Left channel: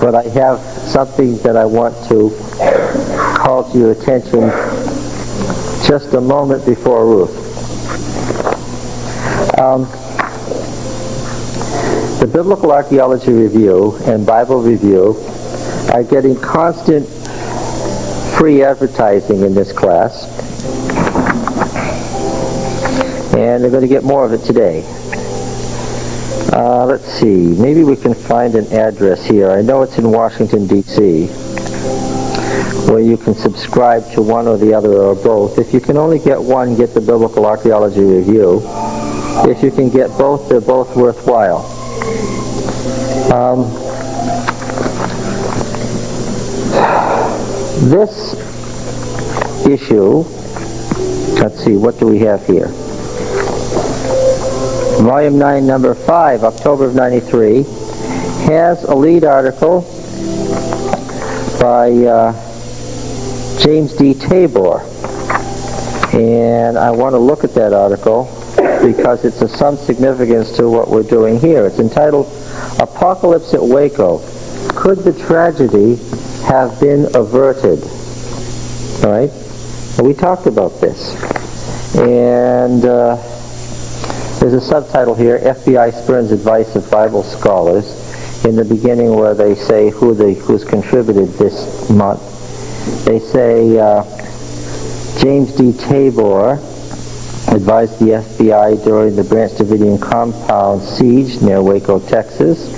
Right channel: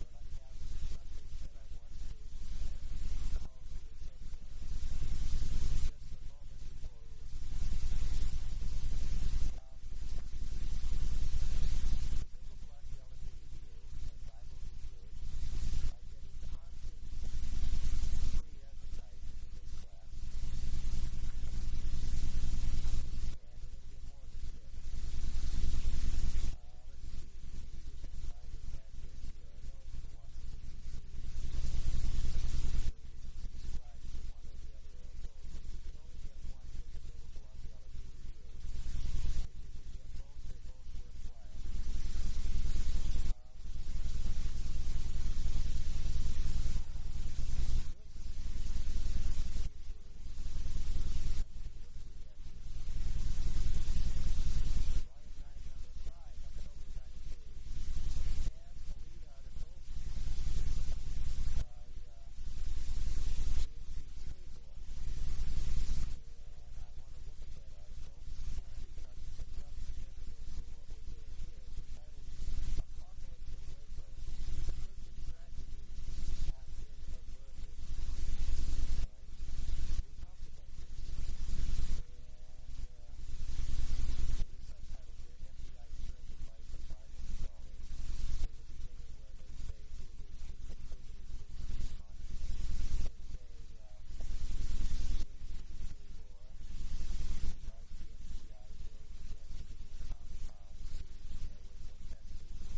But I have something that I want to call to your attention just a moment before Ruth. The Biblical Archeology Review and Bible Review are getting constant free advertising in this class, and they're going to get more of it today. Let's see, maybe we can find an address here. I know it's in Washington, D.C., where you can subscribe to one or the other or both. If you can only get one, get the Biblical Archeology Review. If you can get both, they're both worthwhile. This issue, let's see, what do we have here? Volume 9, number 5, October of 93, has a lead article by James D. Tabor. And I want to look at that article because it's of some significance to what we're doing here. It's entitled, Apocalypse at Waco. Could the tragedy have been averted? All right? And we talked about this. And there's a subtitle here, FBI spurns advice of Bible scholars, in the beginning where they say who's contributed this month. They say James D. Tabor advised the FBI during the Branch Davidian compound siege near Waco, Texas.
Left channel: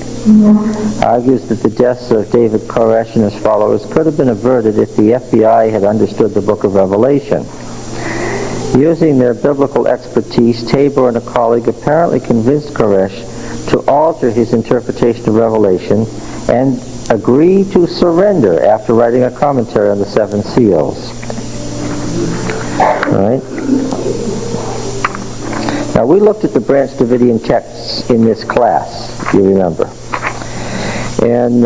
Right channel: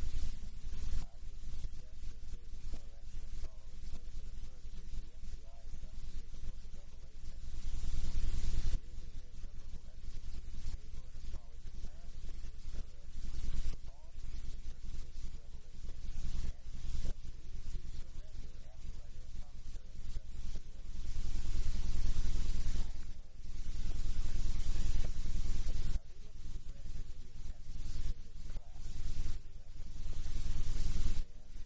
Argues that the deaths of David Koresh and his followers could have been averted if the FBI had understood the book of Revelation. Using their biblical expertise, Tabor and a colleague apparently convinced Koresh to alter his interpretation of Revelation and agree to surrender after writing a commentary on the seven seals. All right. Now, we looked at the Branch Davidian texts in this class, you remember. And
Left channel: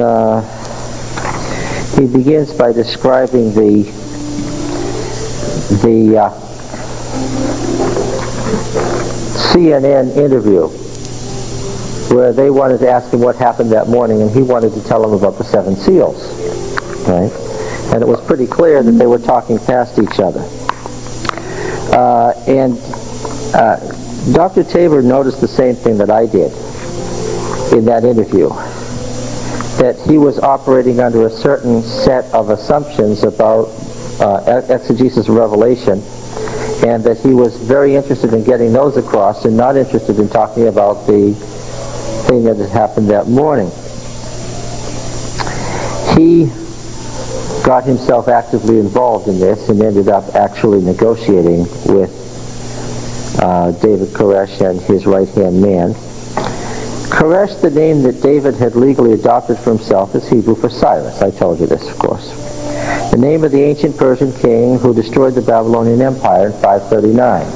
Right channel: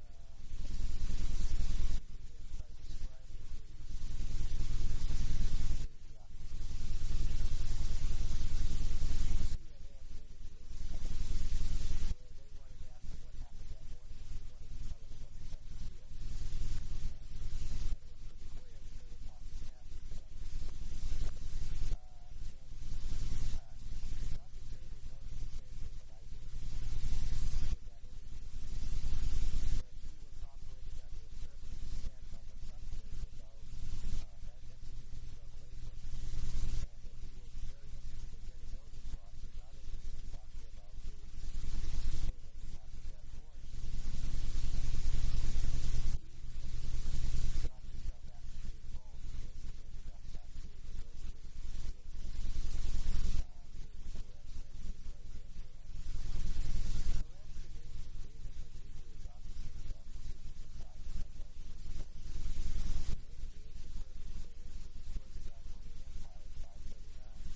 he begins by describing the CNN interview where they wanted to ask him what happened that morning, and he wanted to tell them about the seven seals. Right? And it was pretty clear that they were talking past each other. Dr. Tabor noticed the same thing that I did in that interview, that he was operating under a certain set of assumptions about exegesis of Revelation, and that he was very interested in getting those across and not interested in talking about the thing that had happened that morning. He got himself actively involved in this and ended up actually negotiating with David Koresh and his right-hand man. Koresh, the name that David had legally adopted for himself, is Hebrew for Cyrus. I told you this, of course. The name of the ancient Persian king who destroyed the Babylonian Empire in 539.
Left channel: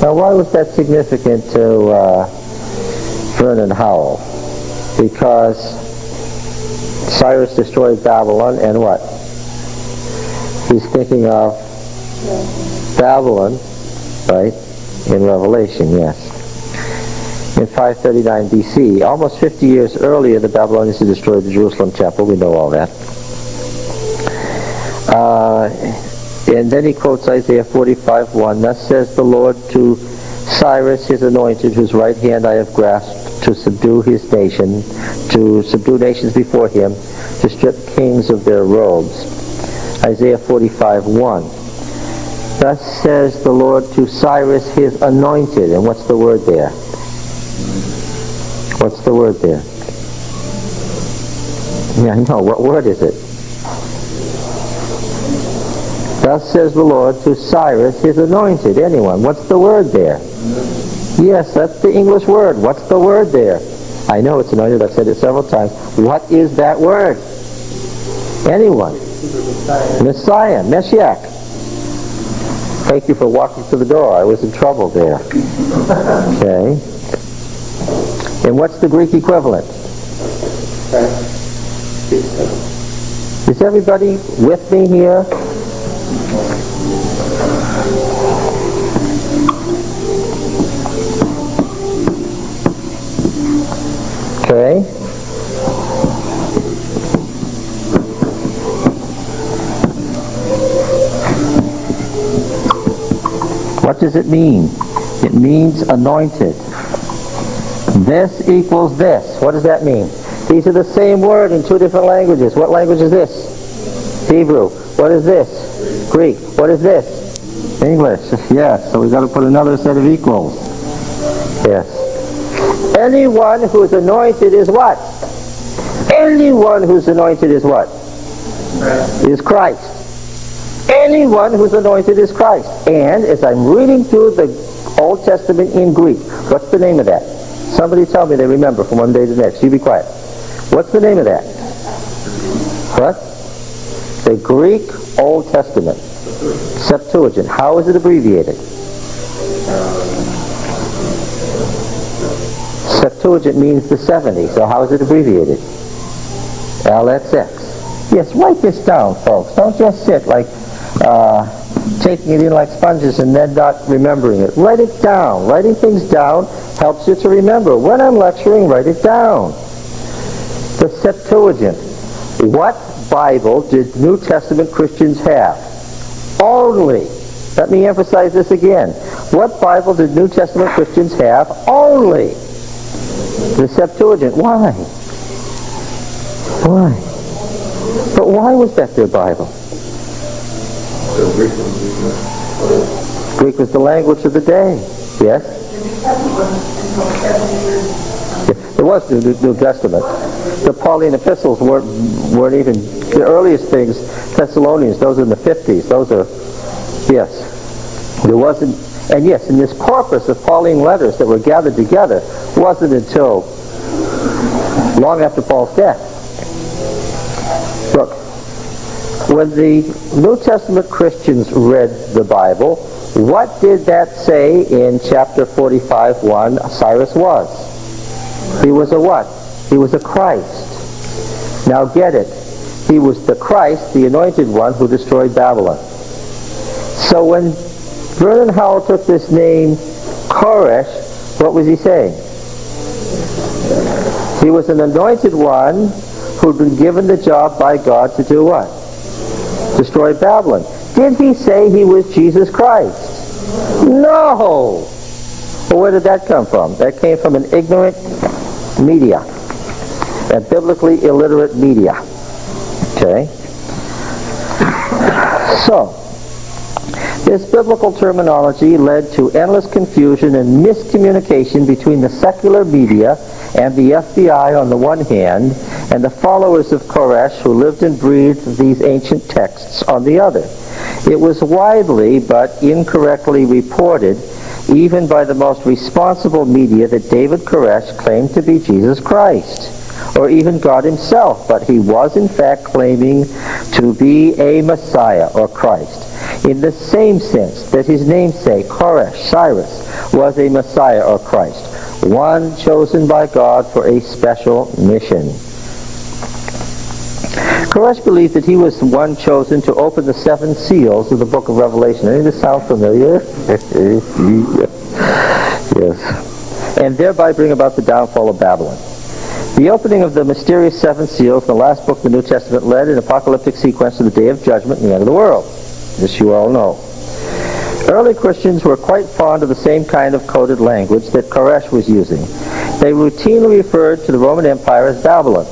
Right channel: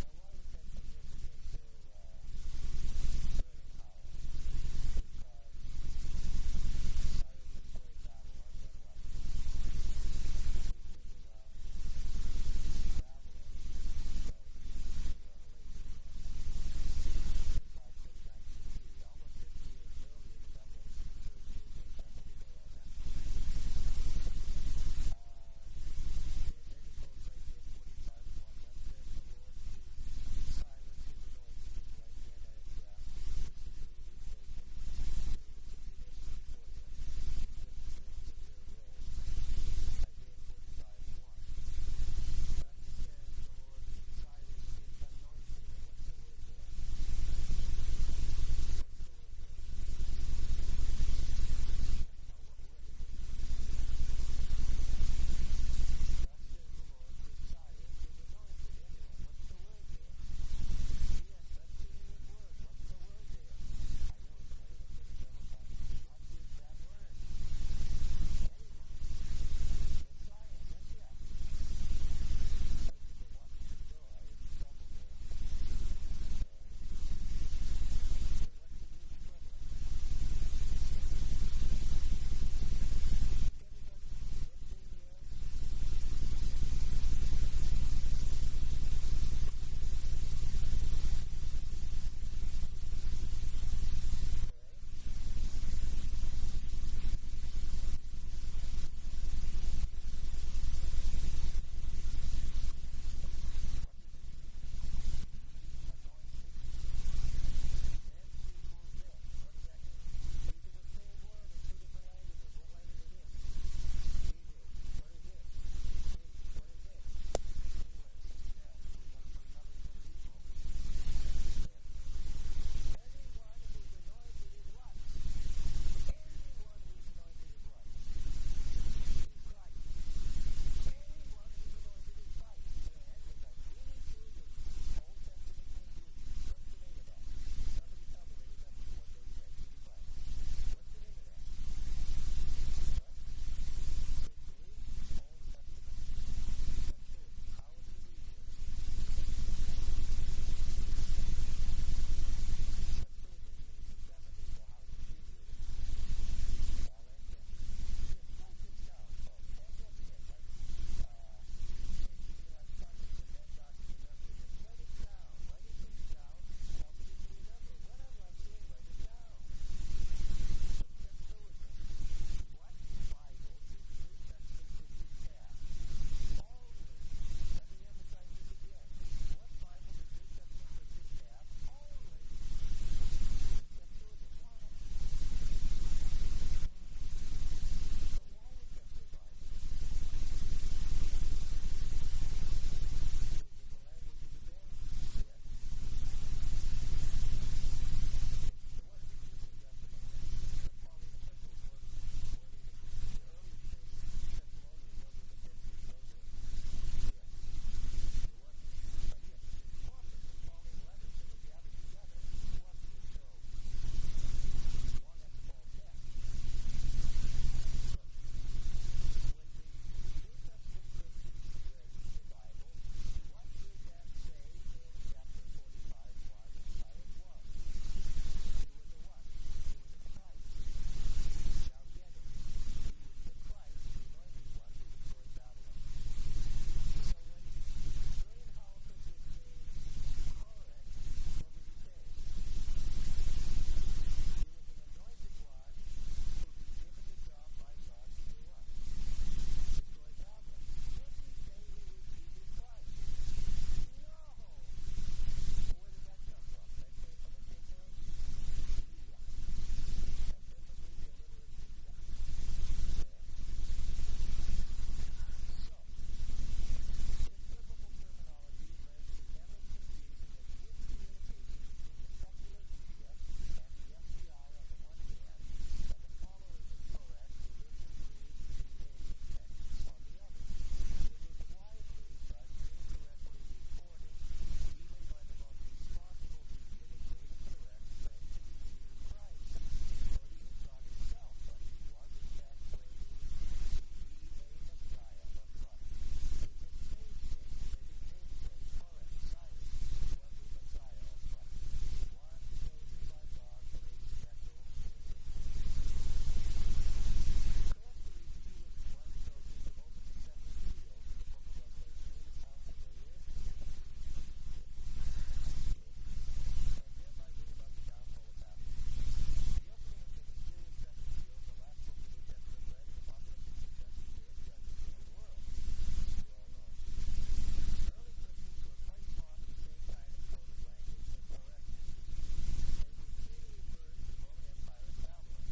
Now, why was that significant to Vernon Howell? Because Cyrus destroyed Babylon, and what? He's thinking of Babylon, right, in Revelation, yes. In 539 BC, almost 50 years earlier, the Babylonians had destroyed the Jerusalem temple. We know all that. And then he quotes Isaiah 45:1. Thus says the Lord to Cyrus, his anointed, whose right hand I have grasped, to subdue his nation, to subdue nations before him, to strip kings of their robes. Isaiah 45:1. Thus says the Lord to Cyrus, his anointed. And what's the word there? What's the word there? Yeah, I know. What word is it? Thus says the Lord to Cyrus, his anointed. Anyone? What's the word there? Yes, that's the English word. What's the word there? I know it's anointed. I've said it several times. What is that word? Anyone? Messiah. Meshiach. Thank you for walking through the door. I was in trouble there. Okay. And what's the Greek equivalent? Is everybody with me here? Okay. What does it mean? It means anointed. This equals this. What does that mean? These are the same word in two different languages. What language is this? Hebrew. What is this? Greek. What is this? English. Yes. So we've got to put another set of equals. Yes. Anyone who's anointed is what? Anyone who's anointed is what? Christ. Is Christ. Anyone who's anointed is Christ. And as I'm reading through the Old Testament in Greek, what's the name of that? Somebody tell me they remember from one day to the next. You be quiet. What's the name of that? What? The Greek Old Testament. Septuagint. How is it abbreviated? Septuagint means the 70. So how is it abbreviated? LXX. Yes, write this down, folks. Don't just sit like taking it in like sponges and then not remembering it. Write it down. Writing things down helps you to remember. When I'm lecturing, write it down. The Septuagint. What Bible did New Testament Christians have? Only. Let me emphasize this again. What Bible did New Testament Christians have? Only. The Septuagint. Why? Why? But why was that their Bible? Greek was the language of the day. Yes? There was the New Testament. The Pauline epistles weren't even the earliest things. Thessalonians, those are in the 50s. Those are, yes. There wasn't, and yes, in this corpus of Pauline letters that were gathered together, wasn't until long after Paul's death. Look, when the New Testament Christians read the Bible, what did that say in chapter 45:1 Cyrus was? He was a what? He was a Christ. Now get it. He was the Christ, the Anointed One, who destroyed Babylon. So when Vernon Howell took this name Koresh, what was he saying? He was an Anointed One who'd been given the job by God to do what? Destroy Babylon. Did he say he was Jesus Christ? No! Well, where did that come from? That came from an ignorant media, a biblically illiterate media. Okay? So, this biblical terminology led to endless confusion and miscommunication between the secular media and the FBI on the one hand, and the followers of Koresh who lived and breathed these ancient texts on the other. It was widely but incorrectly reported, even by the most responsible media, that David Koresh claimed to be Jesus Christ, or even God himself, but he was in fact claiming to be a Messiah or Christ, in the same sense that his namesake, Koresh, Cyrus, was a Messiah or Christ, one chosen by God for a special mission. Koresh believed that he was the one chosen to open the 7 seals of the book of Revelation. Any of this sound familiar? Yes. And thereby bring about the downfall of Babylon. The opening of the mysterious 7 seals in the last book of the New Testament led an apocalyptic sequence to the day of judgment and the end of the world. This you all know. Early Christians were quite fond of the same kind of coded language that Koresh was using. They routinely referred to the Roman Empire as Babylon,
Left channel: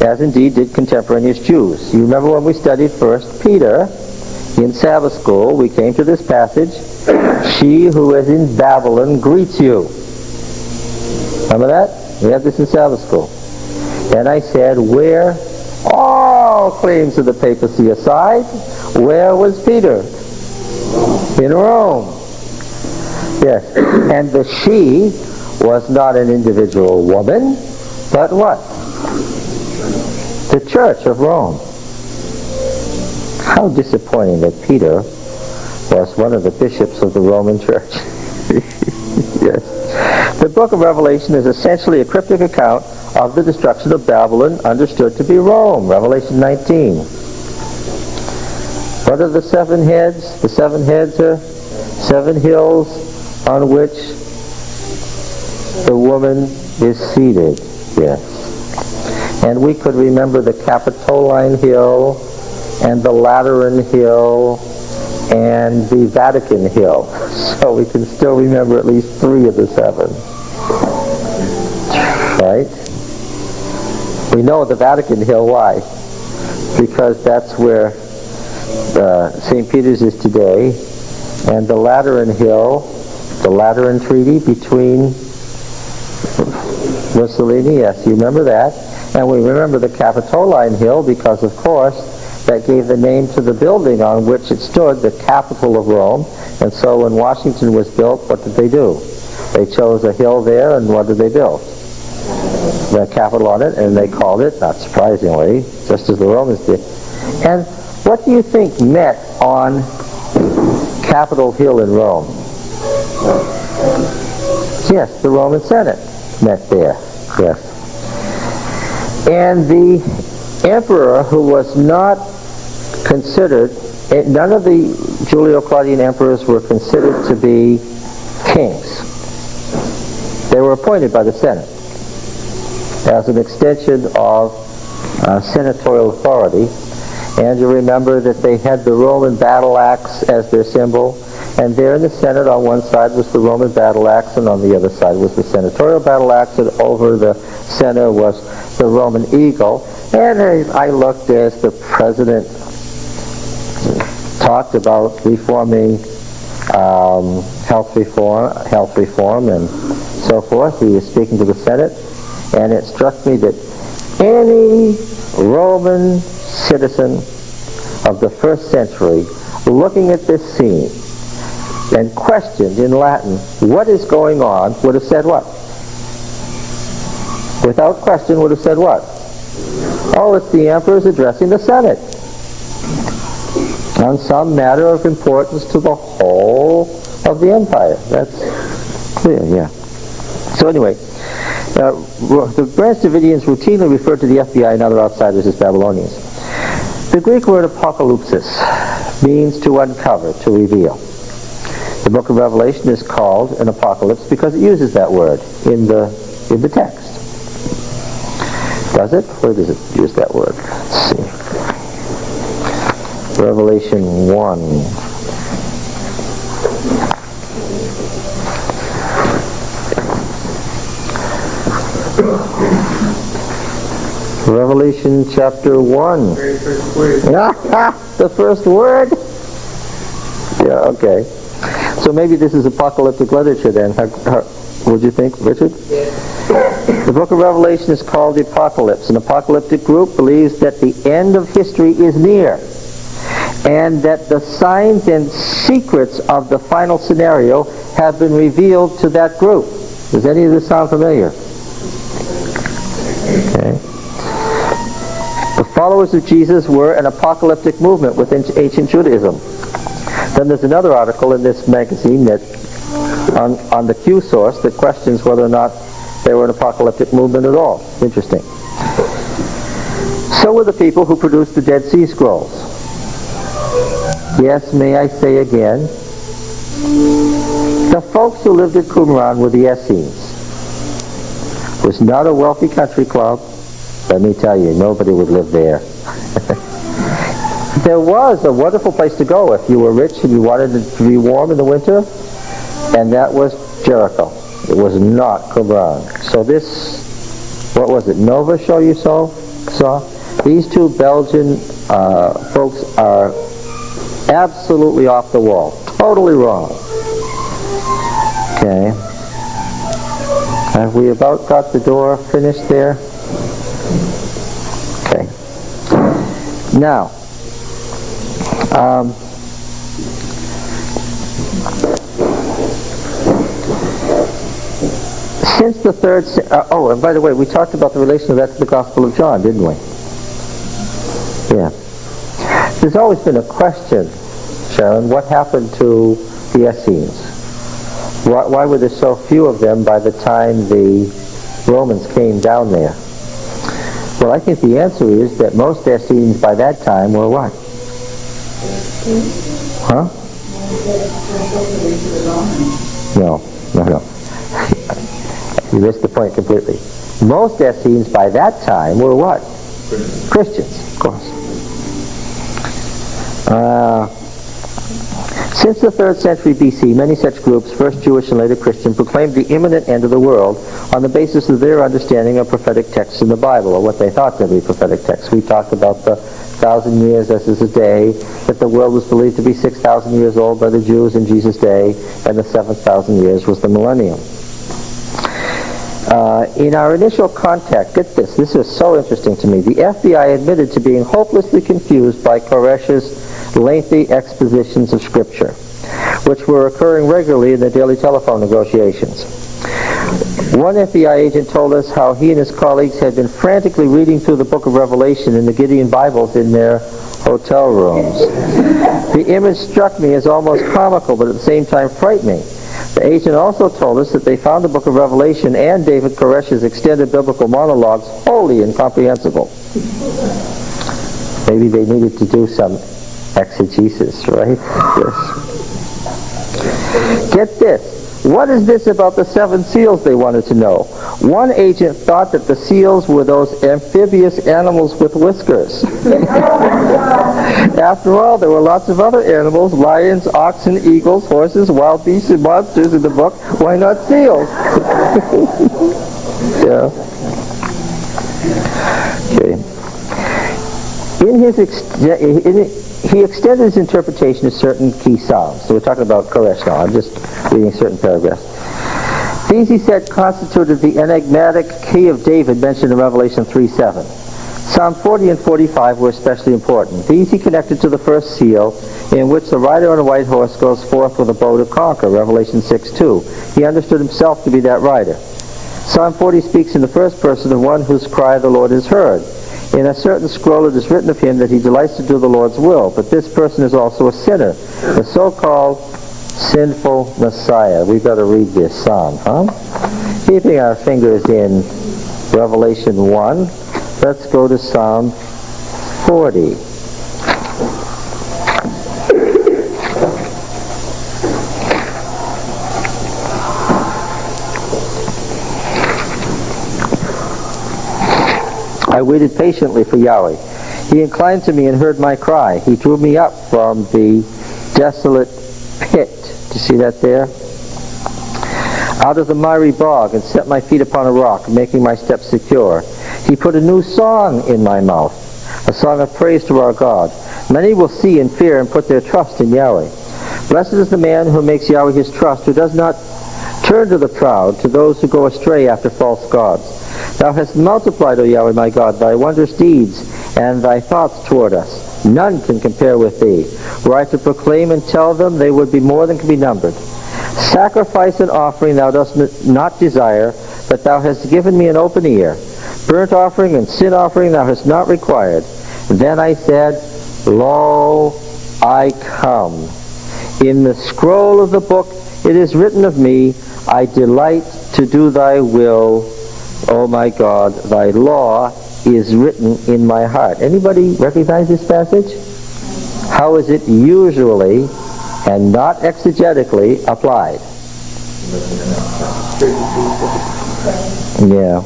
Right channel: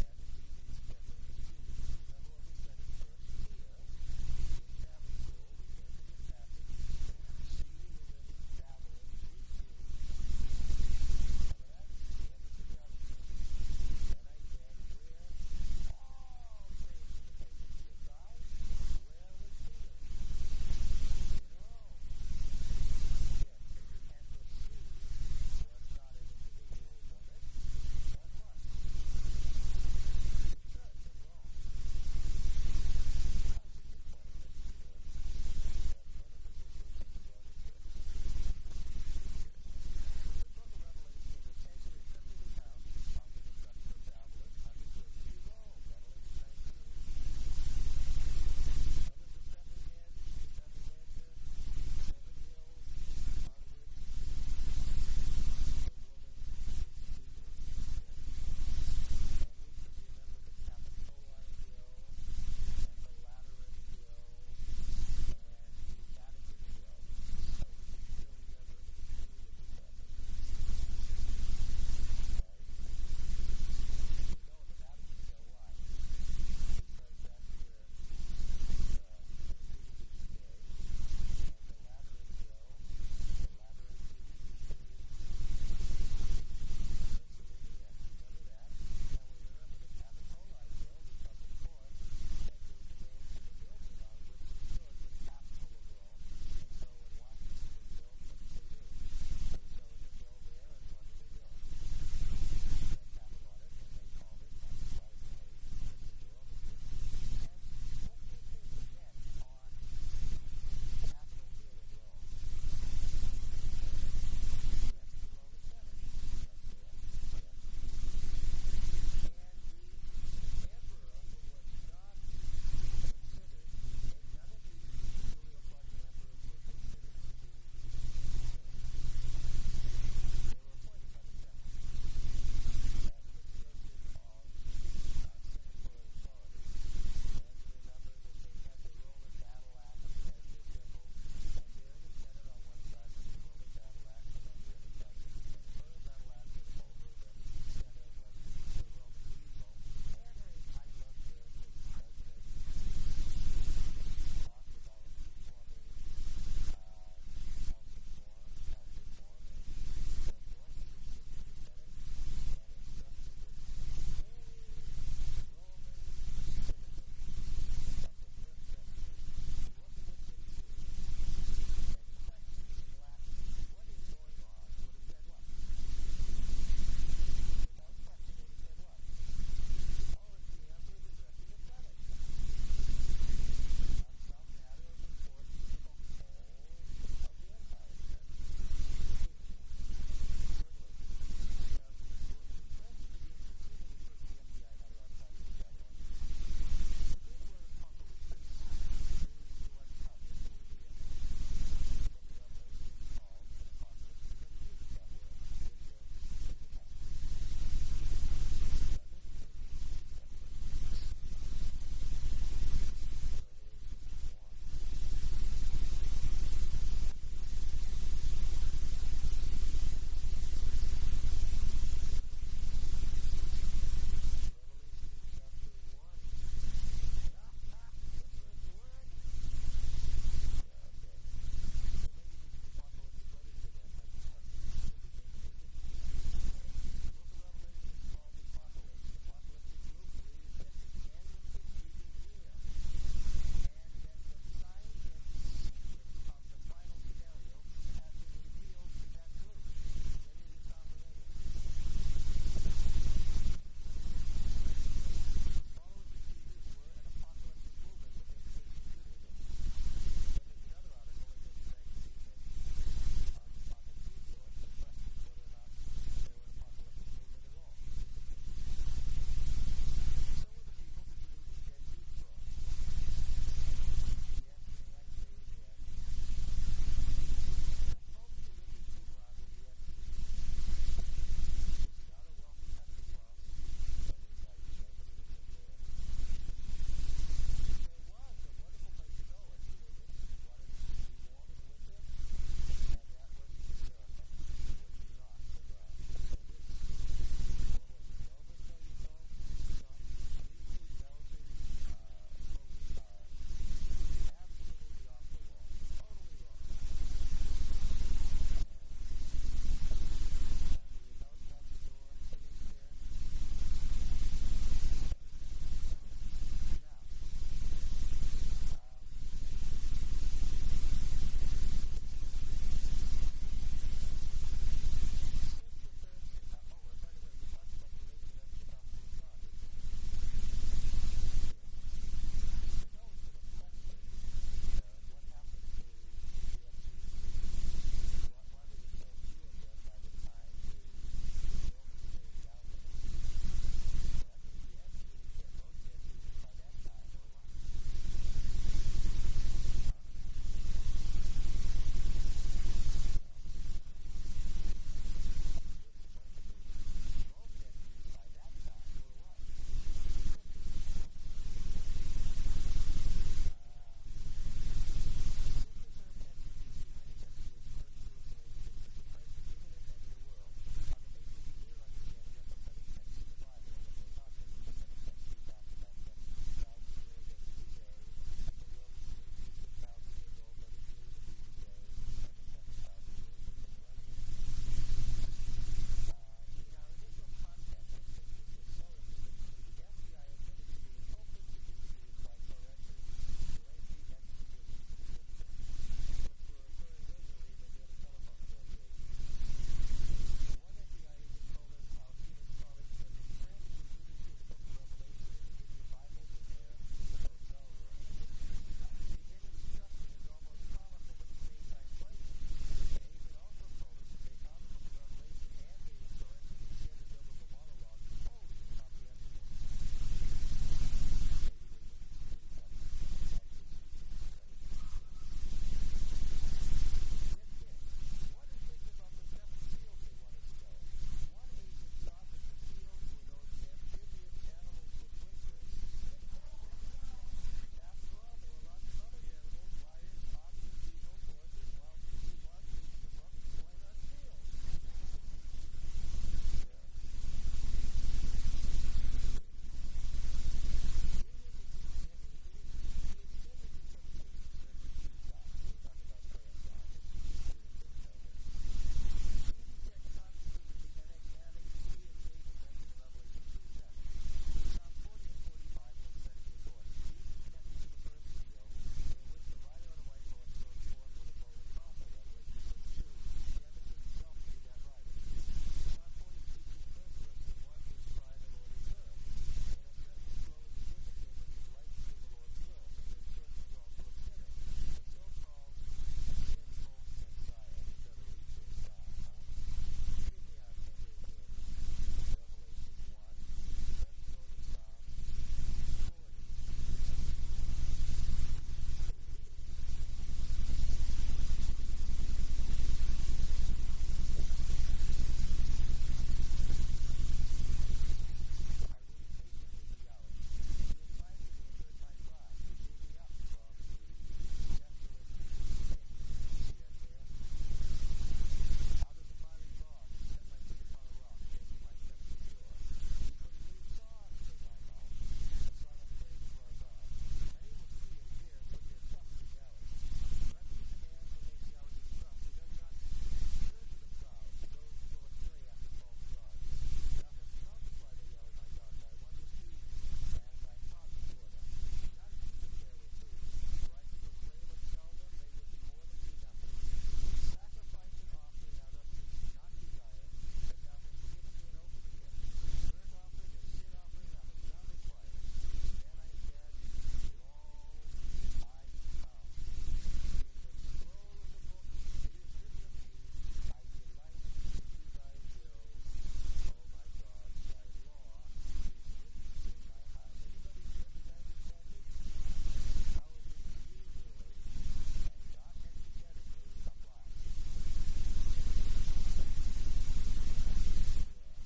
as indeed did contemporaneous Jews. You remember when we studied 1 Peter in Sabbath school, we came to this passage, "She who is in Babylon greets you." Remember that? We had this in Sabbath school. And I said, where, all claims of the papacy aside, where was Peter? In Rome. Yes. And the she was not an individual woman, but what? The Church of Rome. How disappointing that Peter was one of the bishops of the Roman Church. Yes. The book of Revelation is essentially a cryptic account of the destruction of Babylon, understood to be Rome. Revelation 19. What are the 7 heads? The 7 heads are 7 hills on which the woman is seated. Yes. And we could remember the Capitoline Hill and the Lateran Hill and the Vatican Hill. So we can still remember at least 3 of the 7. Right? We know the Vatican Hill. Why? Because that's where St. Peter's is today, and the Lateran Hill, the Lateran Treaty between Mussolini, yes, you remember that. And we remember the Capitoline Hill because, of course, that gave the name to the building on which it stood, the capital of Rome. And so when Washington was built, what did they do? They chose a hill there, and what did they build? The capital on it, and they called it, not surprisingly, just as the Romans did. And what do you think met on Capitol Hill in Rome? Yes, the Roman Senate met there. Yes. And the emperor, who was not considered, none of the Julio-Claudian emperors were considered to be kings. They were appointed by the Senate as an extension of senatorial authority. And you remember that they had the Roman battle axe as their symbol, and there in the Senate on one side was the Roman battle axe, and on the other side was the senatorial battle axe, and over the center was the Roman eagle. And I looked as the president talked about reforming health reform and so forth. He was speaking to the Senate, and it struck me that any Roman citizen of the 1st century looking at this scene and questioned in Latin what is going on would have said what? Without question would have said what? Oh, it's the emperor's addressing the Senate on some matter of importance to the whole of the empire. That's clear, yeah. So anyway, the Branch Davidians routinely refer to the FBI and other outsiders as Babylonians. The Greek word apocalypsis means to uncover, to reveal. The book of Revelation is called an apocalypse because it uses that word in the text. Does it? Where does it use that word? Let's see. Revelation 1. Revelation chapter 1. Very first word. The first word? Yeah, okay. So maybe this is apocalyptic literature then. Would you think, Richard? Yes. The book of Revelation is called the Apocalypse. An apocalyptic group believes that the end of history is near, and that the signs and secrets of the final scenario have been revealed to that group. Does any of this sound familiar? Okay. The followers of Jesus were an apocalyptic movement within ancient Judaism. Then there's another article in this magazine that on the Q source that questions whether or not they were an apocalyptic movement at all. Interesting. So were the people who produced the Dead Sea Scrolls. Yes, may I say again, the folks who lived at Qumran were the Essenes. It was not a wealthy country club. Let me tell you, nobody would live there. There was a wonderful place to go if you were rich and you wanted to be warm in the winter, and that was Jericho. It was not Qumran. So this, what was it, Nova show you saw? These two Belgian folks are absolutely off the wall. Totally wrong. Okay. Have we about got the door finished there? Okay. Now, since the third... oh, and by the way, we talked about the relation of that to the Gospel of John, didn't we? Yeah. There's always been a question, Sharon, what happened to the Essenes? Why were there so few of them by the time the Romans came down there? Well, I think the answer is that most Essenes by that time were what? Huh? No. You missed the point completely. Most Essenes by that time were what? Christians, of course. Since the 3rd century BC, many such groups, first Jewish and later Christian, proclaimed the imminent end of the world on the basis of their understanding of prophetic texts in the Bible, or what they thought to be prophetic texts. We talked about the 1,000 years as is a day, that the world was believed to be 6,000 years old by the Jews in Jesus' day, and the 7,000 years was the millennium. In our initial contact, get this is so interesting to me. The FBI admitted to being hopelessly confused by Koresh's lengthy expositions of Scripture, which were occurring regularly in the daily telephone negotiations. One FBI agent told us how he and his colleagues had been frantically reading through the book of Revelation in the Gideon Bibles in their hotel rooms. The image struck me as almost comical, but at the same time frightening. The agent also told us that they found the book of Revelation and David Koresh's extended biblical monologues wholly incomprehensible. Maybe they needed to do some exegesis, right? Yes. Get this. What is this about the 7 seals, they wanted to know. One agent thought that the seals were those amphibious animals with whiskers. After all, there were lots of other animals, lions, oxen, eagles, horses, wild beasts, and monsters in the book. Why not seals? Yeah. Okay. He extended his interpretation to certain key psalms. So we're talking about Koresh now. I'm just reading certain paragraphs. These, he said, constituted the enigmatic key of David mentioned in Revelation 3:7. Psalm 40 and 45 were especially important. These he connected to the first seal, in which the rider on a white horse goes forth with a bow to conquer, Revelation 6:2. He understood himself to be that rider. Psalm 40 speaks in the first person of one whose cry the Lord has heard. In a certain scroll it is written of him that he delights to do the Lord's will, but this person is also a sinner, the so-called sinful Messiah. We've got to read this psalm, huh? Keeping our fingers in Revelation 1, let's go to Psalm 40. I waited patiently for Yahweh. He inclined to me and heard my cry. He drew me up from the desolate pit. Do you see that there? Out of the miry bog, and set my feet upon a rock, making my steps secure. He put a new song in my mouth, a song of praise to our God. Many will see and fear and put their trust in Yahweh. Blessed is the man who makes Yahweh his trust, who does not turn to the proud, to those who go astray after false gods. Thou hast multiplied, O Yahweh my God, thy wondrous deeds and thy thoughts toward us. None can compare with thee. Were I to proclaim and tell them, they would be more than can be numbered. Sacrifice and offering thou dost not desire, but thou hast given me an open ear. Burnt offering and sin offering thou hast not required. Then I said, Lo, I come. In the scroll of the book it is written of me, I delight to do thy will, O my God, thy law is written in my heart. Anybody recognize this passage? How is it usually and not exegetically applied? Yeah.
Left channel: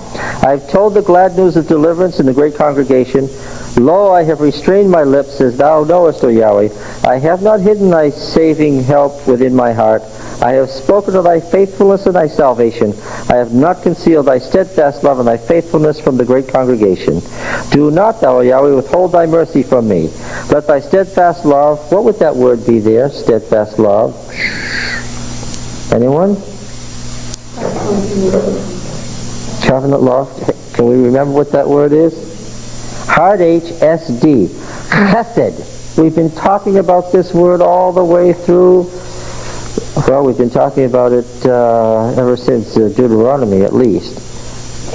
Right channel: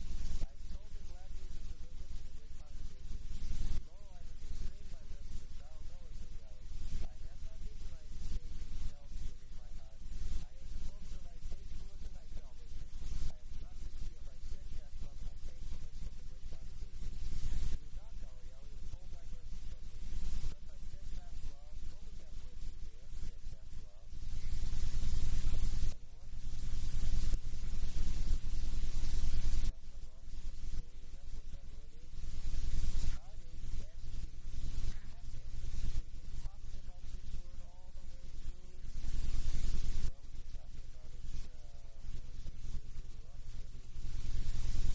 I've told the glad news of deliverance in the great congregation. Lo, I have restrained my lips, as thou knowest, O Yahweh. I have not hidden thy saving help within my heart. I have spoken of thy faithfulness and thy salvation. I have not concealed thy steadfast love and thy faithfulness from the great congregation. Do not thou, O Yahweh, withhold thy mercy from me. Let thy steadfast love, what would that word be there, steadfast love? Anyone? Covenant love. Can we remember what that word is? Hard H, S-D. Chesed. We've been talking about this word all the way through. Well, we've been talking about it ever since Deuteronomy, at least.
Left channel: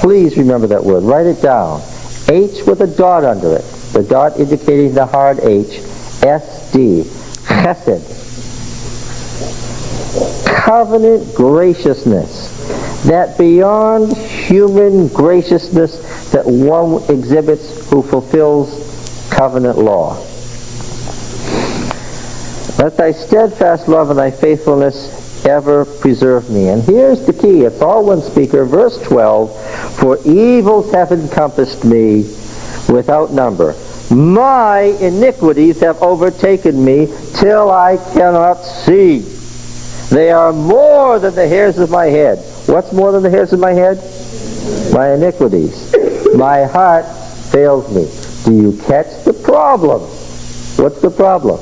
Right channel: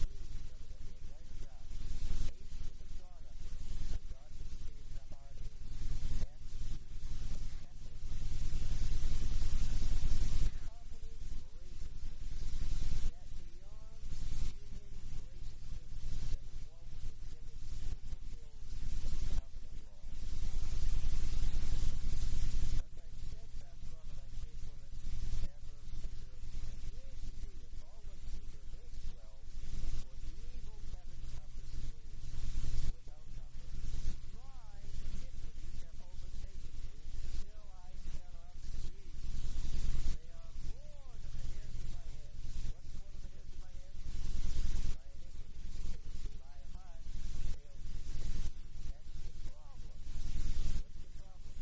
Please remember that word. Write it down. H with a dot under it. The dot indicating the hard H. S-D. Chesed. Covenant graciousness. That beyond human graciousness that one exhibits who fulfills covenant law. Let thy steadfast love and thy faithfulness ever preserve me. And here's the key. It's all one speaker. Verse 12, for evils have encompassed me without number. My iniquities have overtaken me till I cannot see. They are more than the hairs of my head. What's more than the hairs of my head? My iniquities. My heart fails me. Do you catch the problem? What's the problem?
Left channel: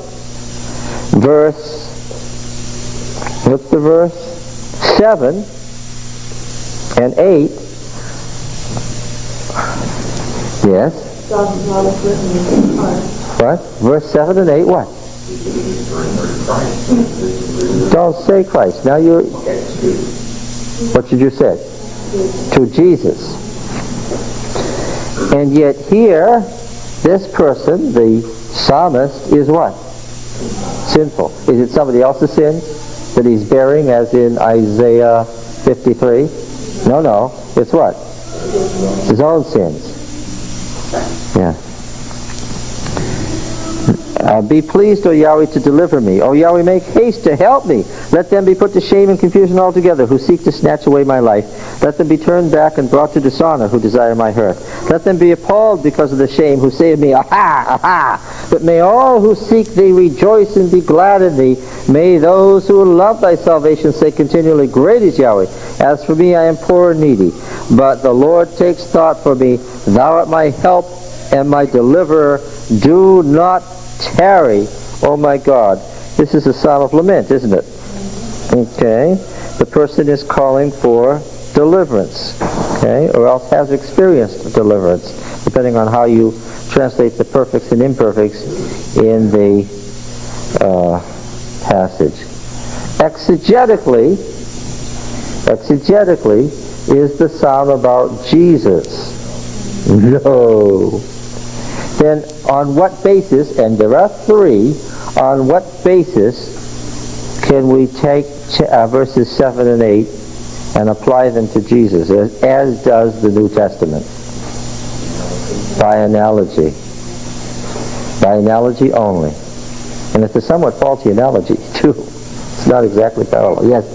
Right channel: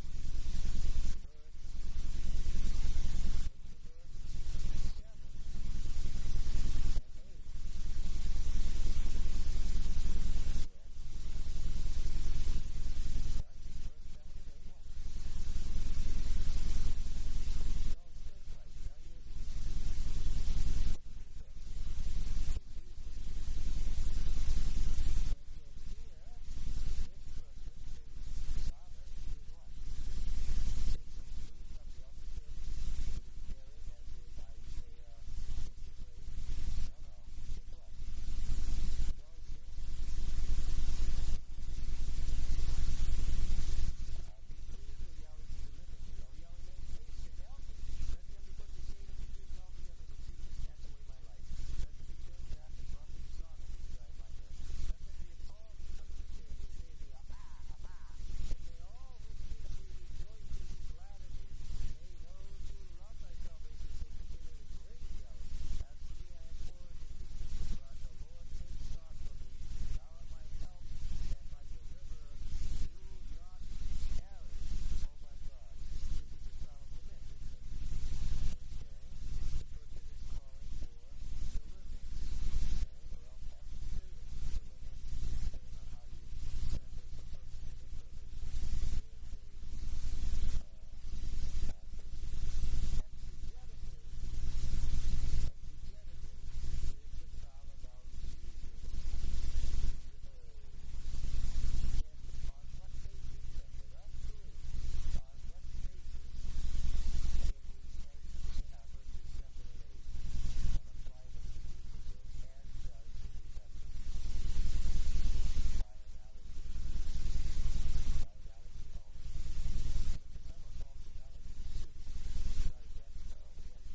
What's the verse? 7 and 8. Yes? What? Verse 7 and 8, what? Don't say Christ. Now you're... What did you say? To Jesus. And yet here, this person, the psalmist, is what? Sinful. Is it somebody else's sins that he's bearing, as in Isaiah 53? No. It's what? His own sins. Yeah. Be pleased, O Yahweh, to deliver me. O Yahweh, make haste to help me. Let them be put to shame and confusion altogether, who seek to snatch away my life. Let them be turned back and brought to dishonor, who desire my hurt. Let them be appalled because of the shame, who say of me, Aha, aha! But may all who seek thee rejoice and be glad in thee. May those who love thy salvation say continually, Great is Yahweh. As for me, I am poor and needy. But the Lord takes thought for me. Thou art my help and my deliverer. Do not tarry, oh my God. This is a psalm of lament, isn't it? Okay. The person is calling for deliverance, okay, or else has experienced deliverance, depending on how you translate the perfects and imperfects in the passage. Exegetically is the psalm about Jesus. No. Then on what basis, and there are 3, on what basis can we take verses 7 and 8 and apply them to Jesus, as does the New Testament? By analogy. By analogy only. And it's a somewhat faulty analogy, too. It's not exactly parallel. Yes?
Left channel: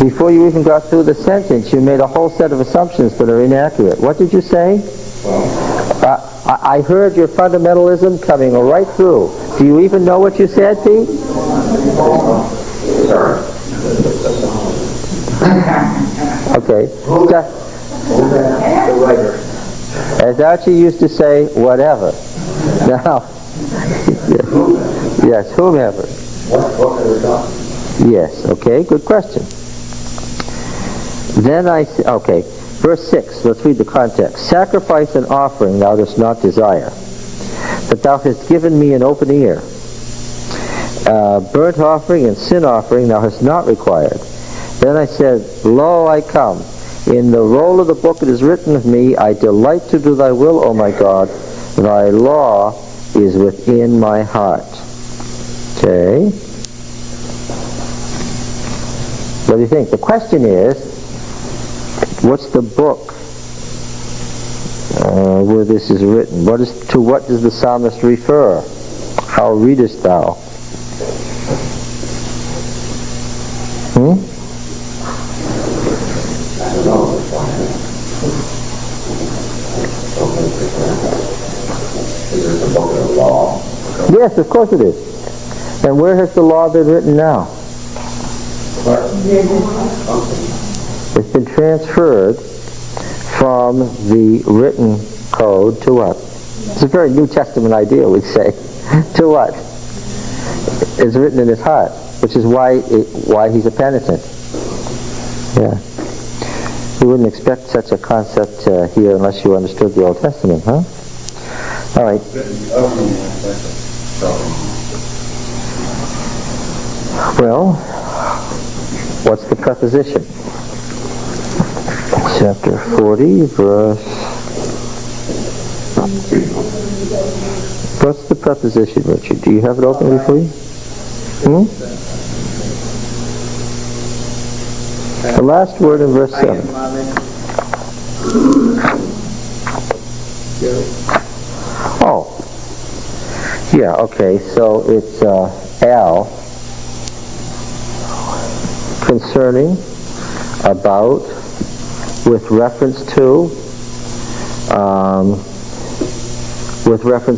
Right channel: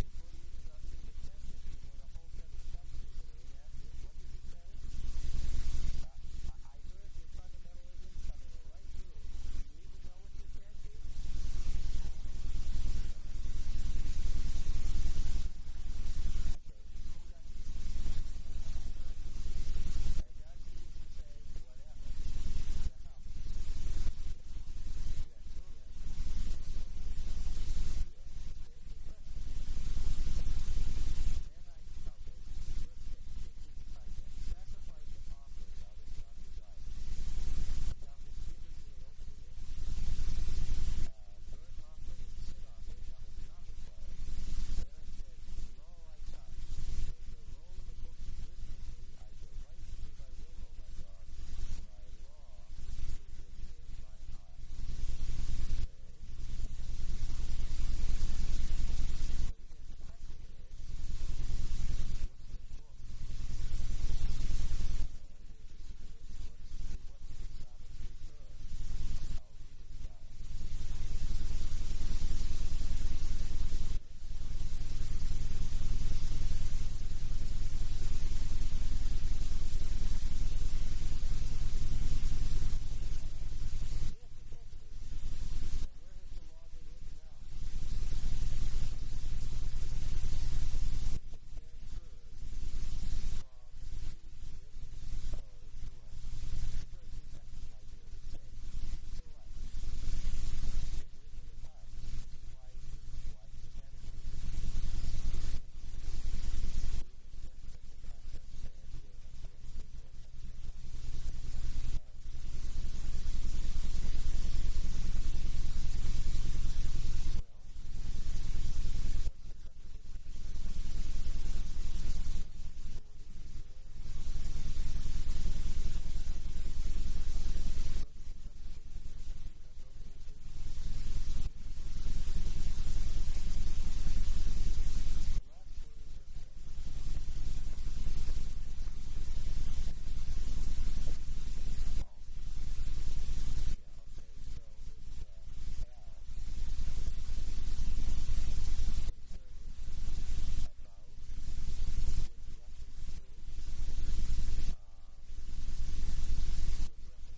Before you even got through the sentence, you made a whole set of assumptions that are inaccurate. What did you say? I heard your fundamentalism coming right through. Do you even know what you said, Pete? Okay. As Archie used to say, whatever. Now, yes, whomever. Yes, okay, good question. Then okay, verse 6, let's read the context. Sacrifice and offering thou dost not desire, but thou hast given me an open ear. Burnt offering and sin offering thou hast not required. Then I said, Lo, I come. In the roll of the book it is written of me, I delight to do thy will, O my God. Thy law is within my heart. Okay. What do you think? The question is, what's the book where this is written? To what does the psalmist refer? How readest thou? Yes, of course it is. And where has the law been written now? It's been transferred from the written code to what? It's a very New Testament idea, we'd say. To what? It's written in his heart, which is why he's a penitent. Yeah. You wouldn't expect such a concept here unless you understood the Old Testament, huh? All right. Well, what's the preposition? Chapter 40, verse... What's the preposition, Richard? Do you have it open before you? The last word in verse 7. Oh. Yeah, okay, so it's al, concerning about, with reference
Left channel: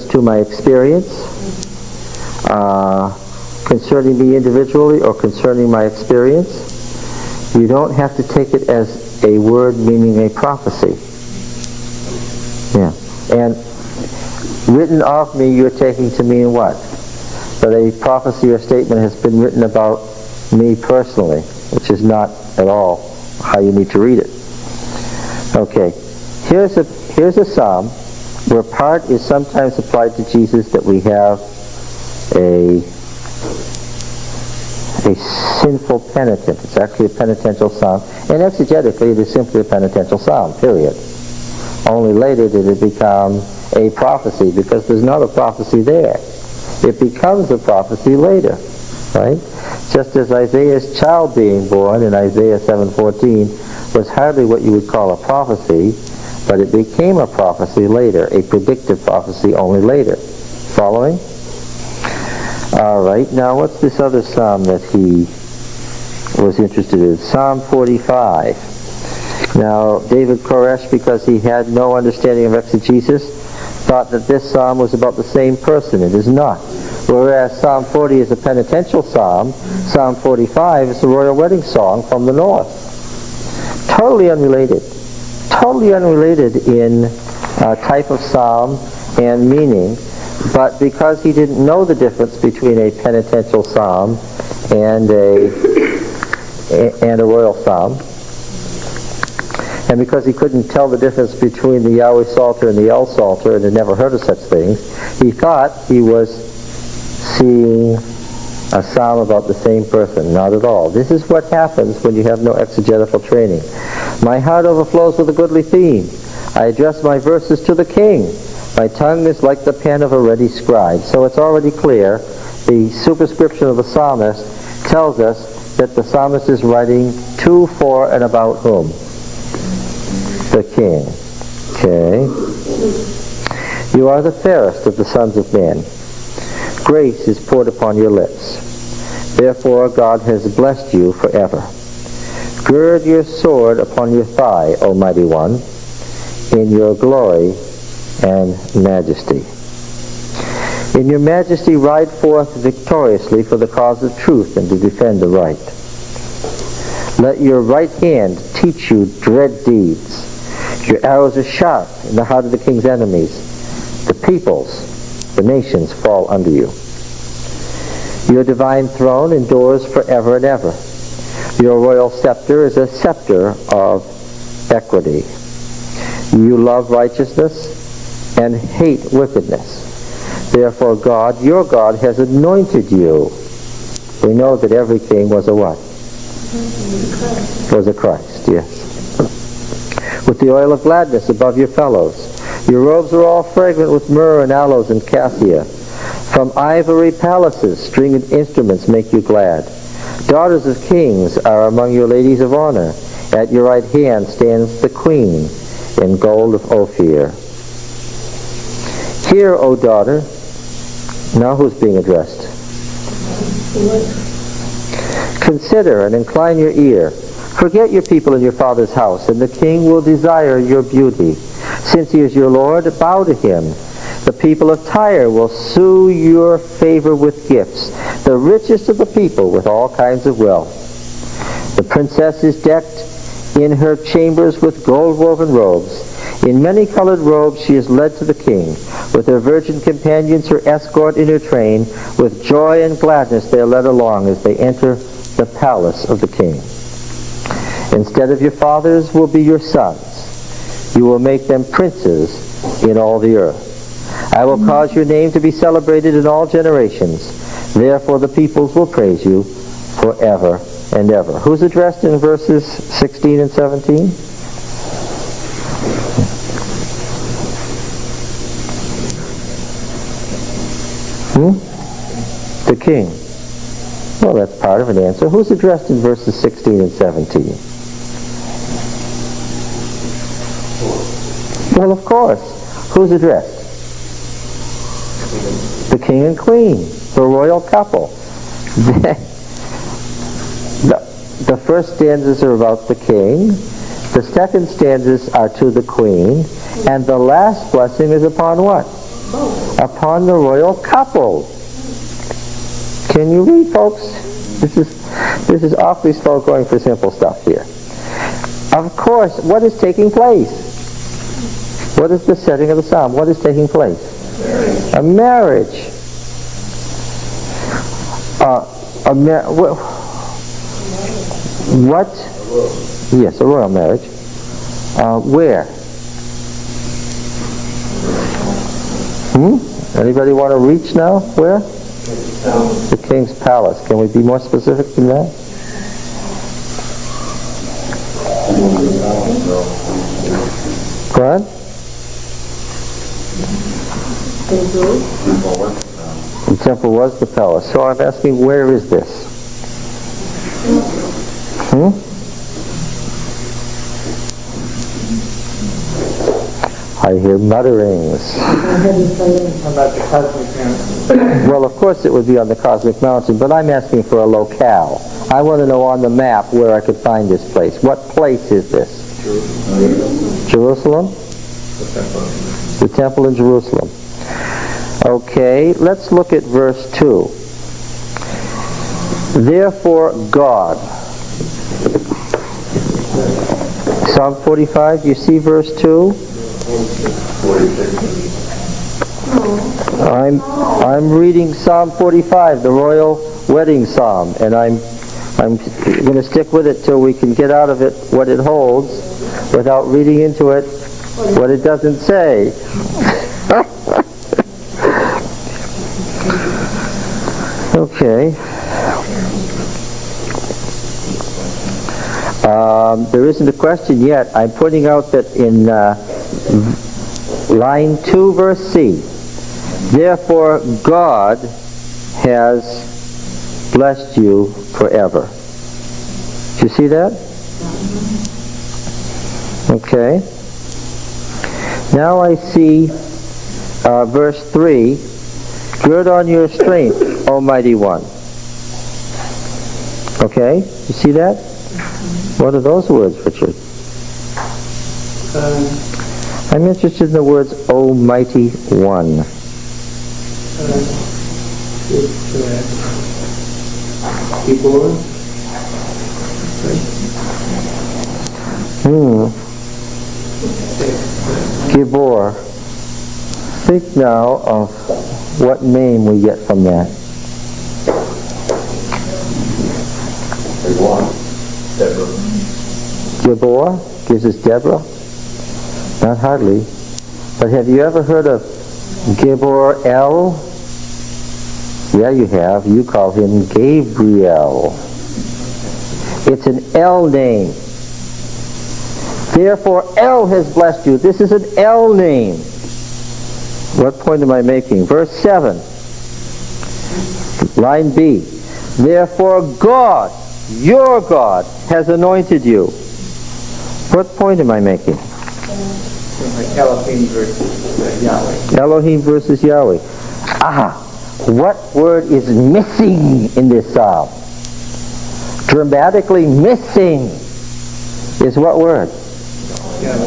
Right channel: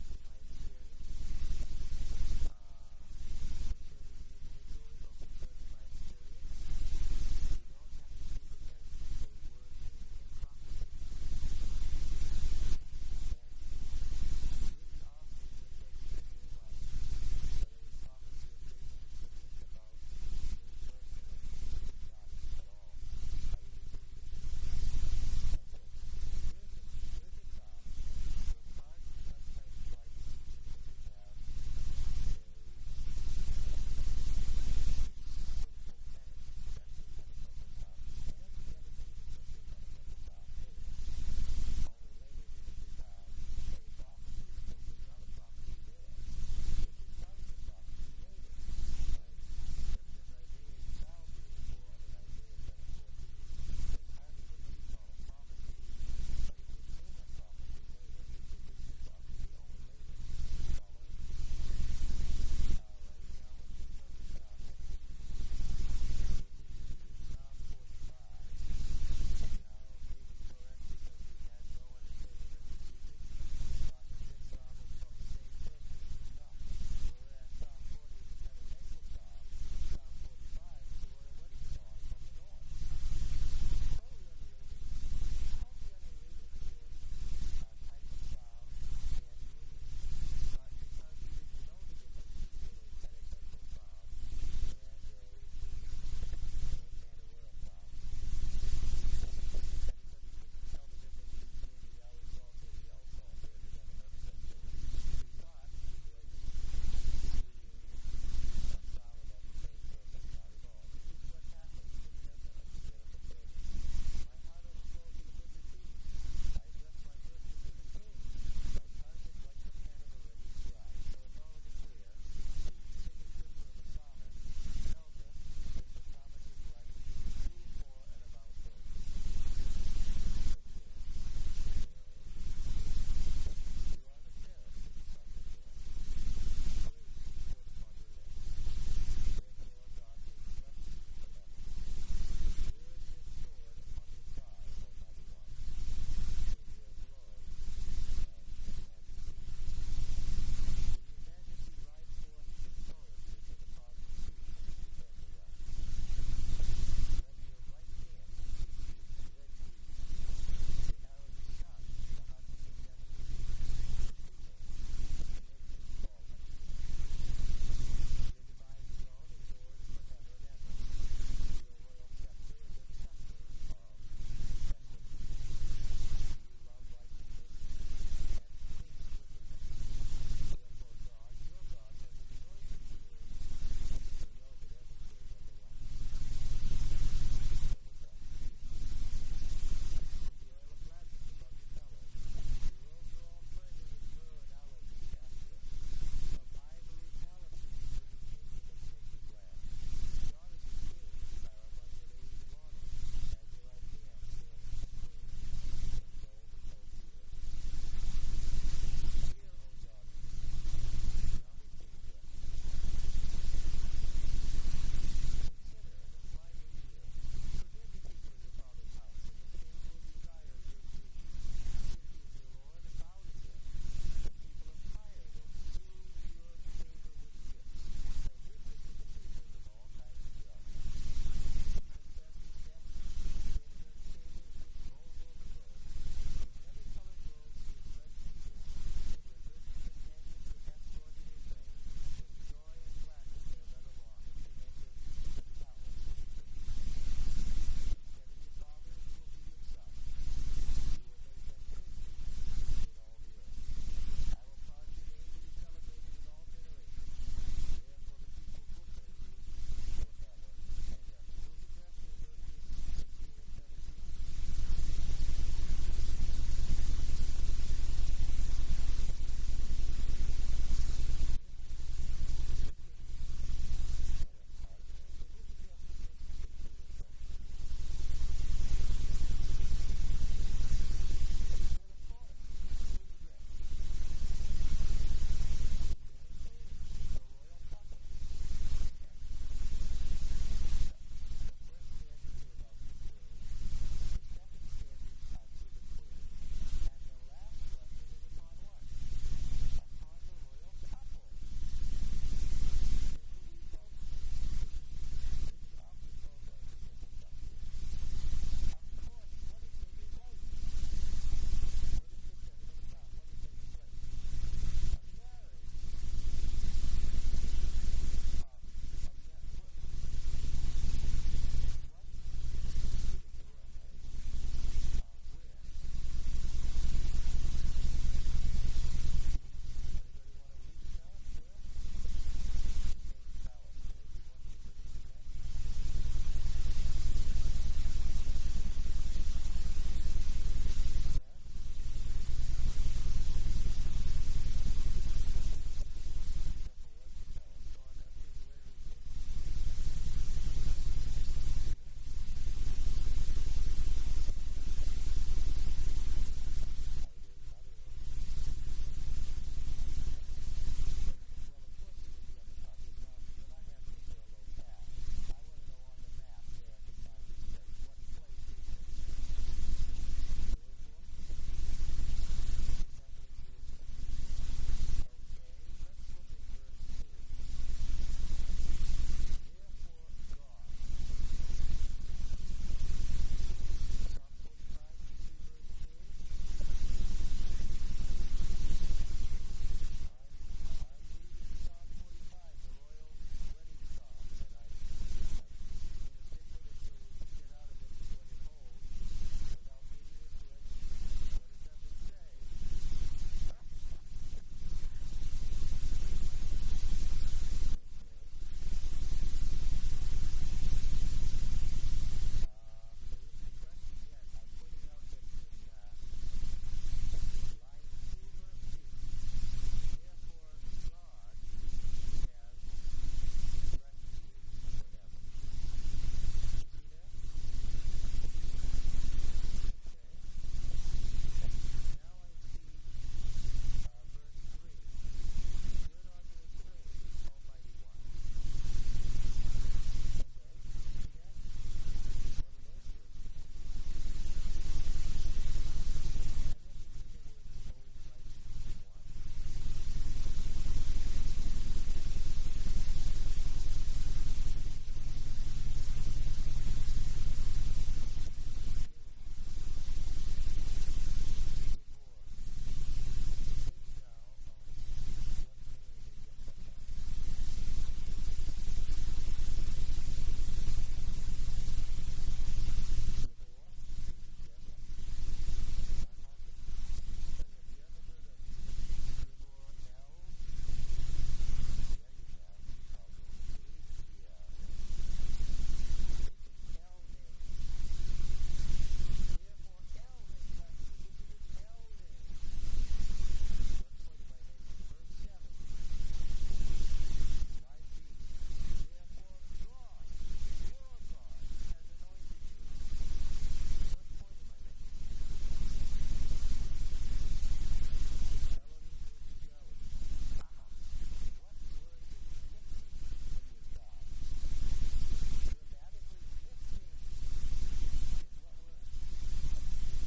to my experience, concerning me individually or concerning my experience. You don't have to take it as a word meaning a prophecy. Yeah. And written of me you're taking to mean what? That a prophecy or statement has been written about me personally, which is not at all how you need to read it. Okay. Here's a psalm where part is sometimes applied to Jesus, that we have a sinful penitent. It's actually a penitential psalm. And exegetically, it is simply a penitential psalm, period. Only later did it become a prophecy, because there's not a prophecy there. It becomes a prophecy later, right? Just as Isaiah's child being born in Isaiah 7:14 was hardly what you would call a prophecy, but it became a prophecy later, a predictive prophecy only later. Following? All right, now what's this other psalm that he was interested in? Psalm 45. Now, David Koresh, because he had no understanding of exegesis, thought that this psalm was about the same person. It is not. Whereas Psalm 40 is a penitential psalm, Psalm 45 is the royal wedding song from the north. Totally unrelated. Totally unrelated in type of psalm and meaning. But because he didn't know the difference between a penitential psalm and a royal psalm, and because he couldn't tell the difference between the Yahweh Psalter and the El Psalter, and had never heard of such things, he thought he was seeing a psalm about the same person. Not at all. This is what happens when you have no exegetical training. My heart overflows with a goodly theme. I address my verses to the king. My tongue is like the pen of a ready scribe. So it's already clear. The superscription of the psalmist tells us that the psalmist is writing to, for, and about whom? The king. Okay. You are the fairest of the sons of men. Grace is poured upon your lips. Therefore God has blessed you forever. Gird your sword upon your thigh, O mighty one, in your glory and majesty. In your majesty ride forth victoriously for the cause of truth and to defend the right. Let your right hand teach you dread deeds. Your arrows are sharp in the heart of the king's enemies. The peoples, the nations fall under you. Your divine throne endures forever and ever. Your royal scepter is a scepter of equity. You love righteousness and hate wickedness. Therefore God, your God, has anointed you. We know that every king was a what? Was a Christ, yes. With the oil of gladness above your fellows. Your robes are all fragrant with myrrh and aloes and cassia. From ivory palaces, stringed instruments make you glad. Daughters of kings are among your ladies of honor. At your right hand stands the queen in gold of Ophir. Hear, O daughter. Now who's being addressed? Consider and incline your ear. Forget your people in your father's house, and the king will desire your beauty. Since he is your Lord, bow to him. The people of Tyre will sue your favor with gifts, the richest of the people with all kinds of wealth. The princess is decked in her chambers with gold-woven robes. In many-colored robes she is led to the king. With her virgin companions, her escort in her train, with joy and gladness they are led along as they enter the palace of the king. Instead of your fathers will be your sons. You will make them princes in all the earth. I will cause your name to be celebrated in all generations. Therefore the peoples will praise you forever and ever. Who's addressed in verses 16 and 17? The king. Well, that's part of an answer. Who's addressed in verses 16 and 17? Well, of course. Who's addressed? The king and queen, the royal couple. the first stanzas are about the king, the second stanzas are to the queen, and the last blessing is upon what? Upon the royal couple. Can you read, folks? This is awfully slow going for simple stuff here. Of course, what is taking place? What is the setting of the psalm? What is taking place? A marriage. What? Yes, a royal marriage. Where? Anybody want to reach now? Where? The king's palace. Can we be more specific than that? Go ahead. The temple was the palace. So I'm asking, where is this? I hear mutterings. Well, of course it would be on the cosmic mountain, but I'm asking for a locale. I want to know on the map where I could find this place. What place is this? Jerusalem? The temple in Jerusalem. Okay, let's look at verse 2. Therefore God. Psalm 45, you see verse 2? I'm reading Psalm 45, the royal wedding psalm, and I'm going to stick with it till we can get out of it what it holds without reading into it what it doesn't say. Okay. There isn't a question yet. I'm pointing out that in line 2, verse C, therefore God has blessed you forever. Do you see that? Okay. Now I see verse 3, gird on your strength, Almighty One. Okay? You see that? What are those words, Richard? I'm interested in the words Almighty One. Gibor. Think now of what name we get from that. Gibor gives us Deborah? Not hardly. But have you ever heard of Gibor El? Yeah, you have. You call him Gabriel. It's an El name. Therefore, El has blessed you. This is an El name. What point am I making? Verse 7. Line B. Therefore, God, your God, has anointed you. What point am I making? Like Elohim versus Yahweh. Elohim versus Yahweh. What word is missing in this psalm? Dramatically missing is what word?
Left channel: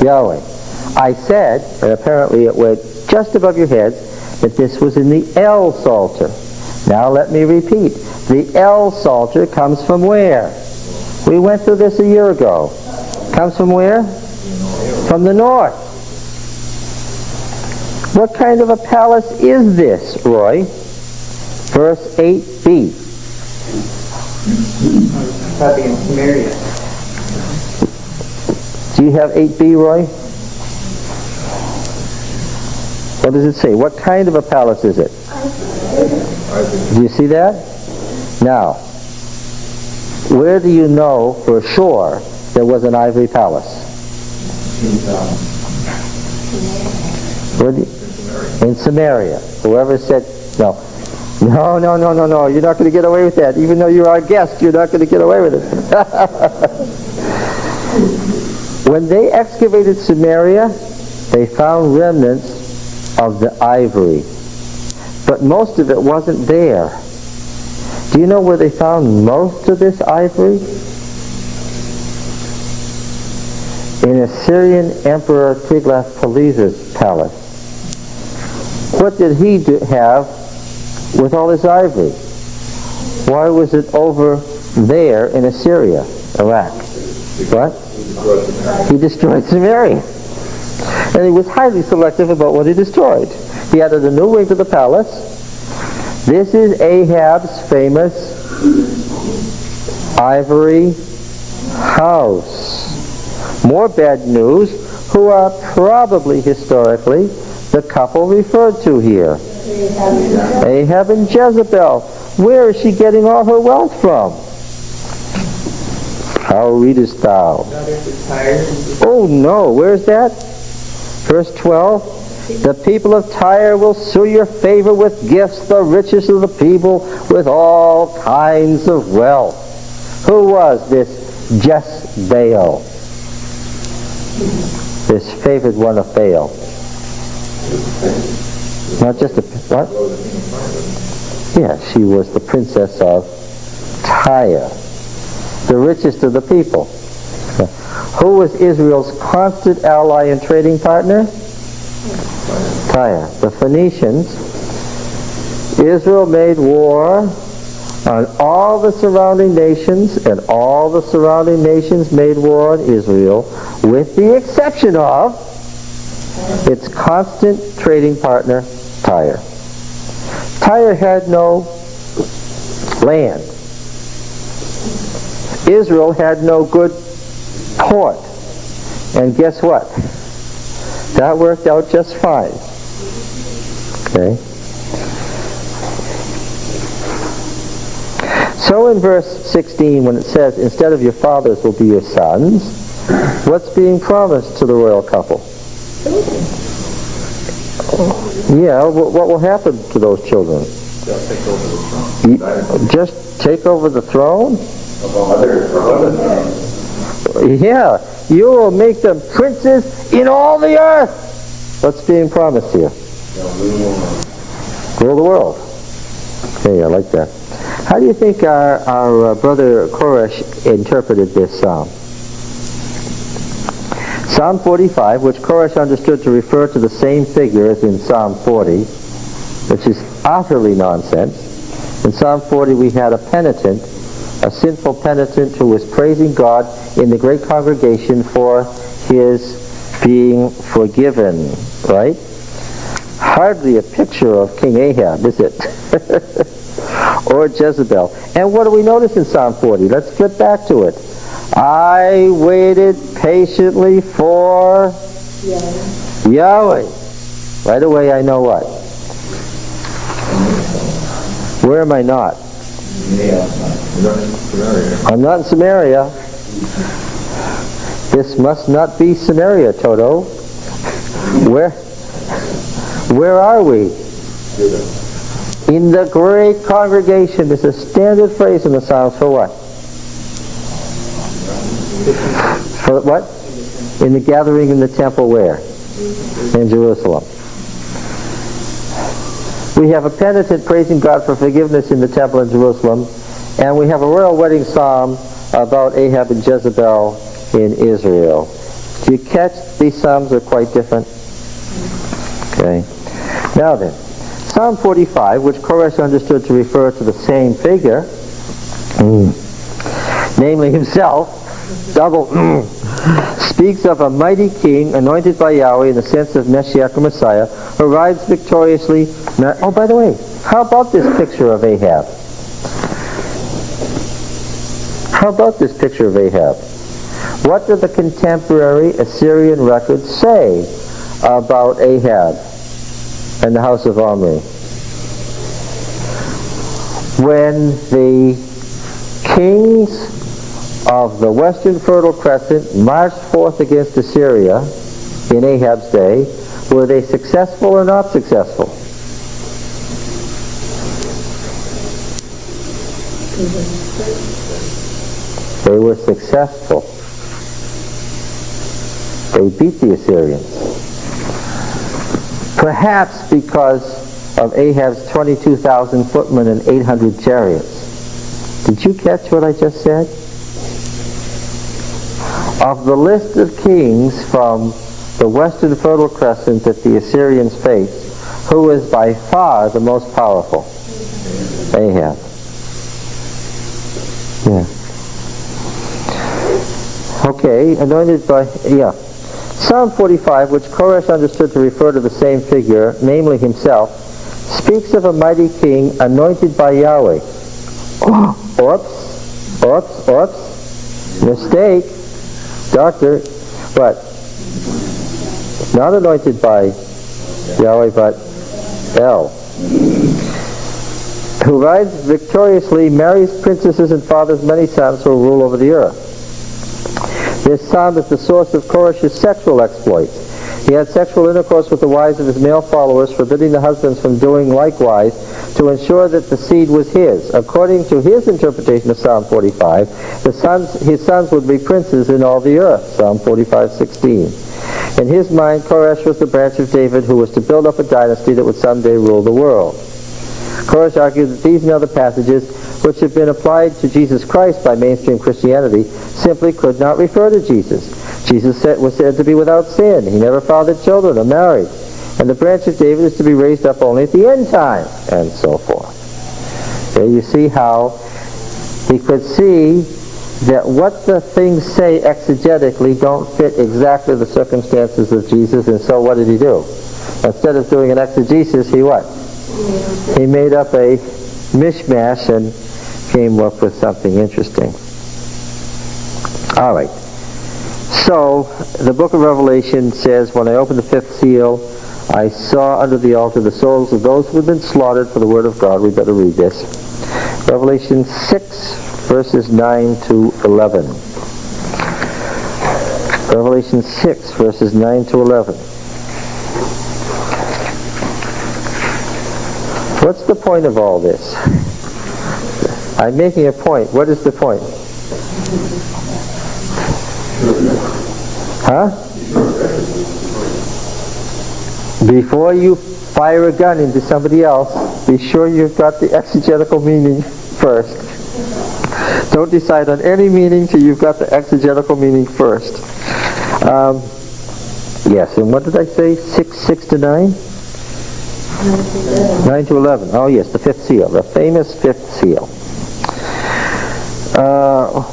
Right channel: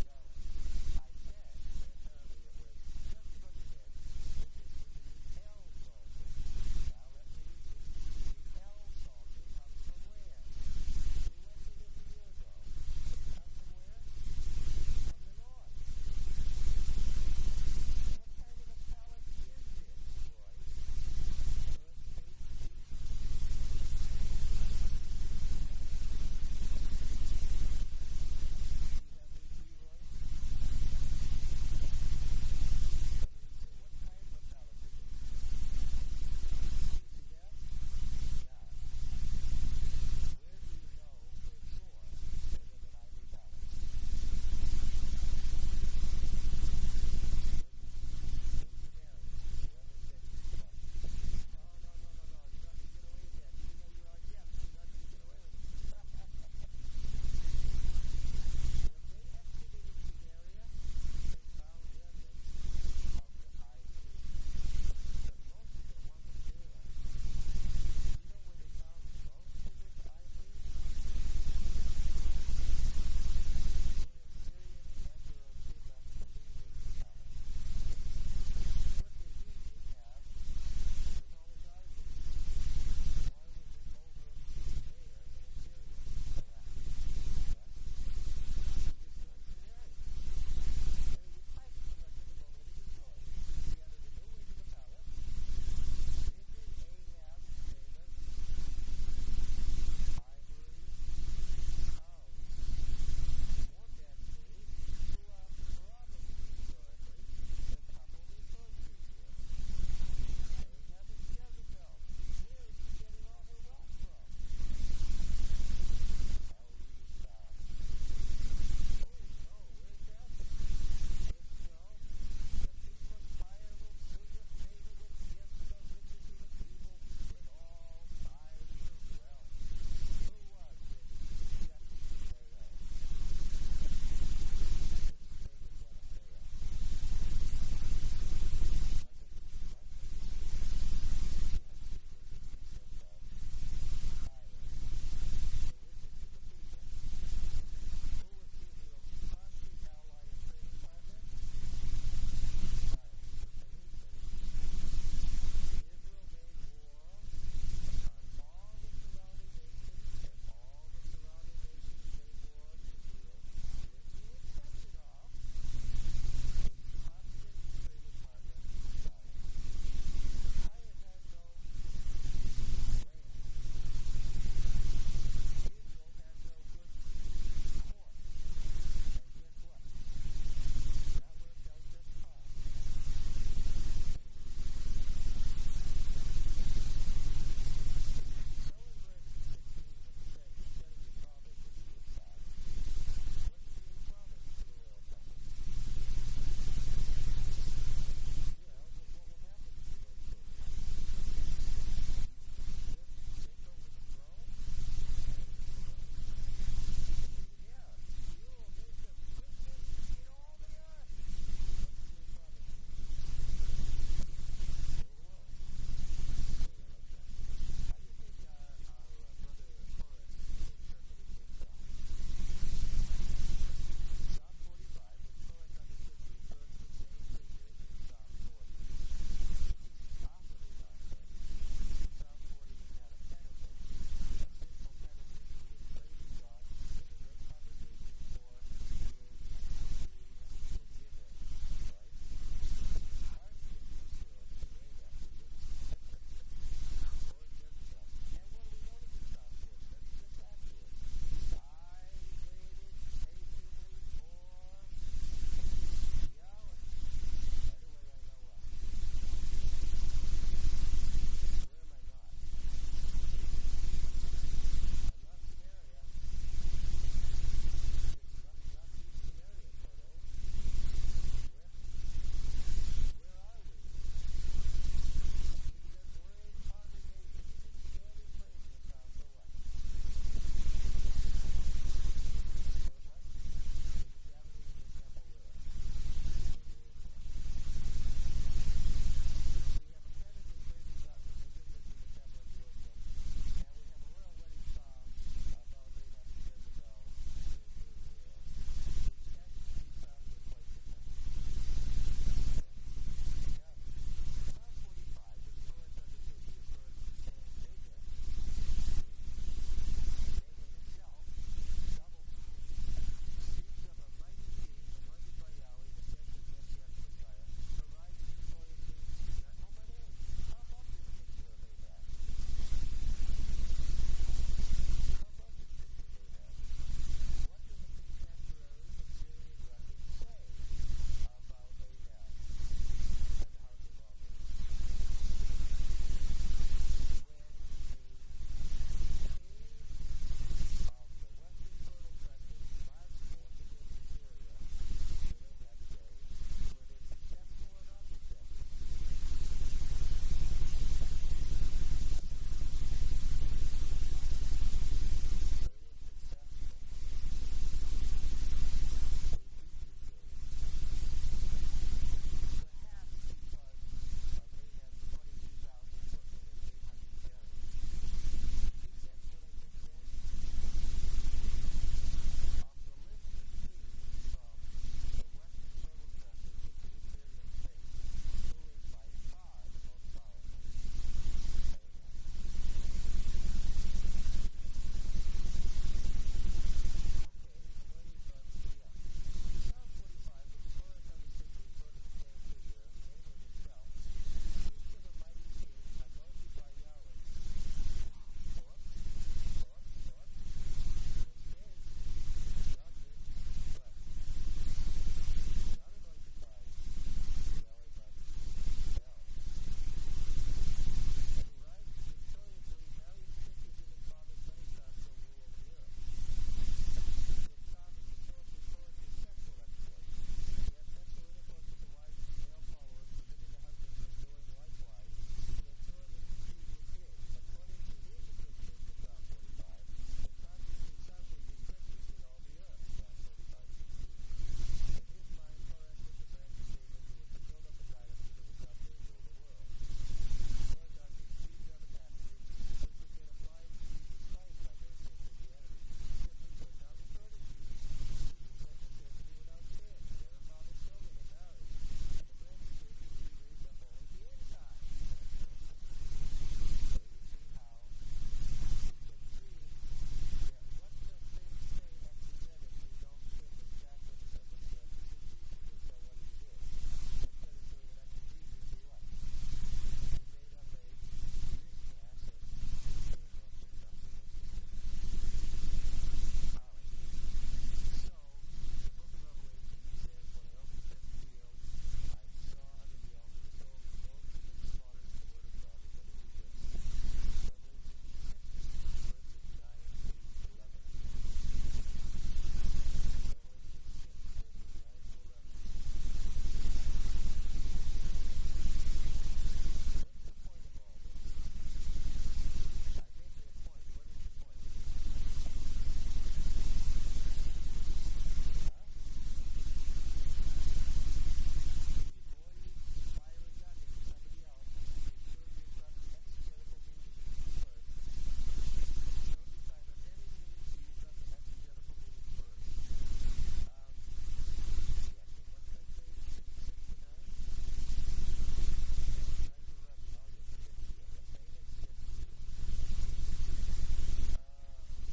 Yahweh. I said, and apparently it went just above your heads, that this was in the El Psalter. Now let me repeat. The El Psalter comes from where? We went through this a year ago. Comes from where? From the north. What kind of a palace is this, Roy? Verse 8b. Probably in Samaria. Do you have 8b, Roy? What does it say? What kind of a palace is it? Do you see that? Now, where do you know for sure there was an ivory palace? In Samaria. Whoever said, no. No, you're not going to get away with that. Even though you're our guest, you're not going to get away with it. When they excavated Samaria, they found remnants of the ivory. But most of it wasn't there. Do you know where they found most of this ivory? in Assyrian Emperor Tiglath-Pileser's palace. What did he have with all his ivory? Why was it over there in Assyria, Iraq? What? He destroyed Samaria. And he was highly selective about what he destroyed. He added a new wing to the palace. This is Ahab's famous ivory house. More bad news, who are probably historically the couple referred to here. Ahab and Jezebel. Where is she getting all her wealth from? How readest thou? Oh no, where's that? Verse 12. The people of Tyre will sue your favor with gifts, the richest of the people with all kinds of wealth. Who was this Jezebel? This favored one of Baal. Not just a, what? Yeah, she was the princess of Tyre, the richest of the people. Who was Israel's constant ally and trading partner? Tyre. The Phoenicians. Israel made war on all the surrounding nations, and all the surrounding nations made war on Israel, with the exception of its constant trading partner, Tyre. Tyre had no land. Israel had no good port. And guess what? That worked out just fine. Okay? So in verse 16, when it says, instead of your fathers will be your sons, what's being promised to the royal couple? Yeah, what will happen to those children? Just take over the throne? Yeah, you will make them princes in all the earth. What's being promised here? Rule the world. Okay, I like that. How do you think our brother Koresh interpreted this psalm? Psalm 45, which Koresh understood to refer to the same figure as in Psalm 40, which is utterly nonsense. In Psalm 40 we had a penitent, a sinful penitent who was praising God in the great congregation for his being forgiven, right? Hardly a picture of King Ahab, is it? Or Jezebel. And what do we notice in Psalm 40? Let's flip back to it. I waited patiently for Yahweh. Right away I know what? Where am I not? I'm not in Samaria. This must not be Samaria, Toto. Where are we? In the great congregation. It's a standard phrase in the Psalms for what? For what? In the gathering in the temple where? In Jerusalem. We have a penitent praising God for forgiveness in the temple in Jerusalem, and we have a royal wedding psalm about Ahab and Jezebel in Israel. Do you catch these psalms are quite different? Okay. Now then, Psalm 45, which Koresh understood to refer to the same figure, namely himself, speaks of a mighty king anointed by Yahweh in the sense of Messiah or Messiah, who rides victoriously. Oh, by the way, how about this picture of Ahab? How about this picture of Ahab? What do the contemporary Assyrian records say about Ahab and the house of Omri? When the kings of the Western Fertile Crescent marched forth against Assyria in Ahab's day, were they successful or not successful? They were successful. They beat the Assyrians. Perhaps because of Ahab's 22,000 footmen and 800 chariots. Did you catch what I just said? of the list of kings from the western Fertile Crescent that the Assyrians faced, who is by far the most powerful? Ahab. Yeah. Okay, anointed by, yeah. Psalm 45, which Koresh understood to refer to the same figure, namely himself, speaks of a mighty king anointed by Yahweh. Oops. Mistake. Doctor. What? Not anointed by Yahweh, but El. Who rides victoriously, marries princesses, and fathers many sons who will rule over the earth. This psalm is the source of Koresh's sexual exploits. He had sexual intercourse with the wives of his male followers, forbidding the husbands from doing likewise, to ensure that the seed was his. According to his interpretation of Psalm 45, his sons would be princes in all the earth, Psalm 45:16. In his mind, Koresh was the branch of David who was to build up a dynasty that would someday rule the world. Koresh argued that these and other passages, which have been applied to Jesus Christ by mainstream Christianity, simply could not refer to Jesus. Jesus was said to be without sin. He never fathered children or married. And the branch of David is to be raised up only at the end time, and so forth. There you see how he could see that what the things say exegetically don't fit exactly the circumstances of Jesus, and so what did he do? Instead of doing an exegesis, he what? He made up a mishmash and came up with something interesting. All right. So, the book of Revelation says, when I opened the fifth seal, I saw under the altar the souls of those who had been slaughtered for the word of God. We better read this. Revelation 6, verses 9 to 11. Revelation 6, verses 9 to 11. What's the point of all this? I'm making a point. What is the point? Huh? Before you fire a gun into somebody else, be sure you've got the exegetical meaning first. Don't decide on any meaning till you've got the exegetical meaning first. Yes, and what did I say? 6 to 9? 9 to 11. Oh yes, the fifth seal, the famous fifth seal.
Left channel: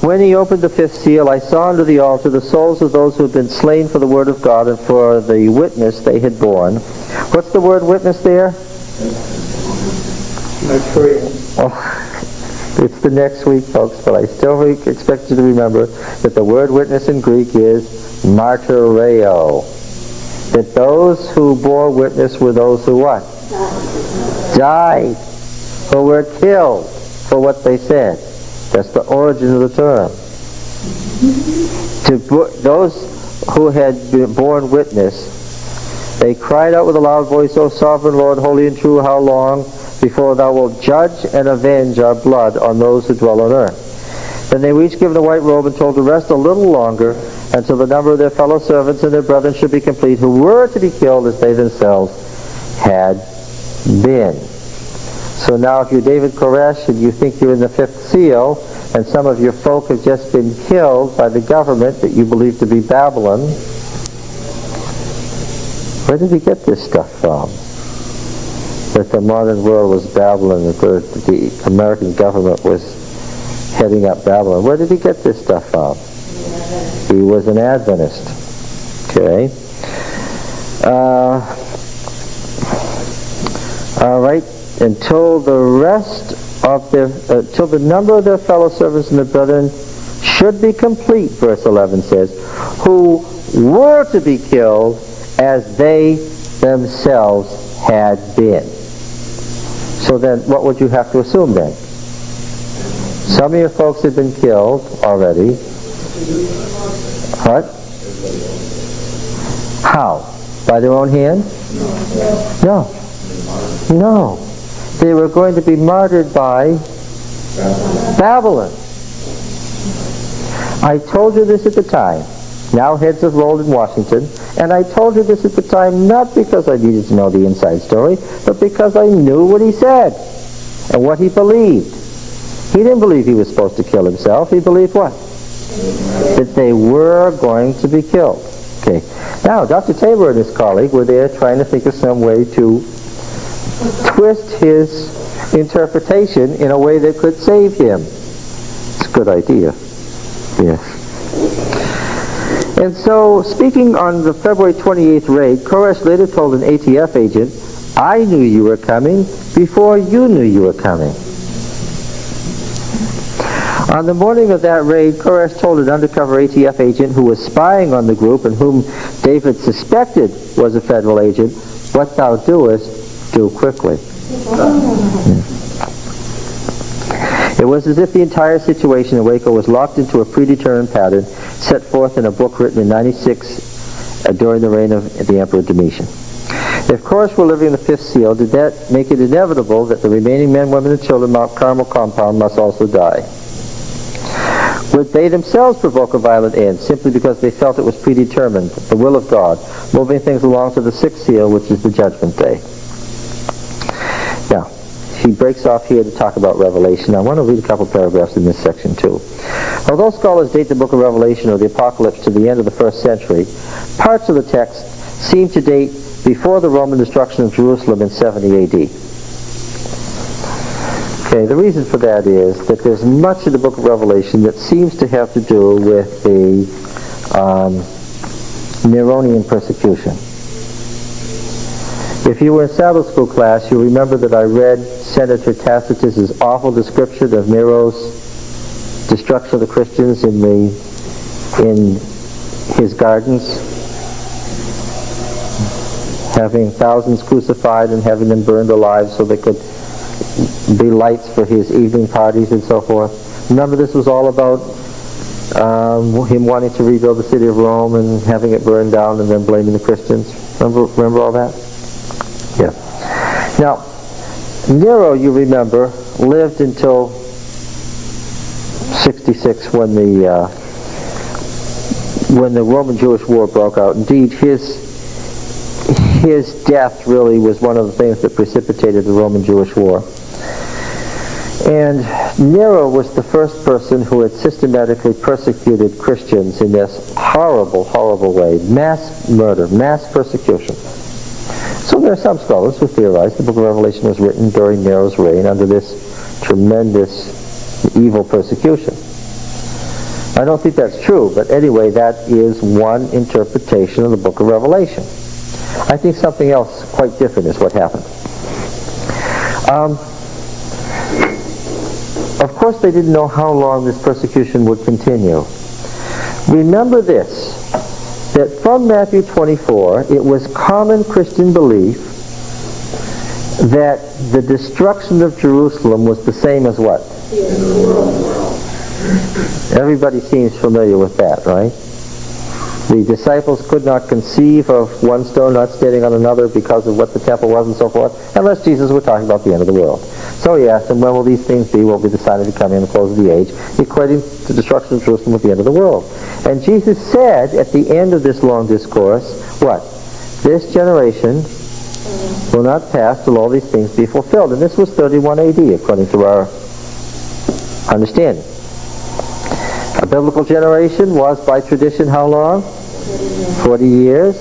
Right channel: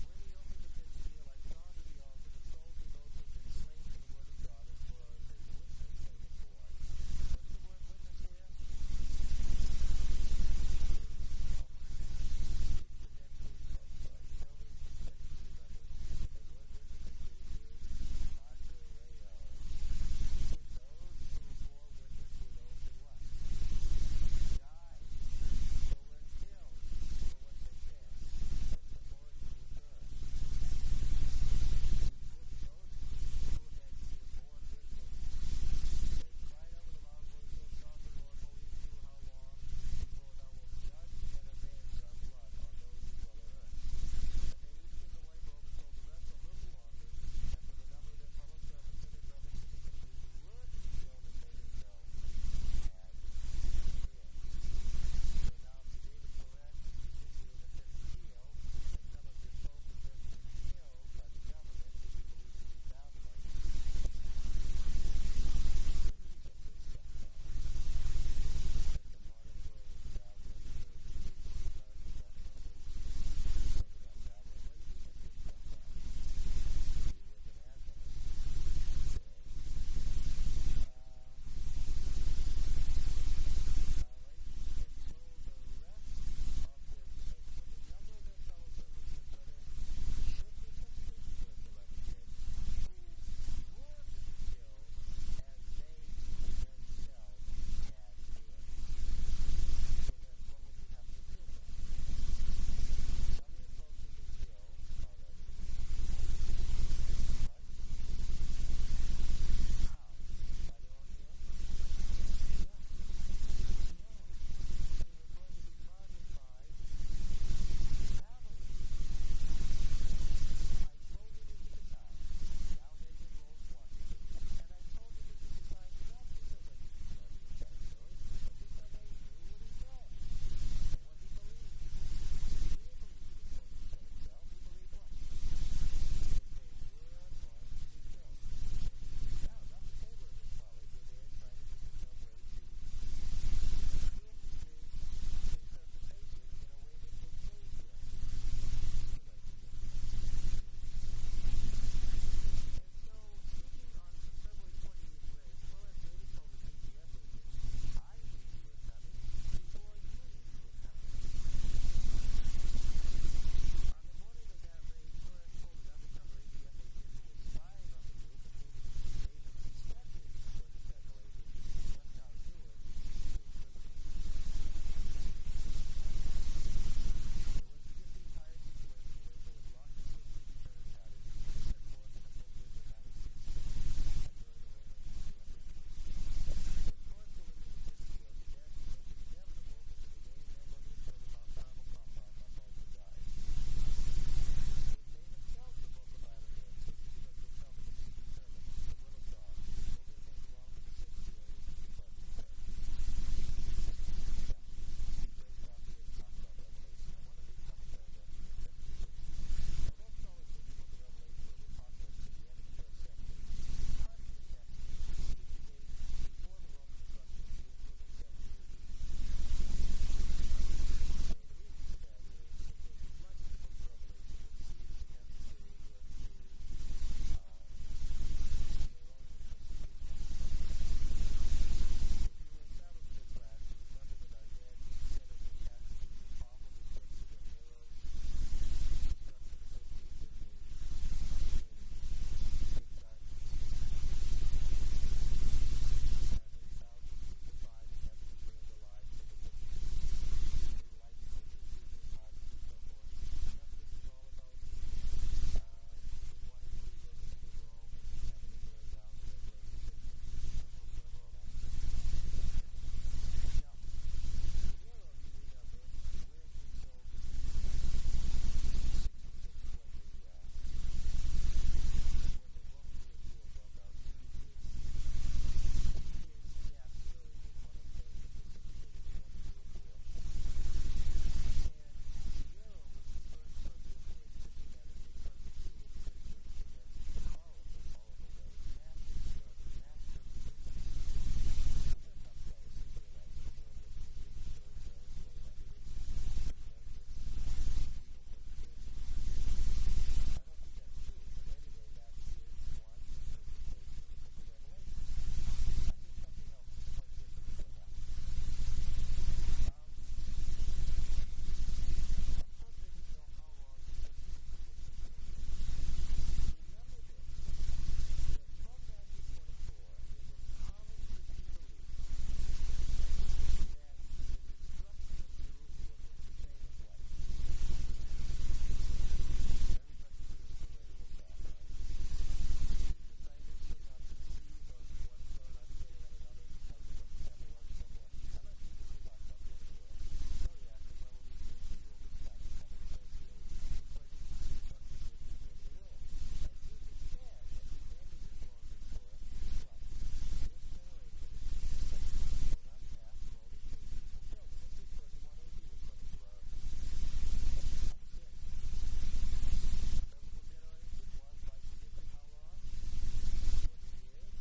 When he opened the fifth seal, I saw under the altar the souls of those who had been slain for the word of God and for the witness they had borne. What's the word witness there? Oh, it's the next week, folks, but I still expect you to remember that the word witness in Greek is martyreo. That those who bore witness were those who what? Died. Who were killed for what they said. That's the origin of the term. Those who had borne witness, they cried out with a loud voice, O sovereign Lord, holy and true, how long before thou wilt judge and avenge our blood on those who dwell on earth? Then they were each given a white robe and told to rest a little longer until the number of their fellow servants and their brethren should be complete, who were to be killed as they themselves had been. So now if you're David Koresh and you think you're in the fifth seal, and some of your folk have just been killed by the government that you believe to be Babylon, where did he get this stuff from? That the modern world was Babylon, that the American government was heading up Babylon. Where did he get this stuff from? He was an Adventist. Okay. All right. Until the number of their fellow servants and their brethren should be complete, verse 11 says, who were to be killed as they themselves had been. So then, what would you have to assume then? Some of your folks had been killed already. What? How? By their own hand? No. No. They were going to be martyred by Babylon. I told you this at the time. Now heads have rolled in Washington. And I told you this at the time not because I needed to know the inside story, but because I knew what he said and what he believed. He didn't believe he was supposed to kill himself. He believed what? That they were going to be killed. Okay. Now, Dr. Tabor and his colleague were there trying to think of some way to twist his interpretation in a way that could save him. It's a good idea. Yes. And so, speaking on the February 28th raid, Koresh later told an ATF agent, "I knew you were coming before you knew you were coming." On the morning of that raid, Koresh told an undercover ATF agent who was spying on the group and whom David suspected was a federal agent, "What thou doest, do quickly." It was as if the entire situation in Waco was locked into a predetermined pattern set forth in a book written in 96 during the reign of the Emperor Domitian. If Koresh were living in the fifth seal, did that make it inevitable that the remaining men, women, and children of Mount Carmel compound must also die? Would they themselves provoke a violent end simply because they felt it was predetermined, the will of God, moving things along to the sixth seal, which is the judgment day? Now, he breaks off here to talk about Revelation. I want to read a couple paragraphs in this section too. Although scholars date the book of Revelation or the Apocalypse to the end of the first century, parts of the text seem to date before the Roman destruction of Jerusalem in 70 AD. Okay, the reason for that is that there's much of the book of Revelation that seems to have to do with the Neronian persecution. If you were in Sabbath school class, you'll remember that I read Senator Tacitus's awful description of Nero's destruction of the Christians in his gardens, having thousands crucified and having them burned alive so they could be lights for his evening parties and so forth. Remember, this was all about him wanting to rebuild the city of Rome and having it burned down and then blaming the Christians. Remember all that? Yeah. Now, Nero, you remember, lived until 66 when the Roman-Jewish War broke out. Indeed, his death really was one of the things that precipitated the Roman-Jewish War. And Nero was the first person who had systematically persecuted Christians in this horrible, horrible way. Mass murder, mass persecution. So there are some scholars who theorize the book of Revelation was written during Nero's reign under this tremendous evil persecution. I don't think that's true, but anyway, that is one interpretation of the book of Revelation. I think something else quite different is what happened. Of course, they didn't know how long this persecution would continue. Remember this, that from Matthew 24, it was common Christian belief that the destruction of Jerusalem was the same as what? Everybody seems familiar with that, right? The disciples could not conceive of one stone not standing on another because of what the temple was and so forth, unless Jesus were talking about the end of the world. So he asked them, when will these things be? What will be decided to come in the close of the age? Equating the destruction of Jerusalem with the end of the world. And Jesus said at the end of this long discourse, what? This generation will not pass till all these things be fulfilled. And this was 31 AD, according to our understanding. A biblical generation was, by tradition, how long? 40 years,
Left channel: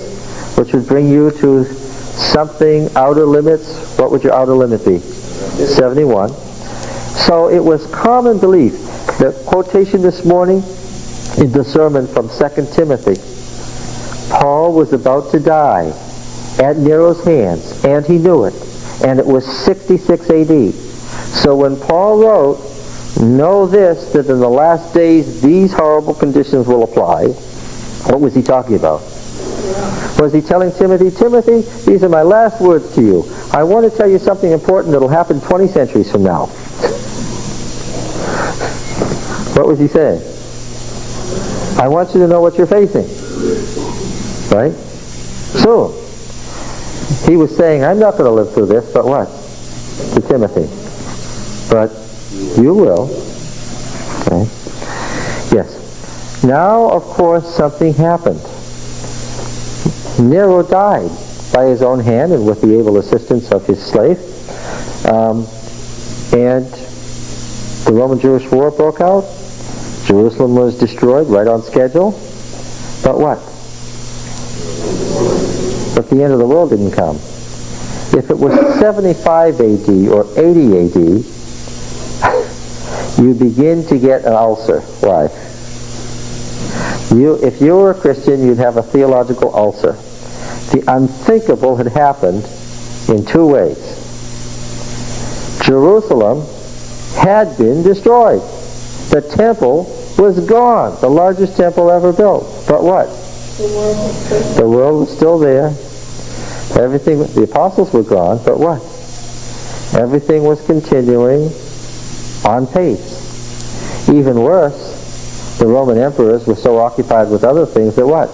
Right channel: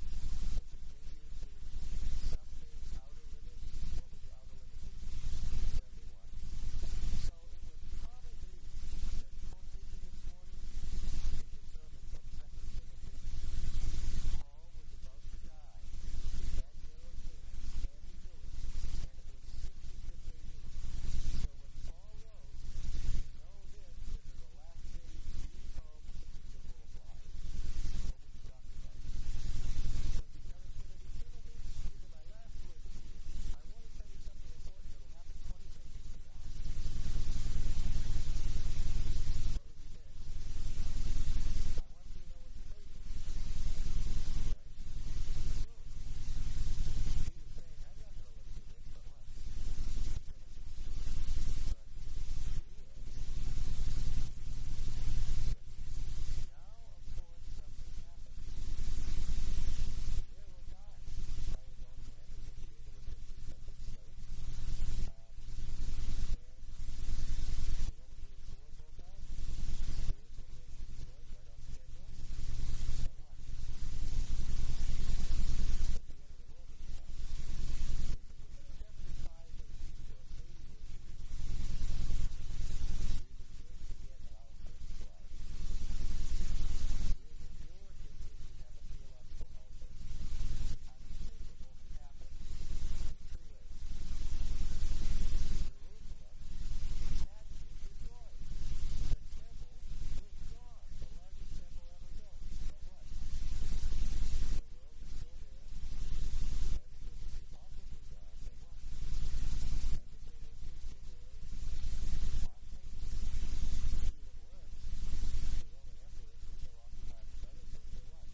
which would bring you to something outer limits. What would your outer limit be? 71. So it was common belief. The quotation this morning in the sermon from 2 Timothy. Paul was about to die at Nero's hands, and he knew it. And it was 66 AD. So when Paul wrote, know this, that in the last days these horrible conditions will apply, what was he talking about? Was he telling Timothy, Timothy, these are my last words to you. I want to tell you something important that will happen 20 centuries from now. What was he saying? I want you to know what you're facing. Right? So, he was saying, I'm not going to live through this, but what? To Timothy. But you will. Okay. Yes. Now, of course, something happened. Nero died by his own hand and with the able assistance of his slave. And the Roman-Jewish War broke out. Jerusalem was destroyed right on schedule. But what? But the end of the world didn't come. If it was 75 AD or 80 AD, you begin to get an ulcer. Why? If you were a Christian, you'd have a theological ulcer. The unthinkable had happened in two ways. Jerusalem had been destroyed. The temple was gone, the largest temple ever built. But what? The world was still there. Everything, the apostles were gone, but what? Everything was continuing on pace. Even worse, the Roman emperors were so occupied with other things that what?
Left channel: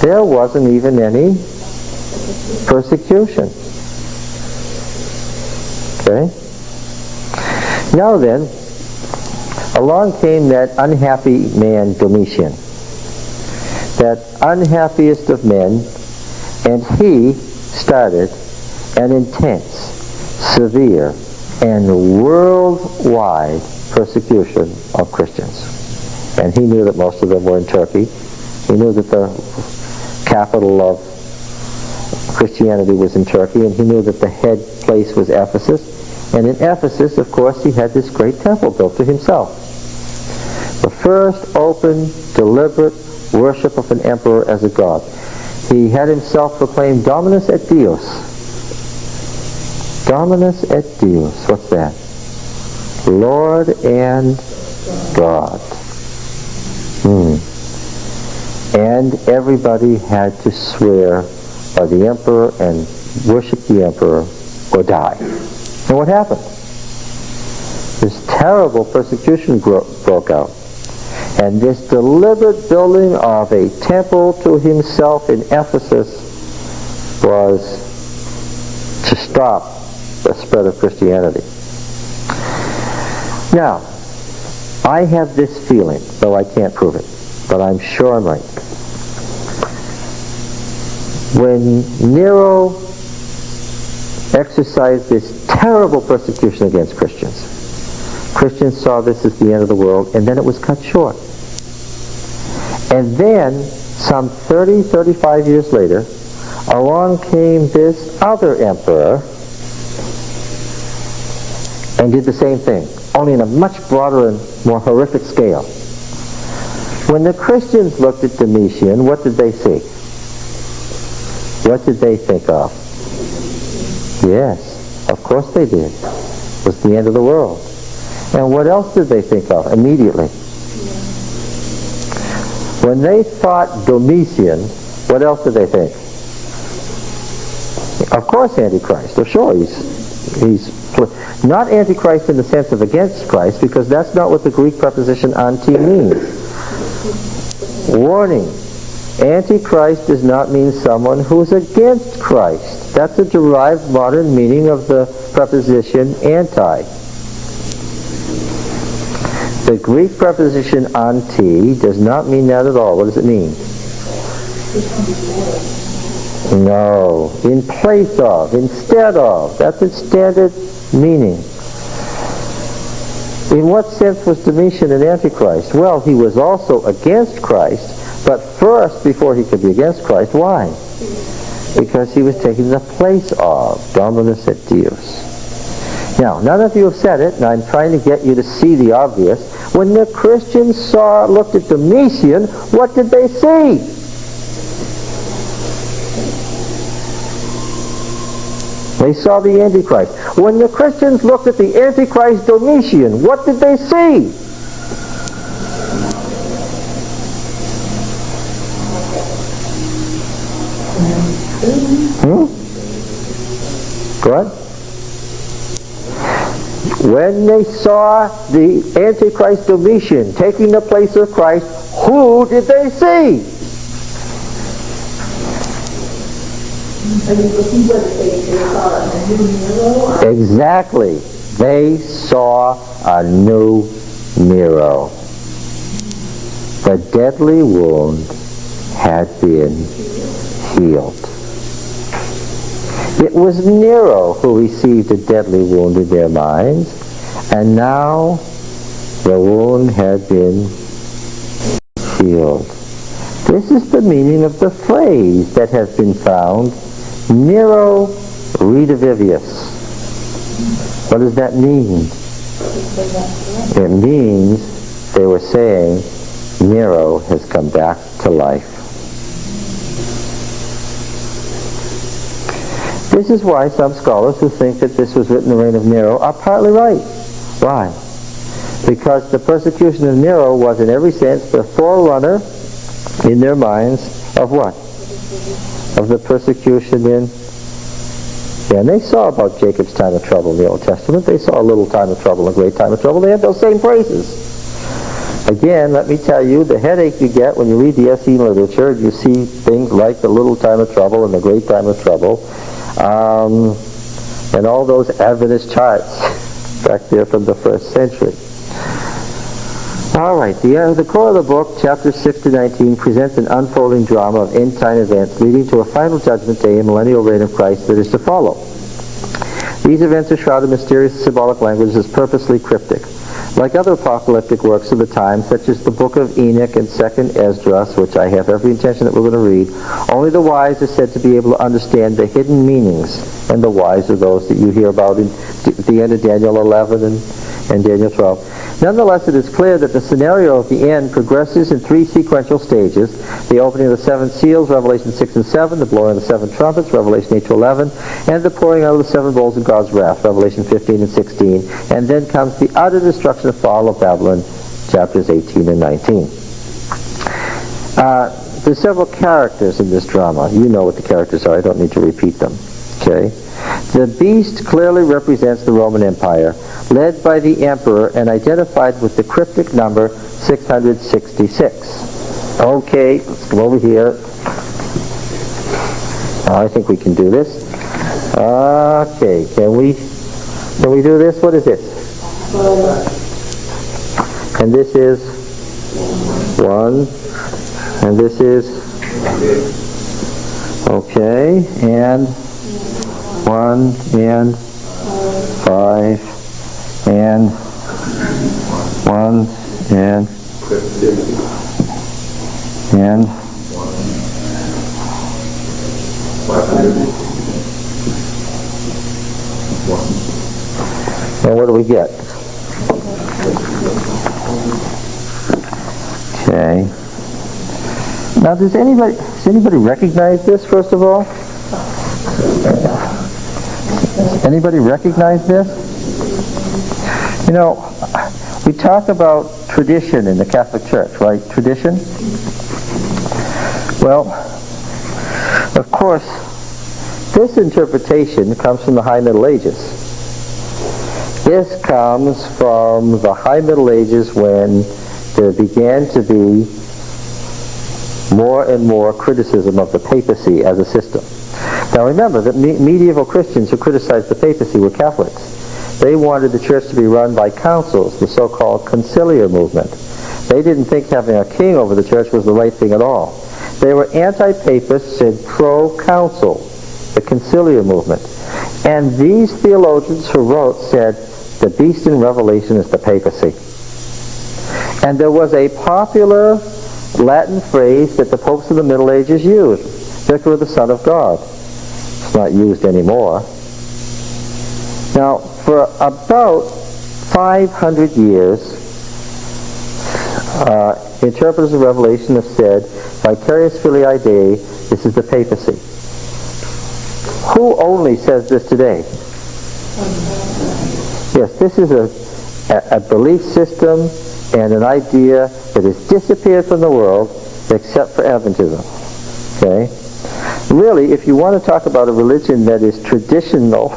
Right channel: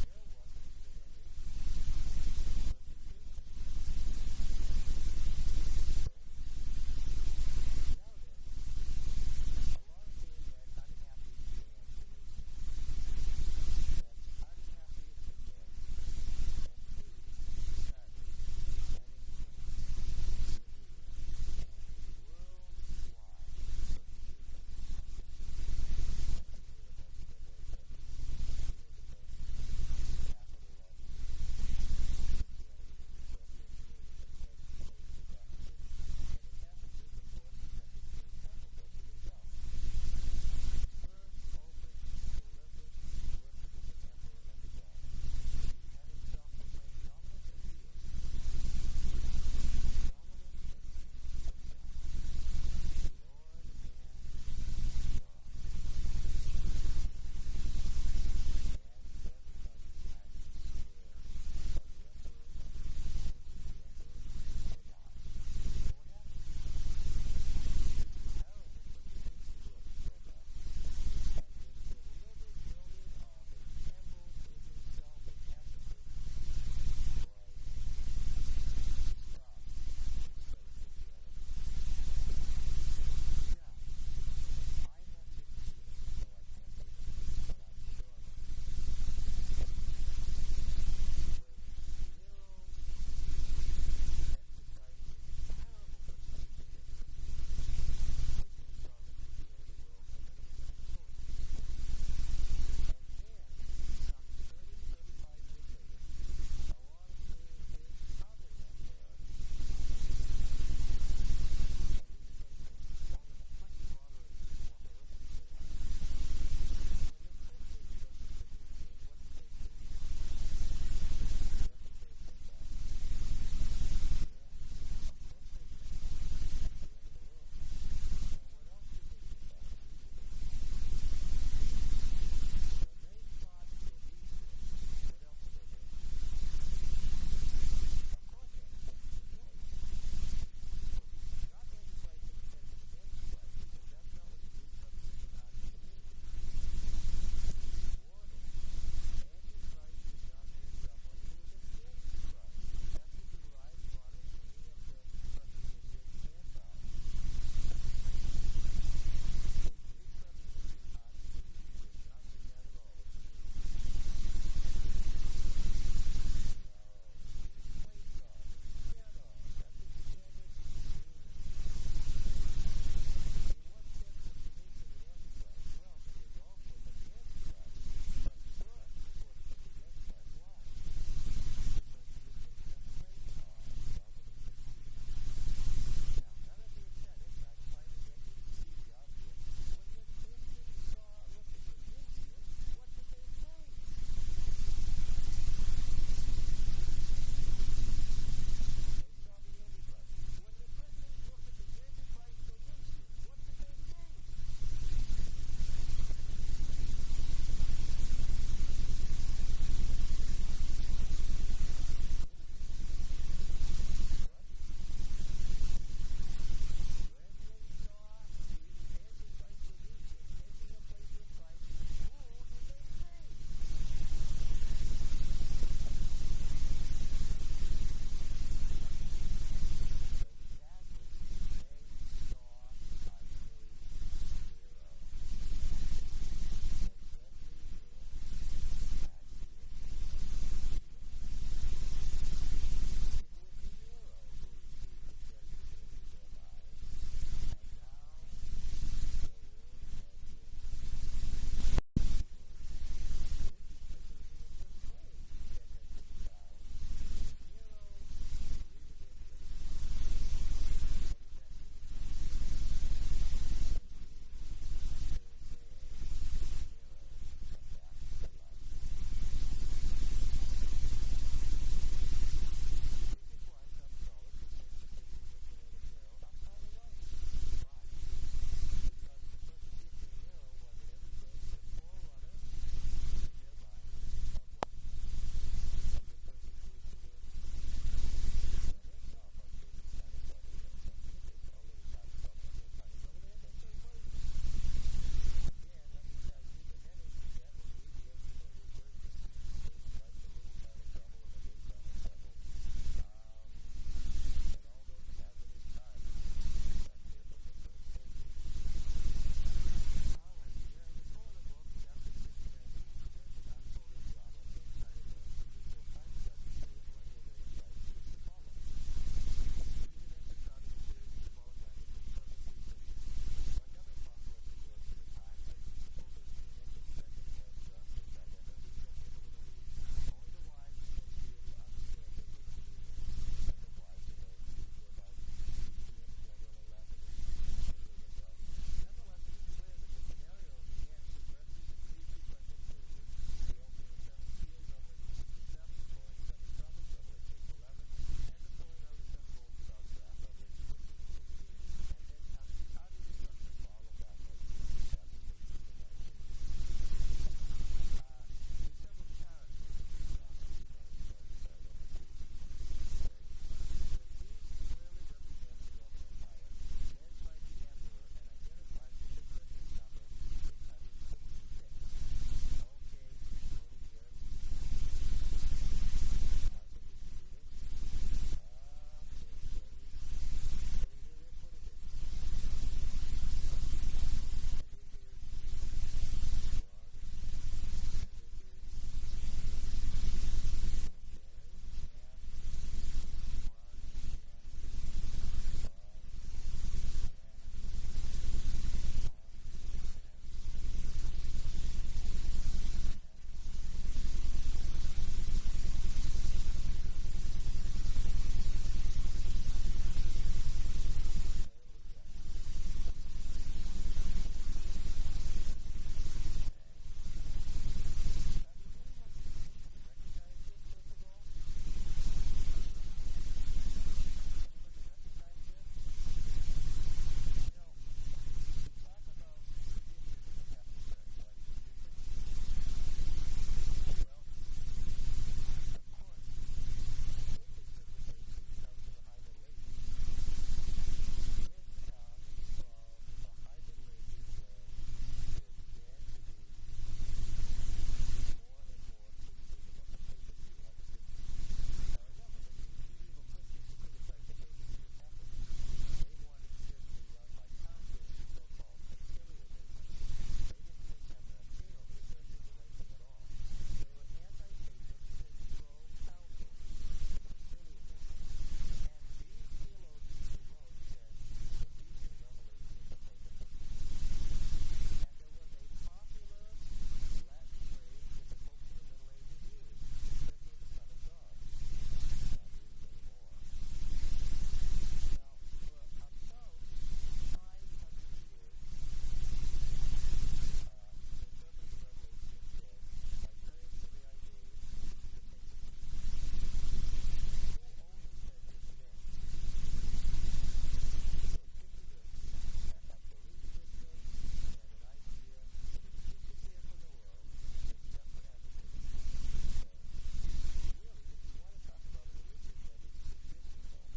There wasn't even any persecution. Okay? Now then, along came that unhappy man Domitian, that unhappiest of men, and he started an intense, severe, and worldwide persecution of Christians. And he knew that most of them were in Turkey. He knew that the capital of Christianity was in Turkey, and he knew that the head place was Ephesus. And in Ephesus, of course, he had this great temple built to himself. The first open, deliberate worship of an emperor as a god. He had himself proclaimed Dominus et Deus. Dominus et Deus. What's that? Lord and God. And everybody had to swear by the emperor and worship the emperor or die. And what happened? This terrible persecution broke out. And this deliberate building of a temple to himself in Ephesus was to stop the spread of Christianity. Now, I have this feeling, though I can't prove it, but I'm sure I'm right. When Nero exercised this terrible persecution against Christians, Christians saw this as the end of the world, and then it was cut short. And then, some 30, 35 years later, along came this other emperor and did the same thing, only in a much broader and more horrific scale. When the Christians looked at Domitian, what did they see? What did they think of? Yes, of course they did. It was the end of the world. And what else did they think of immediately? When they thought Domitian, what else did they think? Of course, Antichrist. Oh, sure, he's not Antichrist in the sense of against Christ, because that's not what the Greek preposition anti means. Warning. Antichrist does not mean someone who's against Christ. That's a derived modern meaning of the preposition anti. The Greek preposition anti does not mean that at all. What does it mean? No. In place of, instead of. That's its standard meaning. In what sense was Domitian an Antichrist? Well, he was also against Christ, but first, before he could be against Christ, why? Because he was taking the place of Dominus et Deus. Now, none of you have said it, and I'm trying to get you to see the obvious. When the Christians looked at Domitian, what did they see? They saw the Antichrist. When the Christians looked at the Antichrist Domitian, what did they see? Go ahead. When they saw the Antichrist Domitian taking the place of Christ, who did they see? Exactly. They saw a new Nero. The deadly wound had been healed. It was Nero who received a deadly wound in their minds, and now The wound had been healed. This is the meaning of the phrase that has been found, Nero redivivius. What does that mean? It means they were saying Nero has come back to life. This is why some scholars who think that this was written in the reign of Nero are partly right. Why? Because the persecution of Nero was in every sense the forerunner in their minds of what? Of the persecution in... Yeah, and they saw about Jacob's time of trouble in the Old Testament. They saw a little time of trouble, a great time of trouble. They had those same phrases. Again, let me tell you, the headache you get when you read the SE literature, you see things like the little time of trouble and the great time of trouble, and all those Adventist charts back there from the first century. All right, the core of the book, chapters 6 to 19, presents an unfolding drama of end-time events leading to a final judgment day and millennial reign of Christ that is to follow. These events are shrouded in mysterious symbolic language as purposely cryptic. Like other apocalyptic works of the time, such as the Book of Enoch and 2nd Esdras, which I have every intention that we're going to read, only the wise are said to be able to understand the hidden meanings, and the wise are those that you hear about at the end of Daniel 11 and Daniel 12. Nonetheless, it is clear that the scenario of the end progresses in three sequential stages: the opening of the seven seals, Revelation 6 and 7, the blowing of the seven trumpets, Revelation 8 to 11, and the pouring out of the seven bowls of God's wrath, Revelation 15 and 16. And then comes the utter destruction and fall of Babylon, chapters 18 and 19. There's several characters in this drama. You know what the characters are. I don't need to repeat them. Okay? The beast clearly represents the Roman Empire, led by the emperor and identified with the cryptic number 666. Okay, let's come over here. I think we can do this. Okay, can we do this? What is this? And this is 1, and this is, okay, and 1 and 5 and 1 and what do we get? Okay. Now, does anybody recognize this, first of all? Anybody recognize this? You know, we talk about tradition in the Catholic Church, right? Tradition? Well, of course, this interpretation comes from the High Middle Ages. This comes from the High Middle Ages when there began to be more and more criticism of the papacy as a system. Now remember that medieval Christians who criticized the papacy were Catholics. They wanted the church to be run by councils, the so-called conciliar movement. They didn't think having a king over the church was the right thing at all. They were anti-papists and pro-council, the conciliar movement. And these theologians who wrote said, the beast in Revelation is the papacy. And there was a popular Latin phrase that the popes of the Middle Ages used, Vicar of the Son of God. It's not used anymore. Now, for about 500 years, interpreters of Revelation have said, vicarious filii Dei, this is the papacy. Who only says this today? Yes, this is a belief system and an idea that has disappeared from the world except for Adventism. Okay? Really, if you want to talk about a religion that is traditional,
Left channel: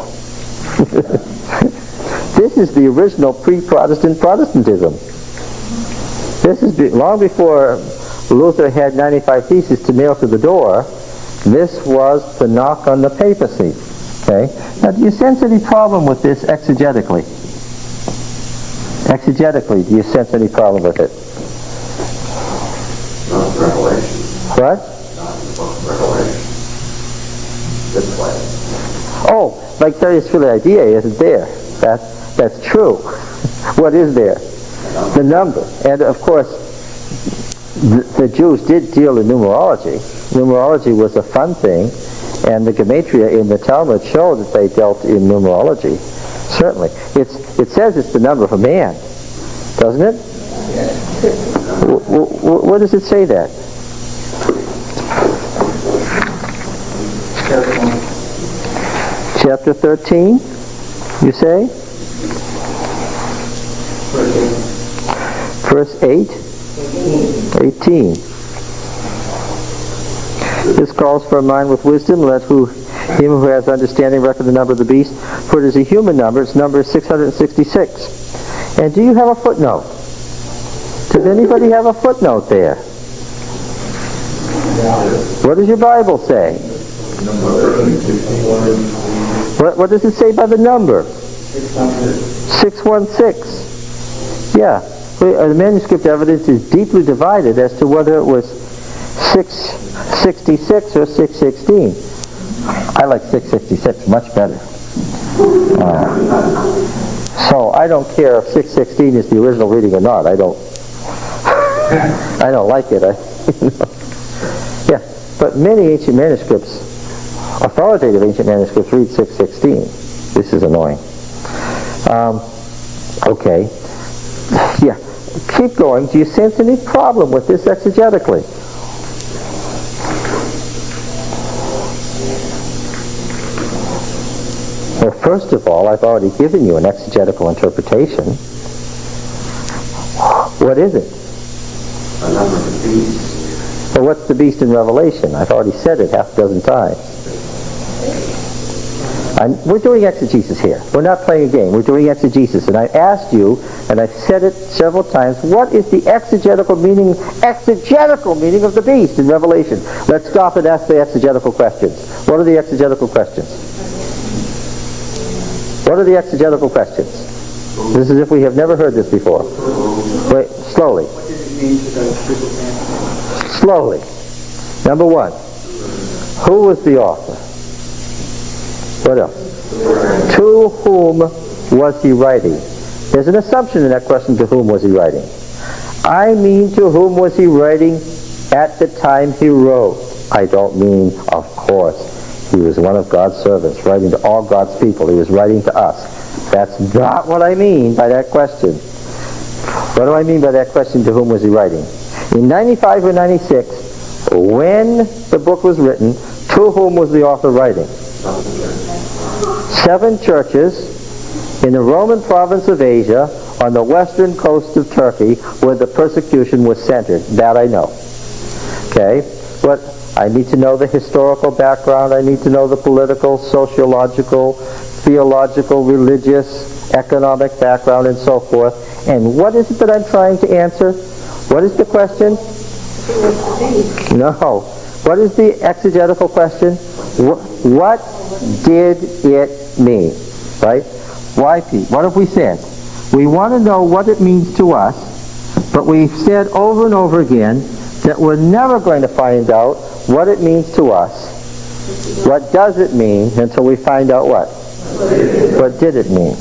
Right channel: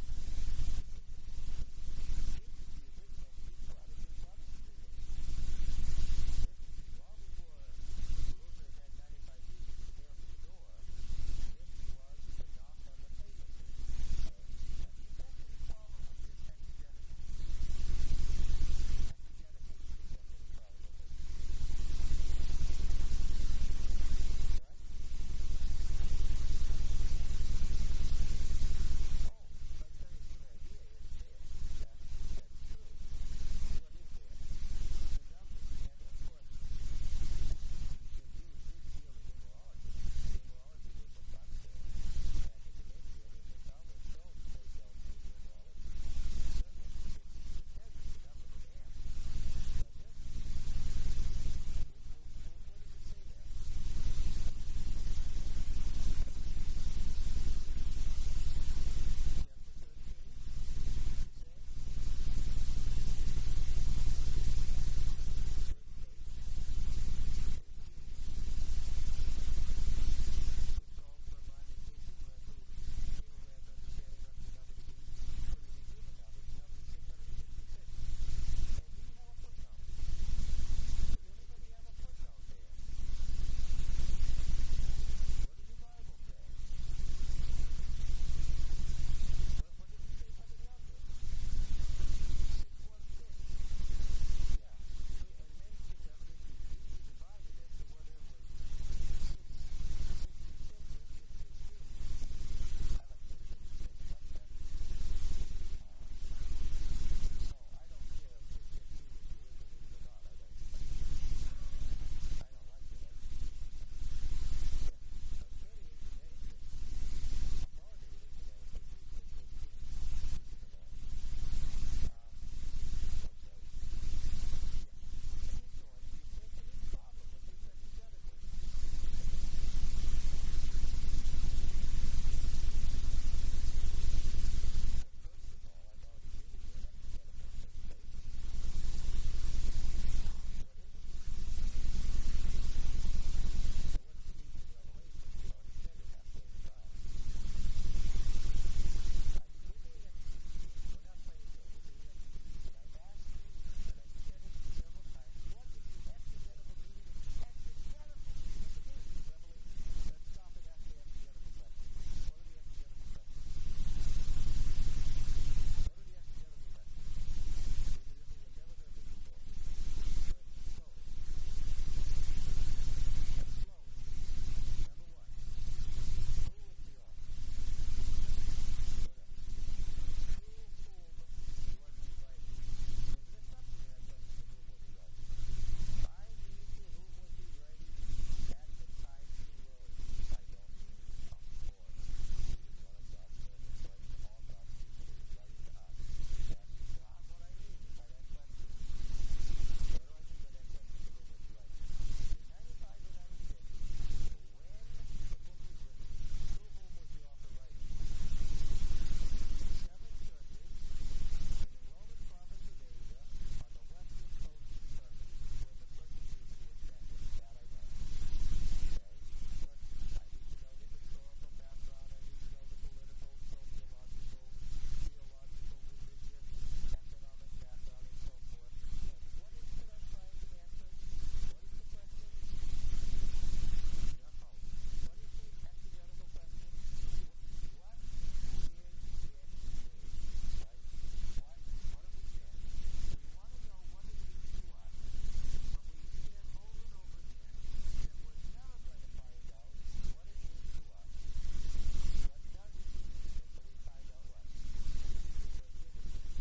this is the original pre-Protestant Protestantism. This is long before Luther had 95 Theses to nail to the door. This was the knock on the papacy. Okay? Now, do you sense any problem with this exegetically? Exegetically, do you sense any problem with it? Not Revelation. What? Not the book of Revelation. This way. Oh, vicarious filii Dei isn't there. That's true. What is there? The number. And of course, the Jews did deal in numerology. Numerology was a fun thing, and the gematria in the Talmud show that they dealt in numerology. Certainly. It says it's the number of a man, doesn't it? Where does it say that? Chapter 13, you say? Verse 8? 18. This calls for a mind with wisdom. Let him who has understanding reckon the number of the beast. For it is a human number. Its number is 666. And do you have a footnote? Does anybody have a footnote there? What does your Bible say? What does it say by the number? 616. Yeah. The manuscript evidence is deeply divided as to whether it was 666 or 616. I like 666 much better. So I don't care if 616 is the original reading or not. I don't like it. Yeah, but many ancient manuscripts, authoritative ancient manuscripts, read 616. This is annoying. Okay. Yeah. Keep going. Do you sense any problem with this exegetically? Well, first of all, I've already given you an exegetical interpretation. What is it? The number of the beast. Well, what's the beast in Revelation? I've already said it half a dozen times. We're doing exegesis here. We're not playing a game. We're doing exegesis. And I asked you, and I've said it several times, what is the exegetical meaning of the beast in Revelation? Let's stop and ask the exegetical questions. What are the exegetical questions? What are the exegetical questions? This is as if we have never heard this before. Wait, slowly. What does it mean to the people? Slowly. Number one, who was the author? What else? To whom was he writing? There's an assumption in that question, to whom was he writing? I mean, to whom was he writing at the time he wrote? I don't mean, of course, he was one of God's servants, writing to all God's people. He was writing to us. That's not what I mean by that question. What do I mean by that question, to whom was he writing? In 95 or 96, when the book was written, to whom was the author writing? 7 churches in the Roman province of Asia on the western coast of Turkey where the persecution was centered. That I know. Okay? But I need to know the historical background. I need to know the political, sociological, theological, religious, economic background, and so forth. And what is it that I'm trying to answer? What is the question? No. What is the exegetical question? What did it mean? Right? Why, Pete? What have we said? We want to know what it means to us, but we've said over and over again that we're never going to find out what it means to us. What does it mean until we find out what? What did it mean?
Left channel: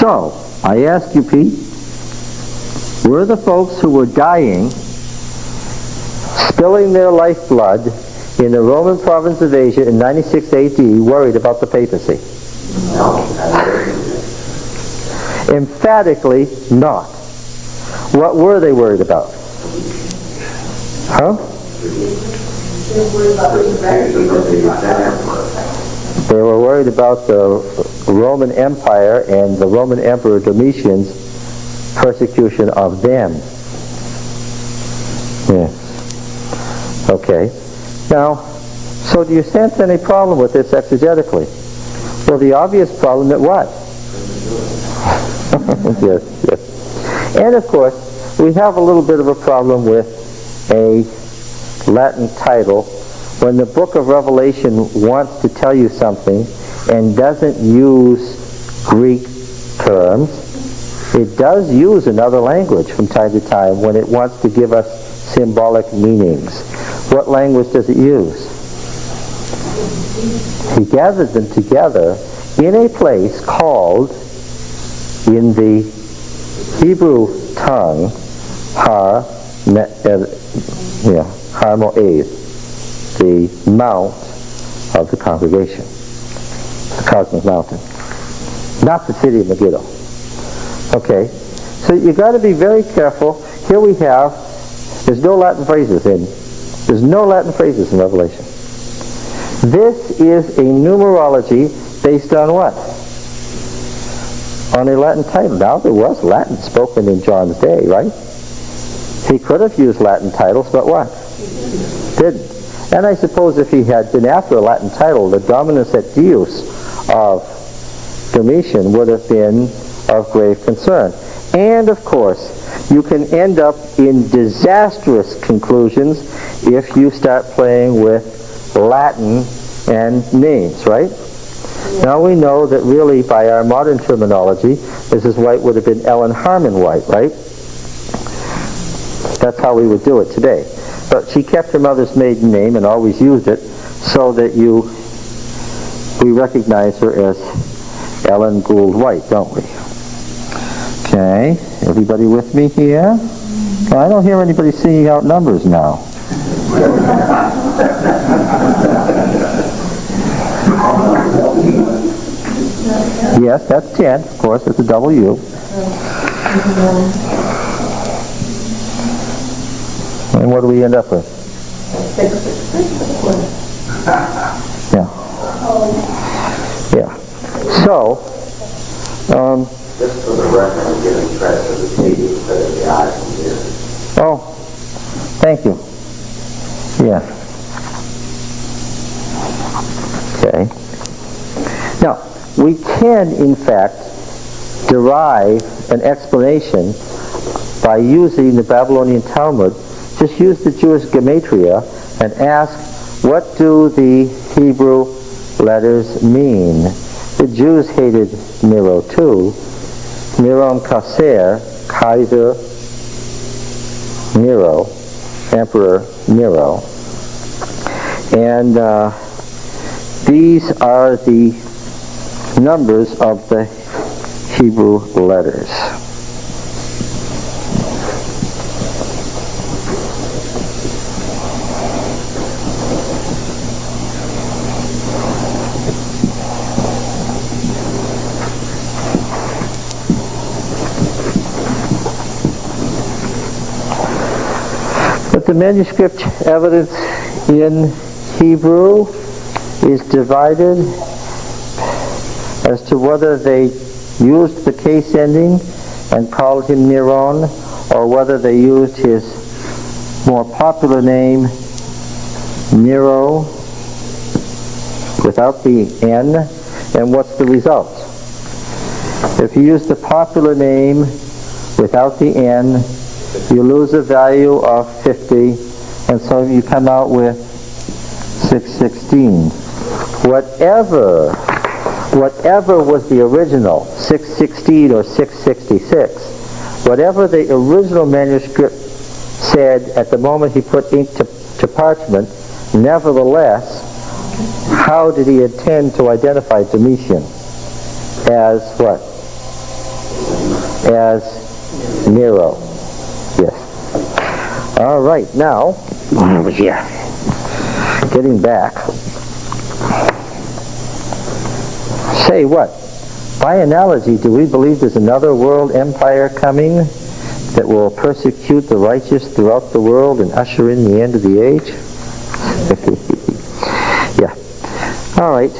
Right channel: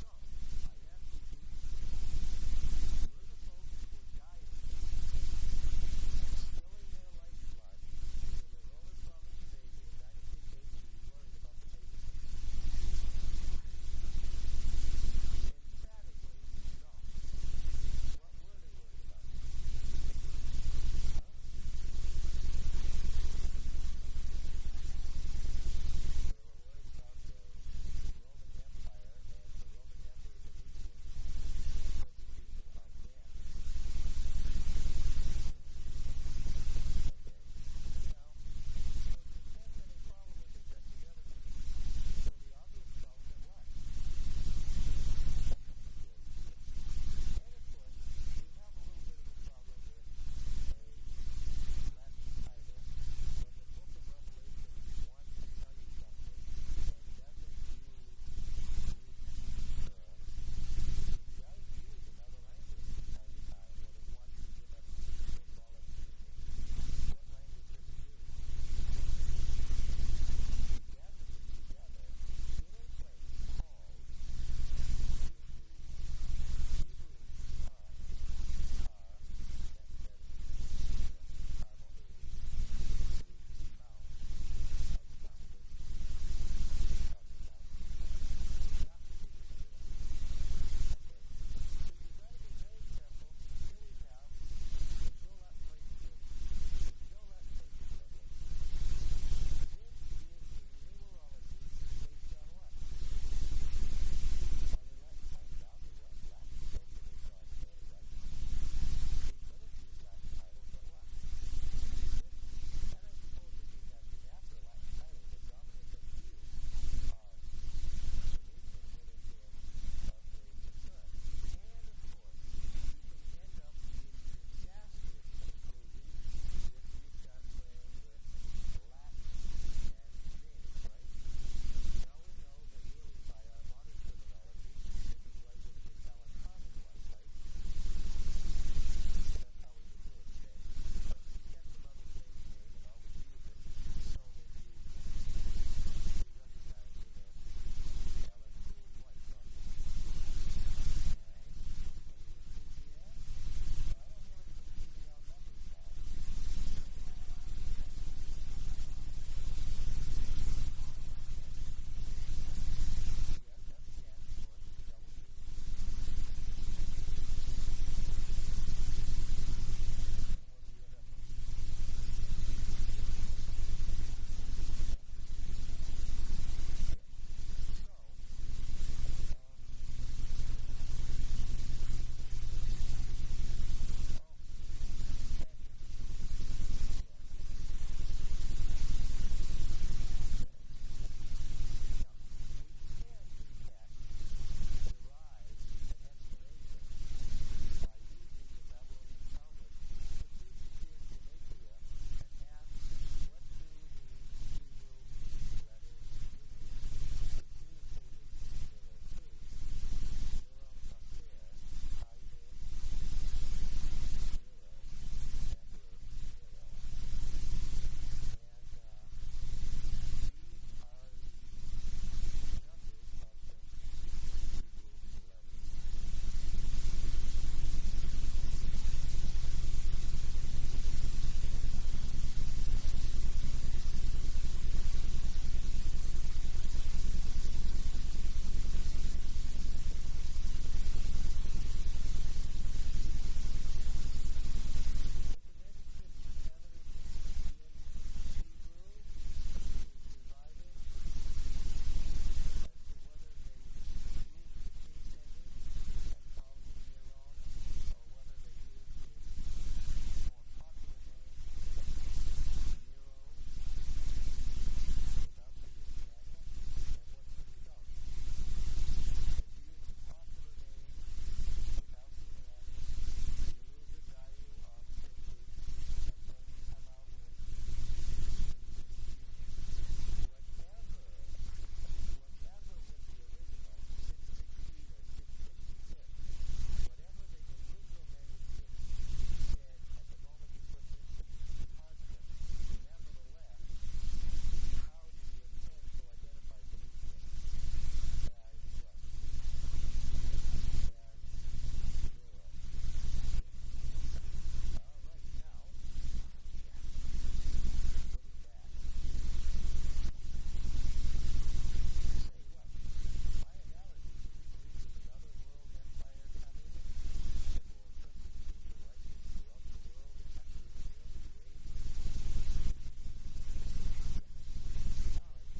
So, I ask you, Pete, were the folks who were dying, spilling their lifeblood in the Roman province of Asia in 96 AD worried about the papacy? No. Emphatically not. What were they worried about? Huh? They were worried about the Roman Empire and the Roman Emperor Domitian's persecution of them. Yes. Okay. Now, so do you sense any problem with this exegetically? Well, the obvious problem that what? Yes, yes. And of course, we have a little bit of a problem with a Latin title. When the book of Revelation wants to tell you something and doesn't use Greek terms, it does use another language from time to time when it wants to give us symbolic meanings. What language does it use? He gathered them together in a place called in the Hebrew tongue, Har Moed, the mount of the congregation, the cosmic mountain, not the city of Megiddo. Okay, so you got to be very careful. Here we have, there's no Latin phrases in Revelation. This is a numerology based on what? On a Latin title. Now, there was Latin spoken in John's day, right? He could have used Latin titles, but what? Didn't. And I suppose if he had been after a Latin title, the Dominus et Deus of Domitian would have been of grave concern. And, of course, you can end up in disastrous conclusions if you start playing with Latin and names, right? Now we know that really by our modern terminology, Mrs. White would have been Ellen Harmon White, right? That's how we would do it today. But she kept her mother's maiden name and always used it so that we recognize her as Ellen Gould White, don't we? Okay, everybody with me here? Well, I don't hear anybody singing out numbers now. Yes, that's 10, of course, it's a double U. And what do we end up with? Yeah. Yeah. So, just for the record, I'm giving credit to the TV instead of the eyes and ears. oh, thank you. Yeah. Okay. Now, we can, in fact, derive an explanation by using the Babylonian Talmud. Just use the Jewish gematria and ask, what do the Hebrew letters mean? The Jews hated Nero too. Neron Caesar, Kaiser Nero, Emperor Nero. And these are the numbers of the Hebrew letters. But the manuscript evidence in Hebrew is divided as to whether they used the case ending and called him Neron, or whether they used his more popular name, Nero, without the N. And what's the result? If you use the popular name without the N, you lose a value of 50, and so you come out with 616. Whatever was the original, 616 or 666, whatever the original manuscript said at the moment he put ink to parchment, nevertheless, how did he intend to identify Domitian? As what? As Nero. Yes. All right, now, getting back. Say what? By analogy, do we believe there's another world empire coming that will persecute the righteous throughout the world and usher in the end of the age? Yeah. All right.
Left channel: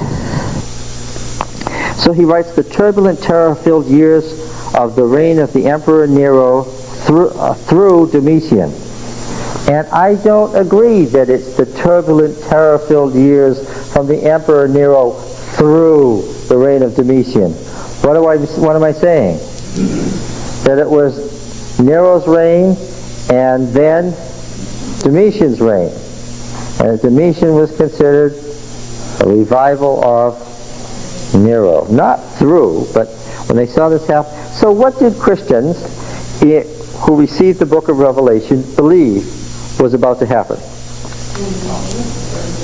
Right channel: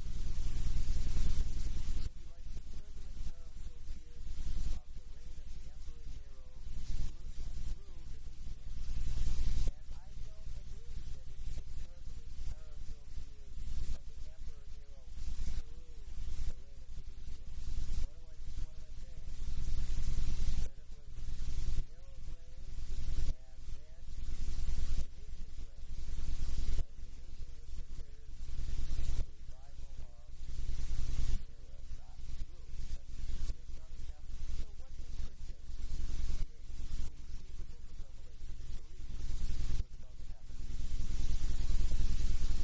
So he writes, the turbulent, terror-filled years of the reign of the Emperor Nero through Domitian. And I don't agree that it's the turbulent, terror-filled years from the Emperor Nero through the reign of Domitian. What am I saying? That it was Nero's reign and then Domitian's reign. And Domitian was considered a revival of Nero. Not through, but when they saw this happen. So what did Christians who received the book of Revelation believe was about to happen?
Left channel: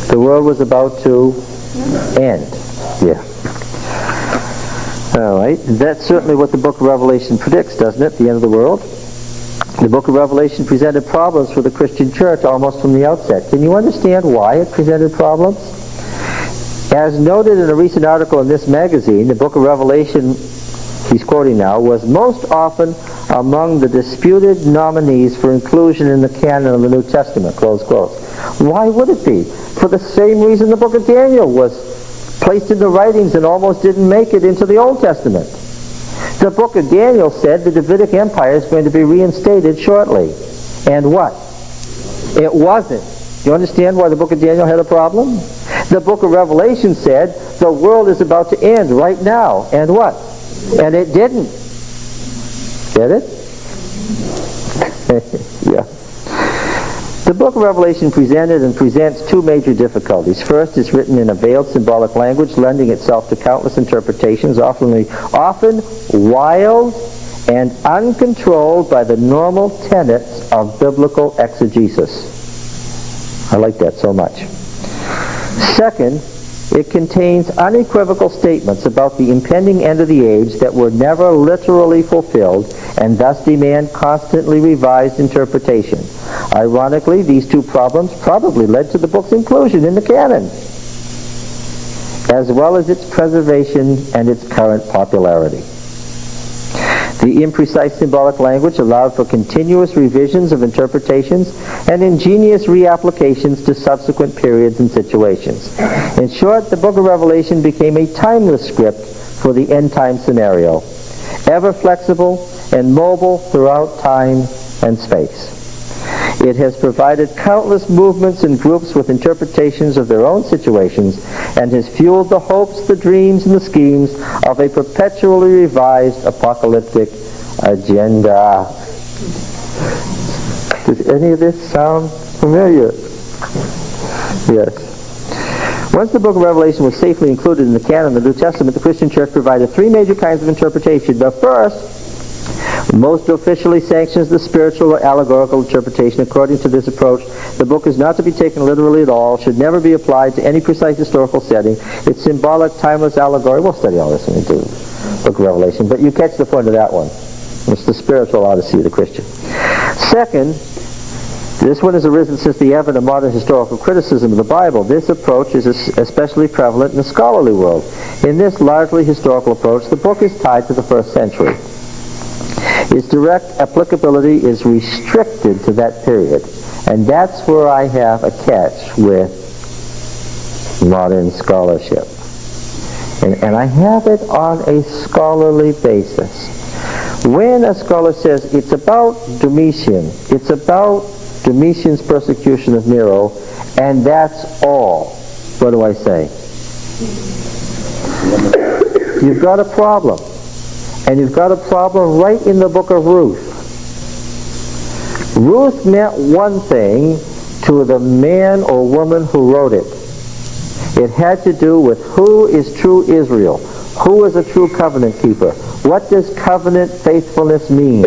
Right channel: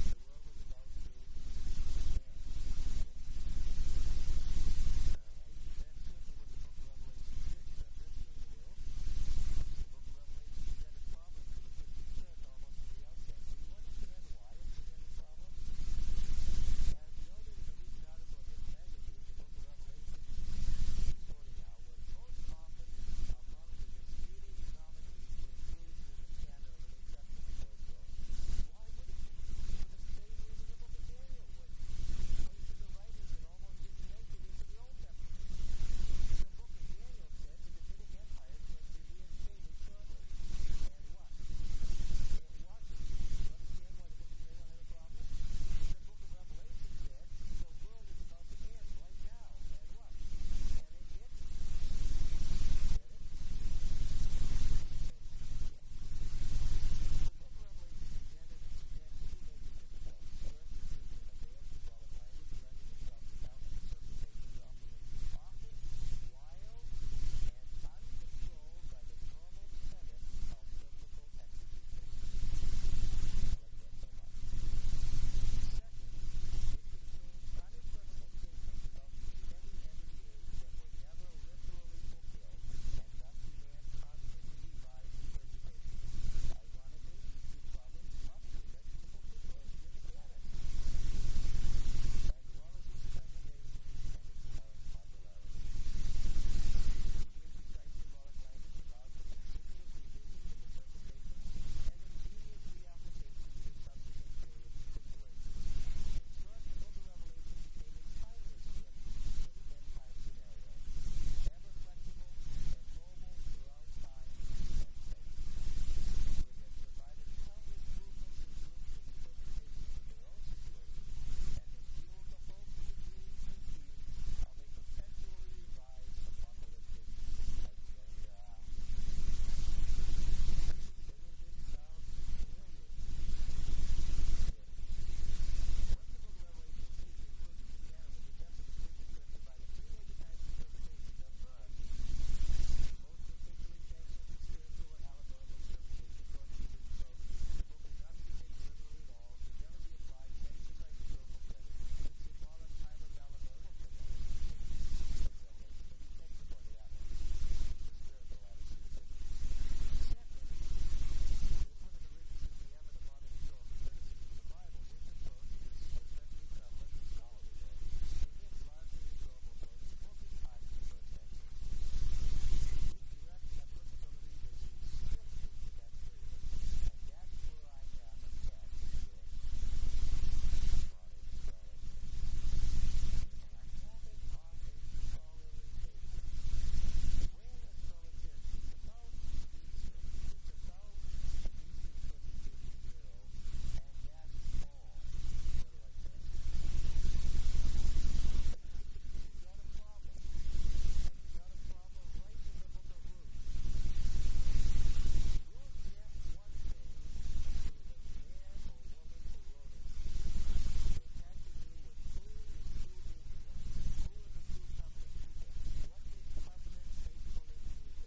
The world was about to end. Yeah. All right. That's certainly what the book of Revelation predicts, doesn't it? The end of the world. The book of Revelation presented problems for the Christian church almost from the outset. Can you understand why it presented problems? As noted in a recent article in this magazine, the book of Revelation, he's quoting now, was most often among the disputed nominees for inclusion in the canon of the New Testament, close quote. Why would it be? For the same reason the book of Daniel was placed in the writings and almost didn't make it into the Old Testament. The book of Daniel said the Davidic Empire is going to be reinstated shortly. And what? It wasn't. Do you understand why the book of Daniel had a problem? The book of Revelation said the world is about to end right now. And what? And it didn't. Get it? Yeah. The book of Revelation presented and presents two major difficulties. First, it's written in a veiled symbolic language, lending itself to countless interpretations, often wild and uncontrolled by the normal tenets of biblical exegesis. I like that so much. Second, it contains unequivocal statements about the impending end of the age that were never literally fulfilled and thus demand constantly revised interpretation. Ironically, these two problems probably led to the book's inclusion in the canon, as well as its preservation and its current popularity. The imprecise symbolic language allowed for continuous revisions of interpretations and ingenious reapplications to subsequent periods and situations. In short, the book of Revelation became a timeless script for the end-time scenario, ever flexible and mobile throughout time and space. It has provided countless movements and groups with interpretations of their own situations and has fueled the hopes, the dreams, and the schemes of a perpetually revised apocalyptic agenda. Does any of this sound familiar? Yes. Once the book of Revelation was safely included in the canon of the New Testament, the Christian church provided three major kinds of interpretation. The first, most officially sanctions the spiritual or allegorical interpretation. According to this approach, the book is not to be taken literally at all, should never be applied to any precise historical setting. It's symbolic, timeless allegory. We'll study all this when we do the book of Revelation, but you catch the point of that one. It's the spiritual odyssey of the Christian. Second, this one has arisen since the advent of modern historical criticism of the Bible. This approach is especially prevalent in the scholarly world. In this largely historical approach, the book is tied to the first century. Its direct applicability is restricted to that period. And that's where I have a catch with modern scholarship. And I have it on a scholarly basis. When a scholar says it's about Domitian, it's about Domitian's persecution of Nero, and that's all, what do I say? You've got a problem. And you've got a problem right in the book of Ruth. Ruth meant one thing to the man or woman who wrote it. It had to do with who is true Israel, who is a true covenant keeper. What does covenant faithfulness mean?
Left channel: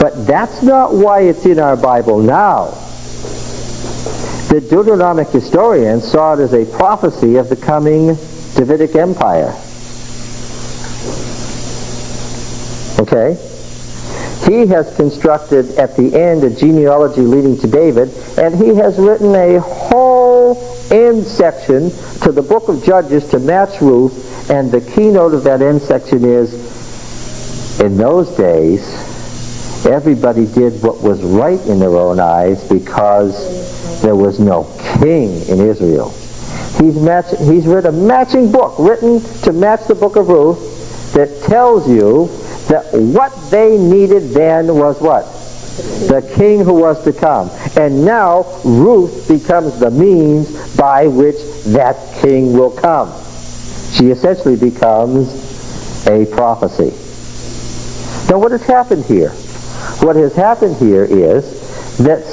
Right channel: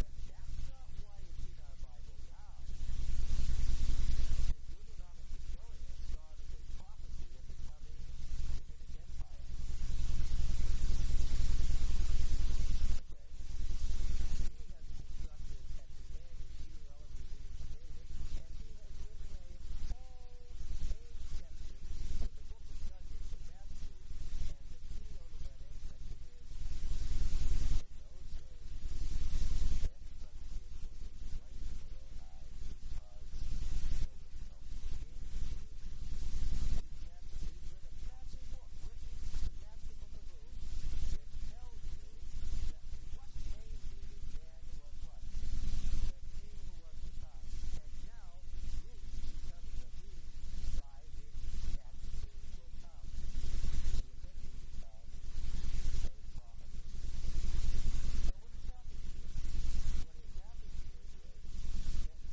But that's not why it's in our Bible now. The Deuteronomic historians saw it as a prophecy of the coming Davidic Empire. Okay? He has constructed at the end a genealogy leading to David, and he has written a whole end section to the book of Judges to match Ruth, and the keynote of that end section is, in those days, everybody did what was right in their own eyes because there was no king in Israel. He's written a matching book, written to match the book of Ruth, that tells you that what they needed then was what? The king who was to come. And now Ruth becomes the means by which that king will come. She essentially becomes a prophecy. Now what has happened here? What has happened here is that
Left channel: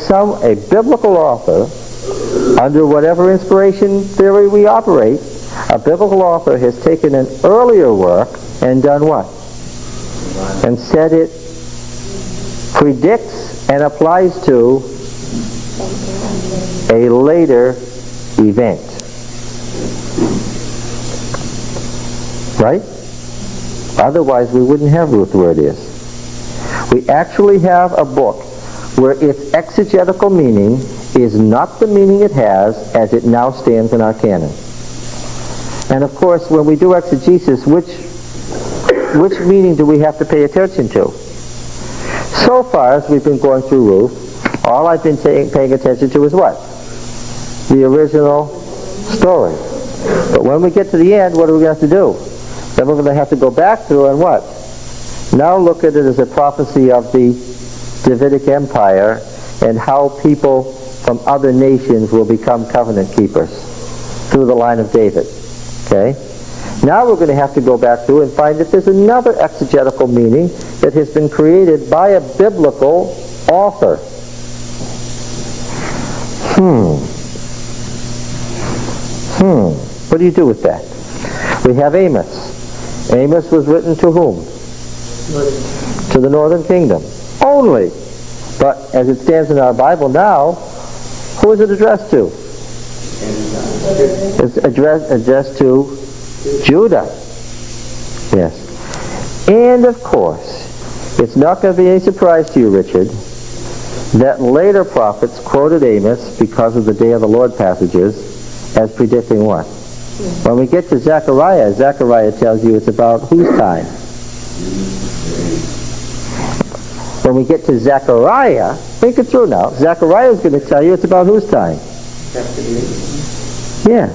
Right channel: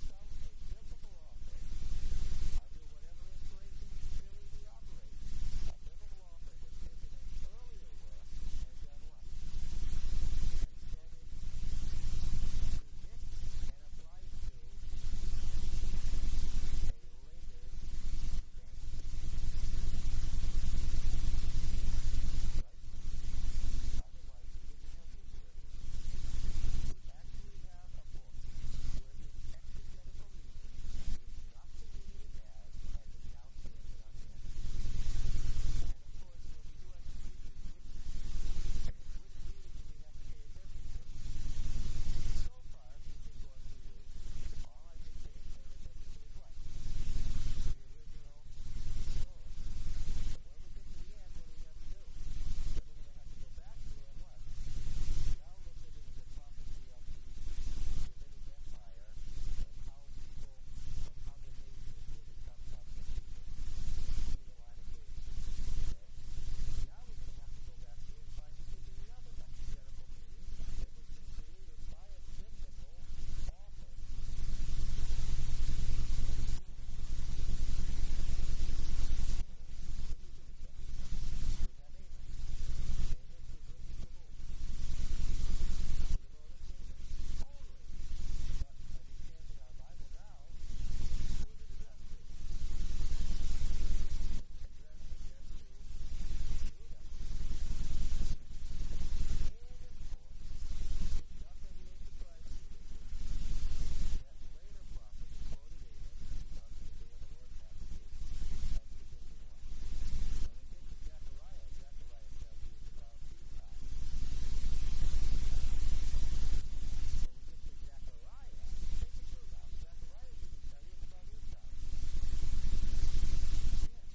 a biblical author, under whatever inspiration theory we operate, a biblical author has taken an earlier work and done what? And said it predicts and applies to a later event. Right? Otherwise, we wouldn't have Ruth where it is. We actually have a book where its exegetical meaning is not the meaning it has as it now stands in our canon. And of course, when we do exegesis, which meaning do we have to pay attention to? So far as we've been going through Ruth, all I've been paying attention to is what? The original story. But when we get to the end, what are we going to have to do? Then we're going to have to go back through and what? Now look at it as a prophecy of the Davidic Empire and how people from other nations will become covenant keepers through the line of David. Okay? Now we're going to have to go back through and find that there's another exegetical meaning that has been created by a biblical author. What do you do with that? We have Amos. Amos was written to whom? To the northern kingdom. Only. But as it stands in our Bible now, who is it addressed to? It's addressed to Judah. Yes. And of course, it's not going to be any surprise to you, Richard, that later prophets quoted Amos because of the Day of the Lord passages as predicting what? When we get to Zechariah, Zechariah tells you it's about whose time? When we get to Zechariah, think it through now. Zechariah is going to tell you it's about whose time? Yeah.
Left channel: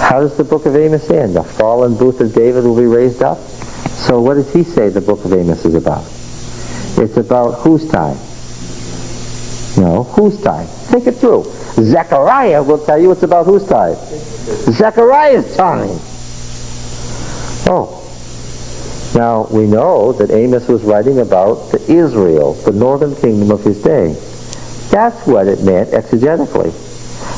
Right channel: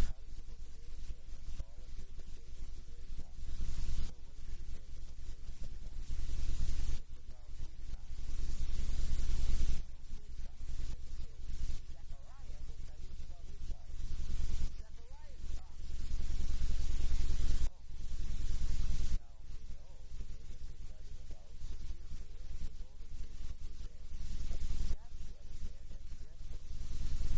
How does the book of Amos end? The fallen booth of David will be raised up. So what does he say the book of Amos is about? It's about whose time? No, whose time? Think it through. Zechariah will tell you it's about whose time? Zechariah's time. Oh. Now, we know that Amos was writing about the Israel, the northern kingdom of his day. That's what it meant exegetically.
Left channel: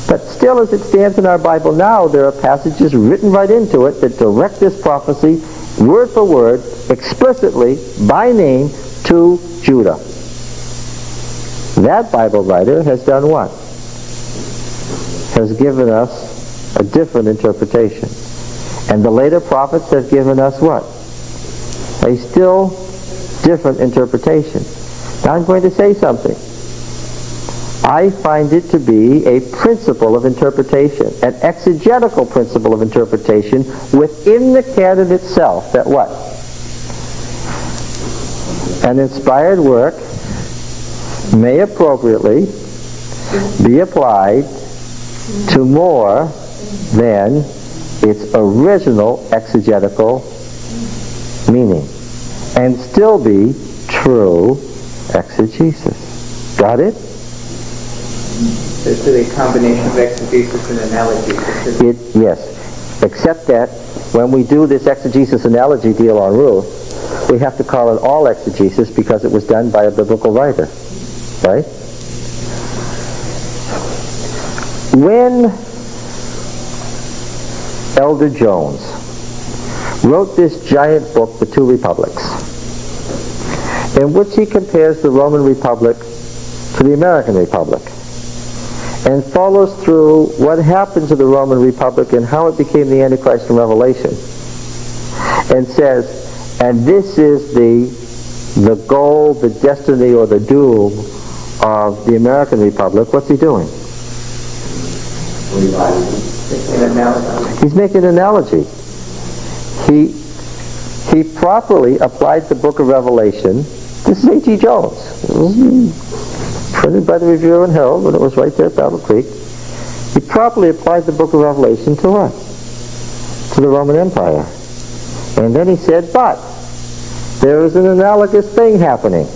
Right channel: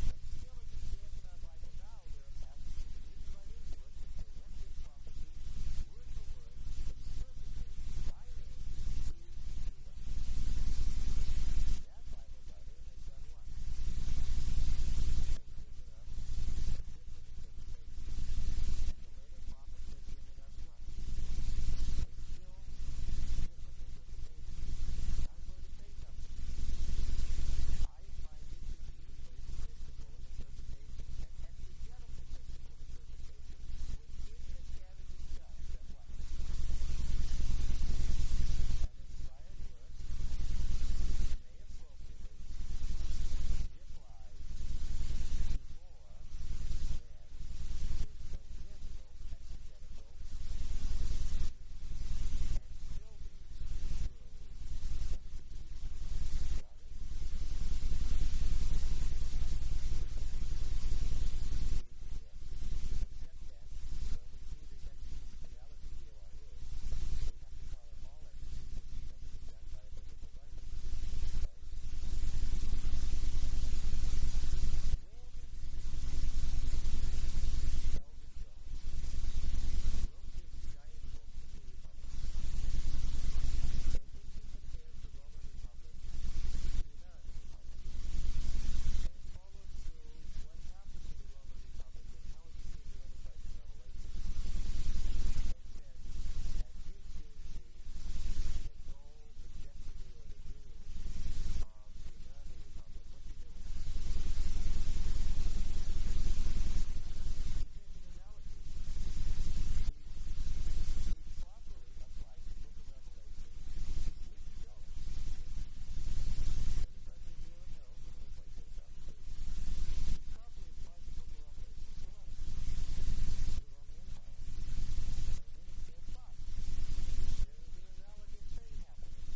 But still, as it stands in our Bible now, there are passages written right into it that direct this prophecy, word for word, explicitly, by name, to Judah. That Bible writer has done what? Has given us a different interpretation. And the later prophets have given us what? A still different interpretation. Now I'm going to say something. I find it to be a principle of interpretation, an exegetical principle of interpretation within the canon itself, that what? An inspired work may appropriately be applied to more than its original exegetical meaning and still be true exegesis. Got it? It's a combination of exegesis and analogy. Yes, except that when we do this exegesis analogy deal on Ruth, we have to call it all exegesis because it was done by a biblical writer. Right? When Elder Jones wrote this giant book, The Two Republics, in which he compares the Roman Republic to the American Republic and follows through what happened to the Roman Republic and how it became the Antichrist in Revelation, and says, and this is the goal, the destiny, or the doom of the American Republic. What's he doing? He's making an analogy. He properly applied the book of Revelation. This is A.T. Jones. It was printed by the Review and Herald when it was right there at Battle Creek. He properly applied the book of Revelation to what? To the Roman Empire. And then he said, but there is an analogous thing happening.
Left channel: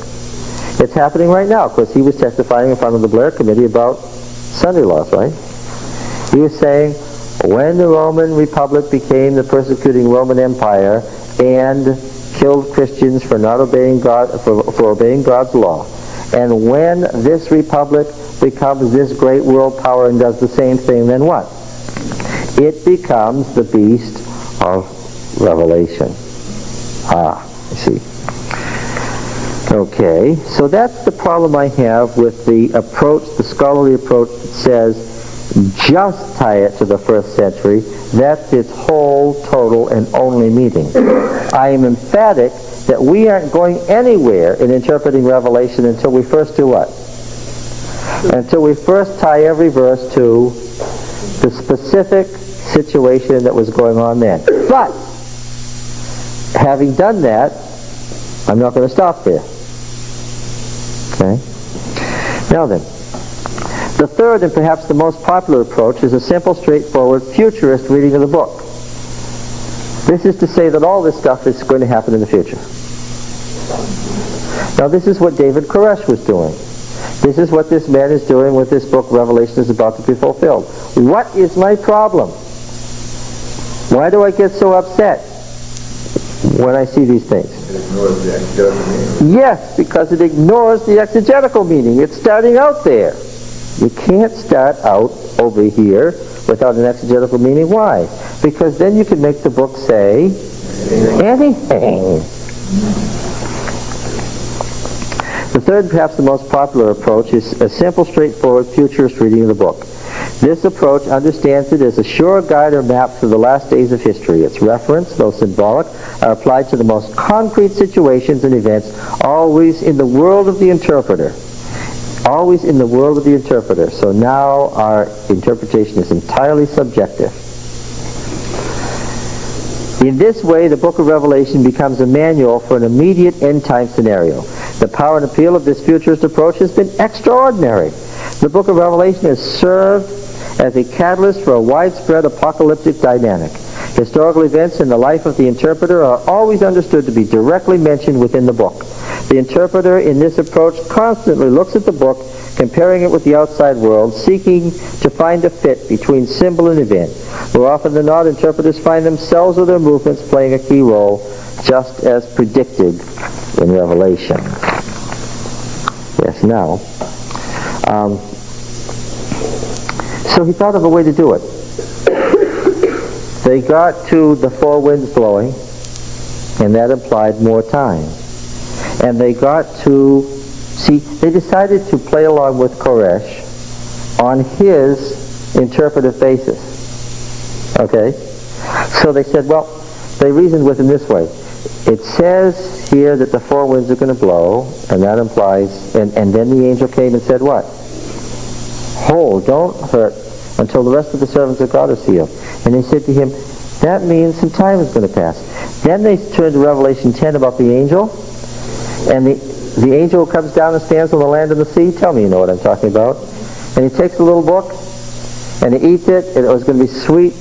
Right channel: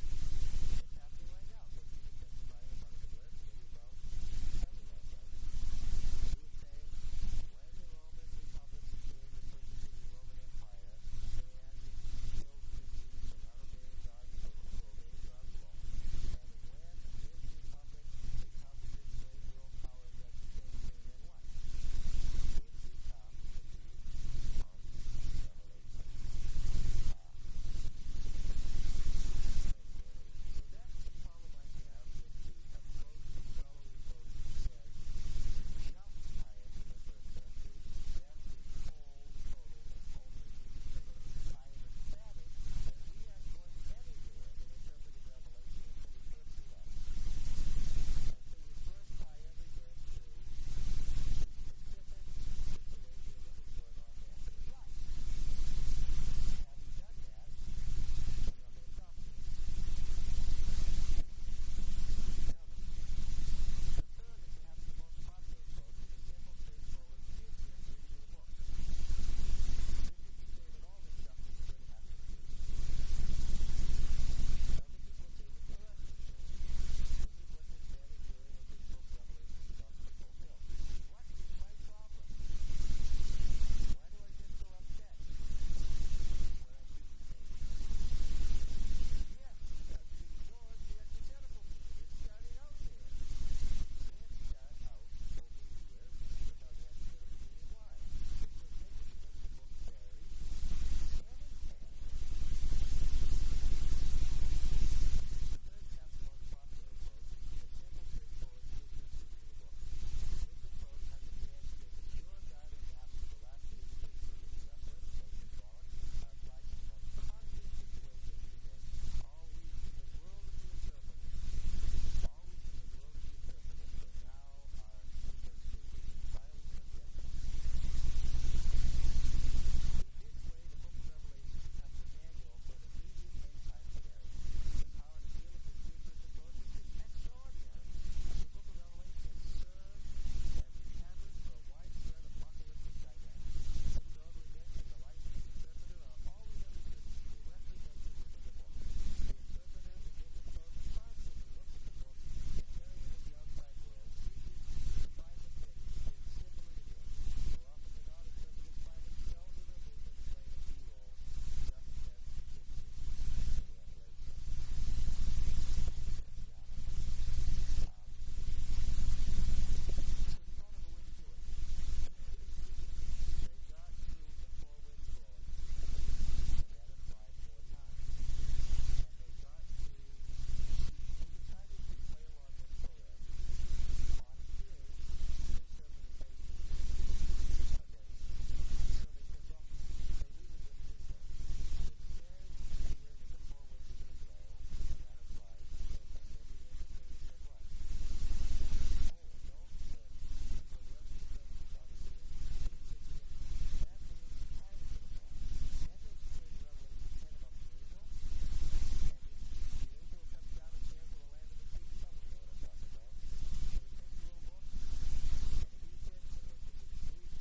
It's happening right now, because he was testifying in front of the Blair Committee about Sunday laws, right? He was saying, when the Roman Republic became the persecuting Roman Empire and killed Christians for not obeying God, for obeying God's law, and when this republic becomes this great world power and does the same thing, then what? It becomes the beast of Revelation. You see. Okay, so that's the problem I have with the approach, the scholarly approach that says just tie it to the first century. That's its whole, total, and only meaning. I am emphatic that we aren't going anywhere in interpreting Revelation until we first do what? Until we first tie every verse to the specific situation that was going on then. But, having done that, I'm not going to stop there. Okay? Now then, the third and perhaps the most popular approach is a simple, straightforward, futurist reading of the book. This is to say that all this stuff is going to happen in the future. Now this is what David Koresh was doing. This is what this man is doing with this book, Revelation is about to be fulfilled. What is my problem? Why do I get so upset when I see these things? It ignores the exegetical meaning. Yes, because it ignores the exegetical meaning. It's starting out there. You can't start out over here without an exegetical meaning. Why? Because then you can make the book say anything. The third, perhaps the most popular approach, is a simple, straightforward, futurist reading of the book. This approach understands it as a sure guide or map through the last days of history. Its reference, though symbolic, are applied to the most concrete situations and events, always in the world of the interpreter. Always in the world of the interpreter. So now our interpretation is entirely subjective. In this way, the book of Revelation becomes a manual for an immediate end-time scenario. The power and appeal of this futurist approach has been extraordinary. The book of Revelation has served as a catalyst for a widespread apocalyptic dynamic. Historical events in the life of the interpreter are always understood to be directly mentioned within the book. The interpreter in this approach constantly looks at the book, comparing it with the outside world, seeking to find a fit between symbol and event. More often than not, interpreters find themselves or their movements playing a key role, just as predicted in Revelation. Yes, now. So he thought of a way to do it. They got to the four winds blowing, and that implied more time. And they got to, they decided to play along with Koresh on his interpretive basis. Okay? So they said, well, they reasoned with him this way. It says here that the four winds are going to blow, and that implies, and then the angel came and said what? Hold, don't hurt until the rest of the servants of God are sealed. And they said to him, that means some time is going to pass. Then they turned to Revelation 10 about the angel, and the angel comes down and stands on the land and the sea. Tell me you know what I'm talking about. And he takes a little book, and he eats it, and it was going to be sweet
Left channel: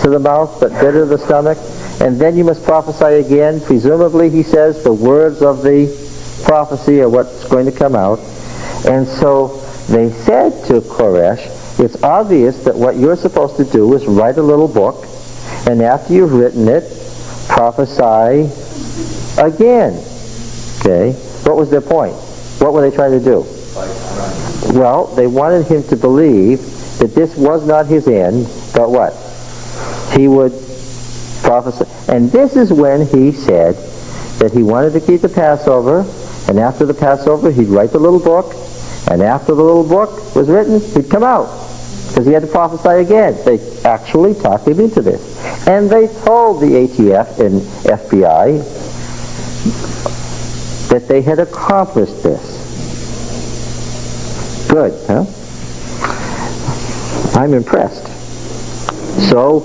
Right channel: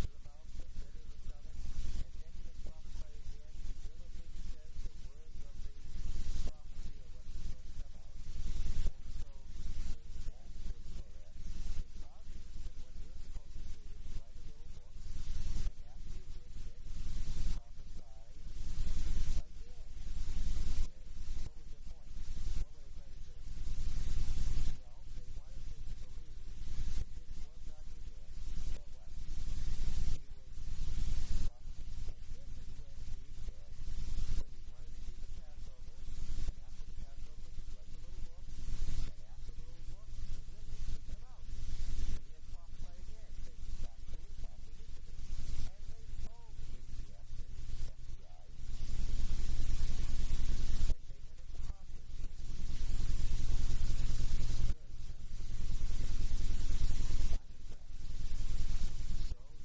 to the mouth, but bitter to the stomach. And then you must prophesy again. Presumably, he says, the words of the prophecy are what's going to come out. And so they said to Koresh, it's obvious that what you're supposed to do is write a little book, and after you've written it, prophesy again. Okay? What was their point? What were they trying to do? Well, they wanted him to believe that this was not his end, but what? He would prophesy. And this is when he said that he wanted to keep the Passover, and after the Passover he'd write the little book, and after the little book was written, he'd come out. Because he had to prophesy again. They actually talked him into this. And they told the ATF and FBI that they had accomplished this. Good, huh? I'm impressed. So,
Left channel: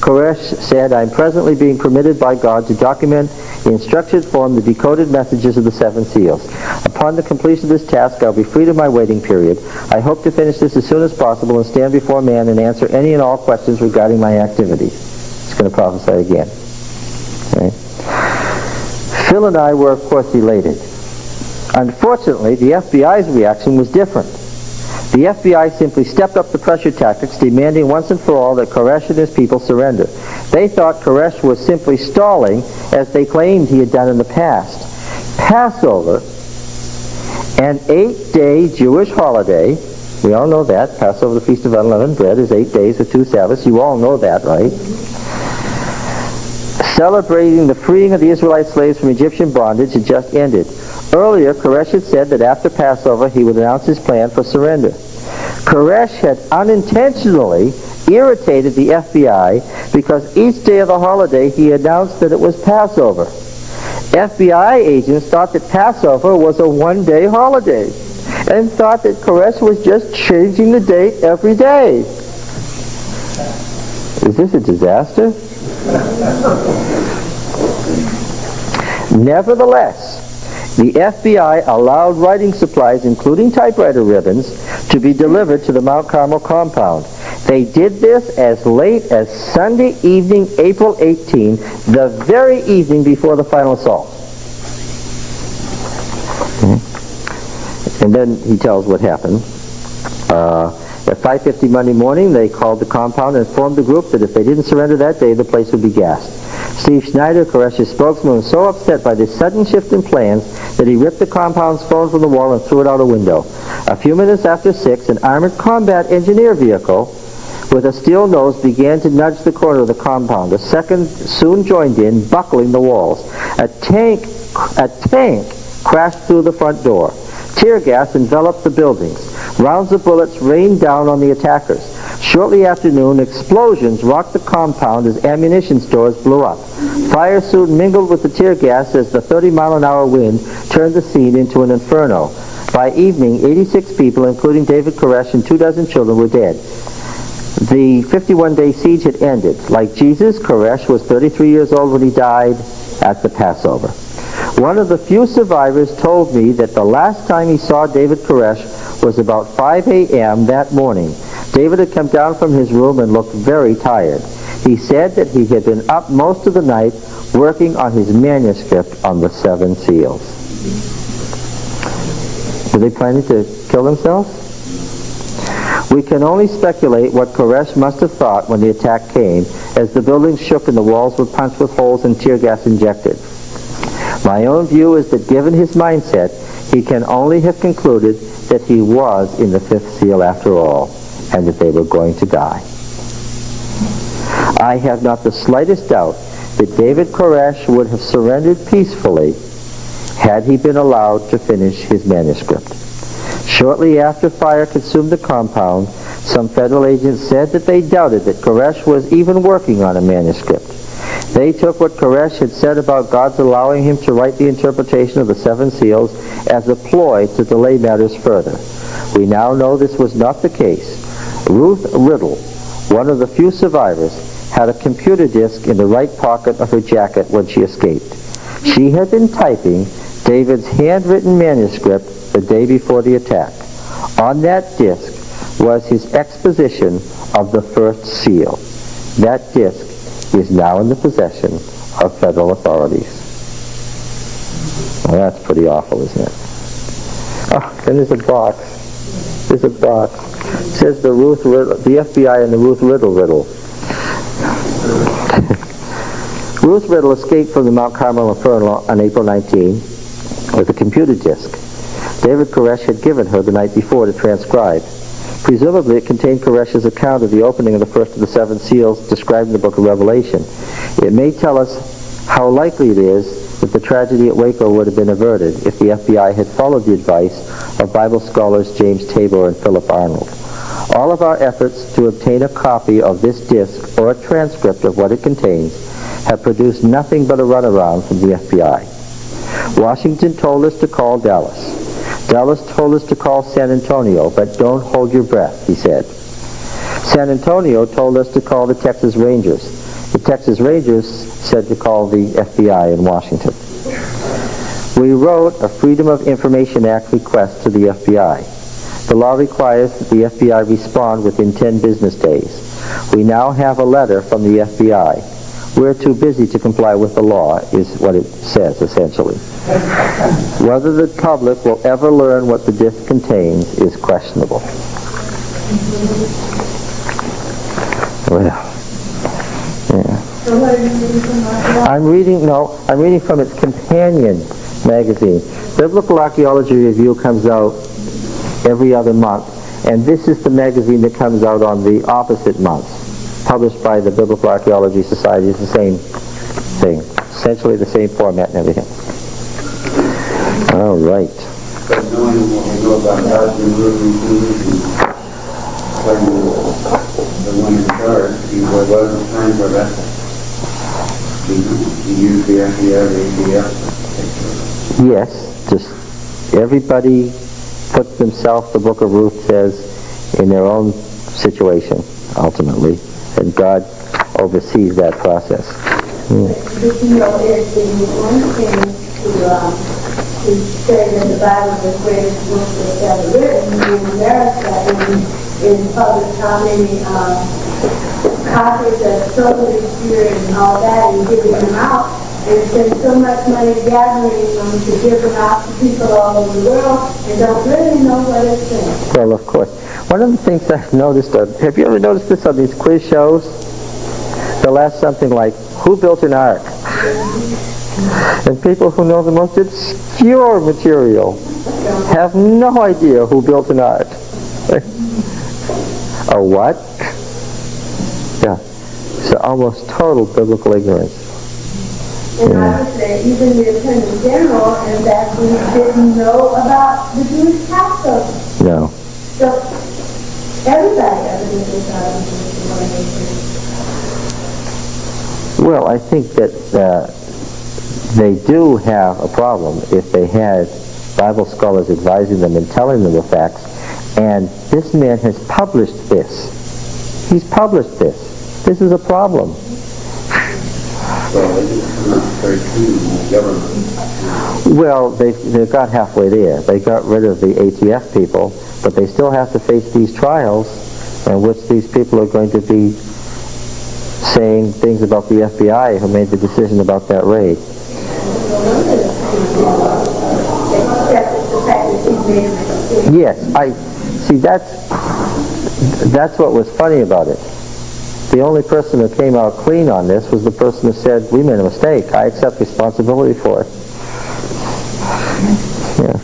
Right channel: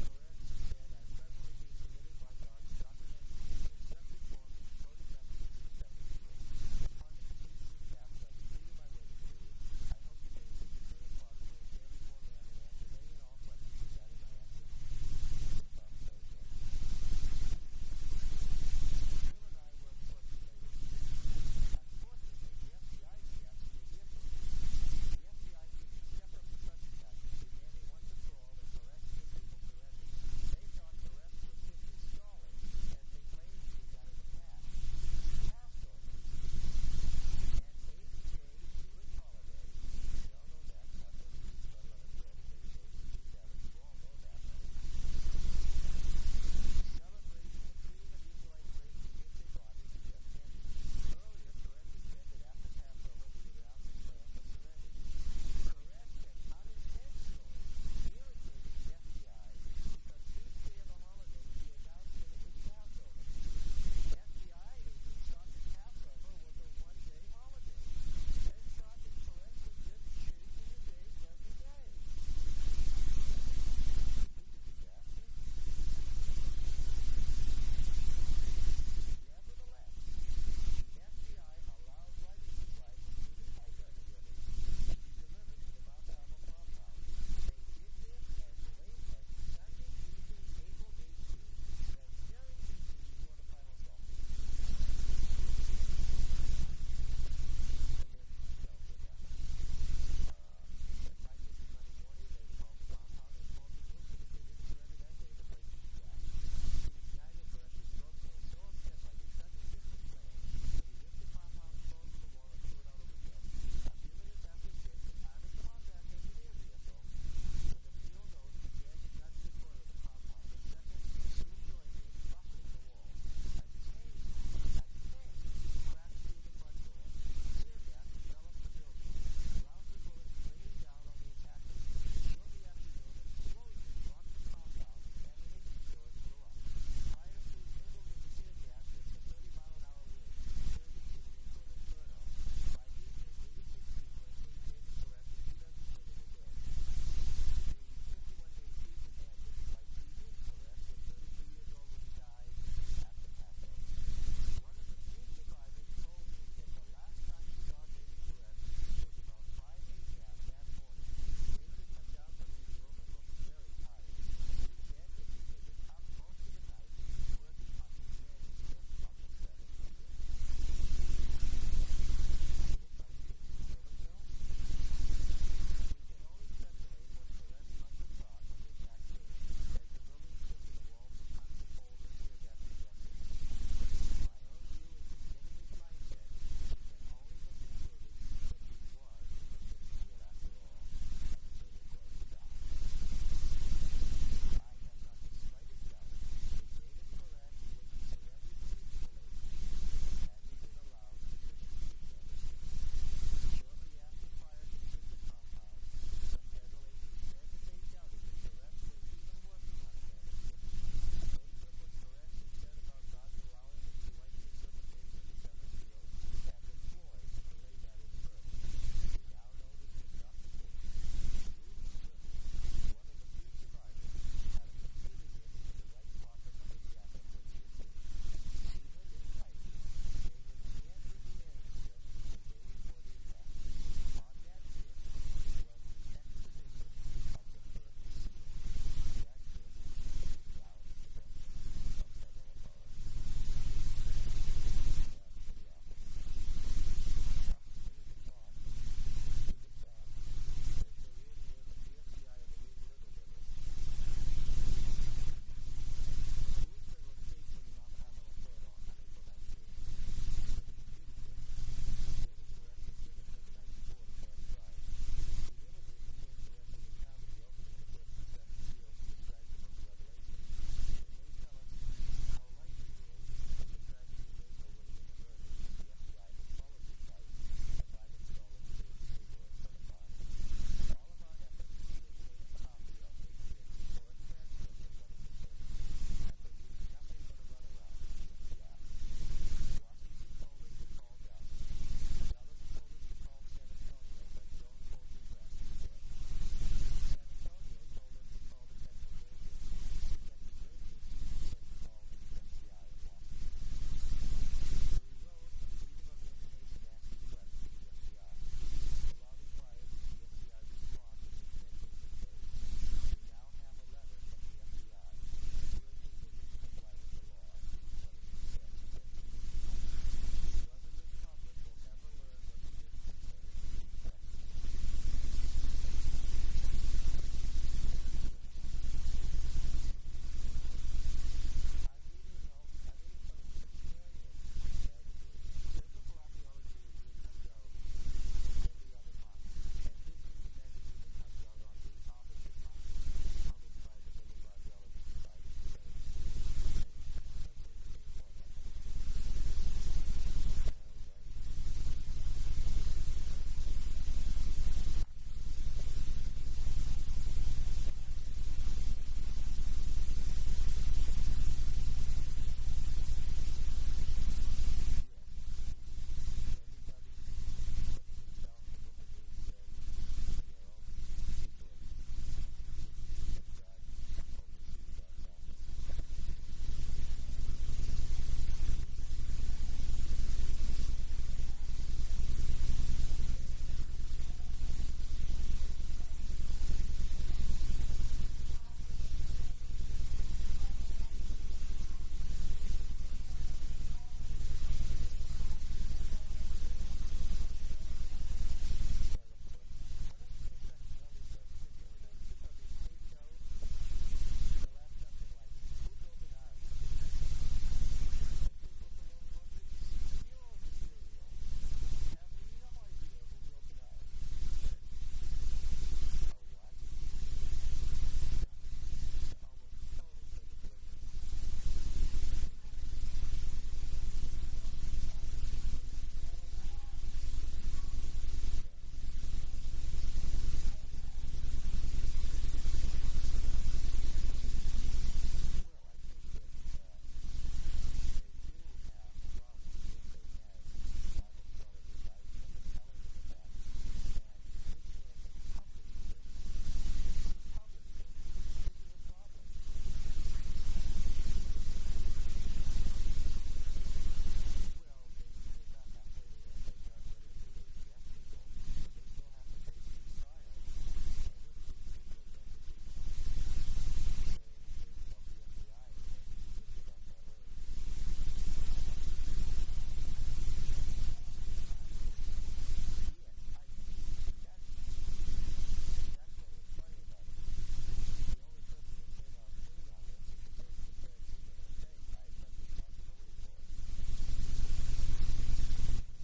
Koresh said, I'm presently being permitted by God to document in structured form the decoded messages of the seven seals. Upon the completion of this task, I'll be freed of my waiting period. I hope to finish this as soon as possible and stand before man and answer any and all questions regarding my activities. He's going to prophesy again. Okay. Phil and I were, of course, elated. Unfortunately, the FBI's reaction was different. The FBI simply stepped up the pressure tactics, demanding once and for all that Koresh and his people surrender. They thought Koresh was simply stalling, as they claimed he had done in the past. Passover, an 8-day Jewish holiday, we all know that. Passover, the Feast of Unleavened Bread, is 8 days with 2 Sabbaths. You all know that, right? Celebrating the freeing of the Israelite slaves from Egyptian bondage had just ended. Earlier, Koresh had said that after Passover he would announce his plan for surrender. Koresh had unintentionally irritated the FBI because each day of the holiday he announced that it was Passover. FBI agents thought that Passover was a one-day holiday and thought that Koresh was just changing the date every day. Is this a disaster? Nevertheless, the FBI allowed writing supplies, including typewriter ribbons, to be delivered to the Mount Carmel compound. They did this as late as Sunday evening, April 18, the very evening before the final assault. And then he tells what happened. At 5:50 Monday morning, they called the compound and informed the group that if they didn't surrender that day, the place would be gassed. Steve Schneider, Koresh's spokesman, was so upset by this sudden shift in plans that he ripped the compound's phone from the wall and threw it out a window. A few minutes after 6, an armored combat engineer vehicle with a steel nose began to nudge the corner of the compound. A second soon joined in, buckling the walls. A tank crashed through the front door. Tear gas enveloped the buildings. Rounds of bullets rained down on the attackers. Shortly after noon, explosions rocked the compound as ammunition stores blew up. Fire soon mingled with the tear gas as the 30-mile-an-hour wind turned the scene into an inferno. By evening, 86 people, including David Koresh and 24 children, were dead. The 51-day siege had ended. Like Jesus, Koresh was 33 years old when he died at the Passover. One of the few survivors told me that the last time he saw David Koresh was about 5 a.m. that morning. David had come down from his room and looked very tired. He said that he had been up most of the night working on his manuscript on the 7 seals. Were they planning to kill themselves? We can only speculate what Koresh must have thought when the attack came, as the buildings shook and the walls were punched with holes and tear gas injected. My own view is that given his mindset, he can only have concluded that he was in the 5th seal after all, and that they were going to die. I have not the slightest doubt that David Koresh would have surrendered peacefully had he been allowed to finish his manuscript. Shortly after fire consumed the compound, some federal agents said that they doubted that Koresh was even working on a manuscript. They took what Koresh had said about God's allowing him to write the interpretation of the 7 seals as a ploy to delay matters further. We now know this was not the case. Ruth Riddle, one of the few survivors, had a computer disk in the right pocket of her jacket when she escaped. She had been typing David's handwritten manuscript the day before the attack. On that disk was his exposition of the 1st seal. That disk is now in the possession of federal authorities. Well, that's pretty awful, isn't it? Oh, and there's a box. There's a box. It says the FBI and the Ruth Riddle riddle. Ruth Riddle escaped from the Mount Carmel Inferno on April 19 with a computer disk David Koresh had given her the night before to transcribe. Presumably it contained Koresh's account of the opening of the first of the 7 seals described in the book of Revelation. It may tell us how likely it is that the tragedy at Waco would have been averted if the FBI had followed the advice of Bible scholars James Tabor and Philip Arnold. All of our efforts to obtain a copy of this disc or a transcript of what it contains have produced nothing but a runaround from the FBI. Washington told us to call Dallas. Dallas told us to call San Antonio, but don't hold your breath, he said. San Antonio told us to call the Texas Rangers. The Texas Rangers said to call the FBI in Washington. We wrote a Freedom of Information Act request to the FBI. The law requires that the FBI respond within 10 business days. We now have a letter from the FBI. We're too busy to comply with the law, is what it says, essentially. Whether the public will ever learn what the disc contains is questionable. Well, yeah. I'm reading from its companion magazine. Biblical Archeology Review comes out every other month, and this is the magazine that comes out on the opposite month, published by the Biblical Archaeology Society. It's the same thing, essentially the same format and everything. All right. But knowing what we know about God's when the one in charge, he wasn't trying to arrest him. He used the FBI, the ADF. Yes, just everybody put themselves, the book of Ruth says, in their own situation, ultimately, and God oversees that process. But you know, it's the one thing to say that the Bible is the greatest book that's ever written in America in public how many copies of Holy Spirit and all that and giving them out. And spend so much money gathering them to give them out to people all over the world and don't really know what it's saying. Well, of course. One of the things I've noticed, have you ever noticed this on these quiz shows? They'll ask something like, who built an ark? And people who know the most obscure material have no idea who built an ark. A what? Yeah. So almost total biblical ignorance. And I would say even the Attorney General and that we didn't know about the Jewish Passover. No. So everybody evidently thought it was one. Well, I think that they do have a problem if they had Bible scholars advising them and telling them the facts. And this man has published this. He's published this. This is a problem. So they just not very keen on the government. Well, they got halfway there. They got rid of the ATF people, but they still have to face these trials in which these people are going to be saying things about the FBI who made the decision about that raid. Yes, I see. That's what was funny about it. The only person who came out clean on this was the person who said, we made a mistake. I accept responsibility for it. Yeah.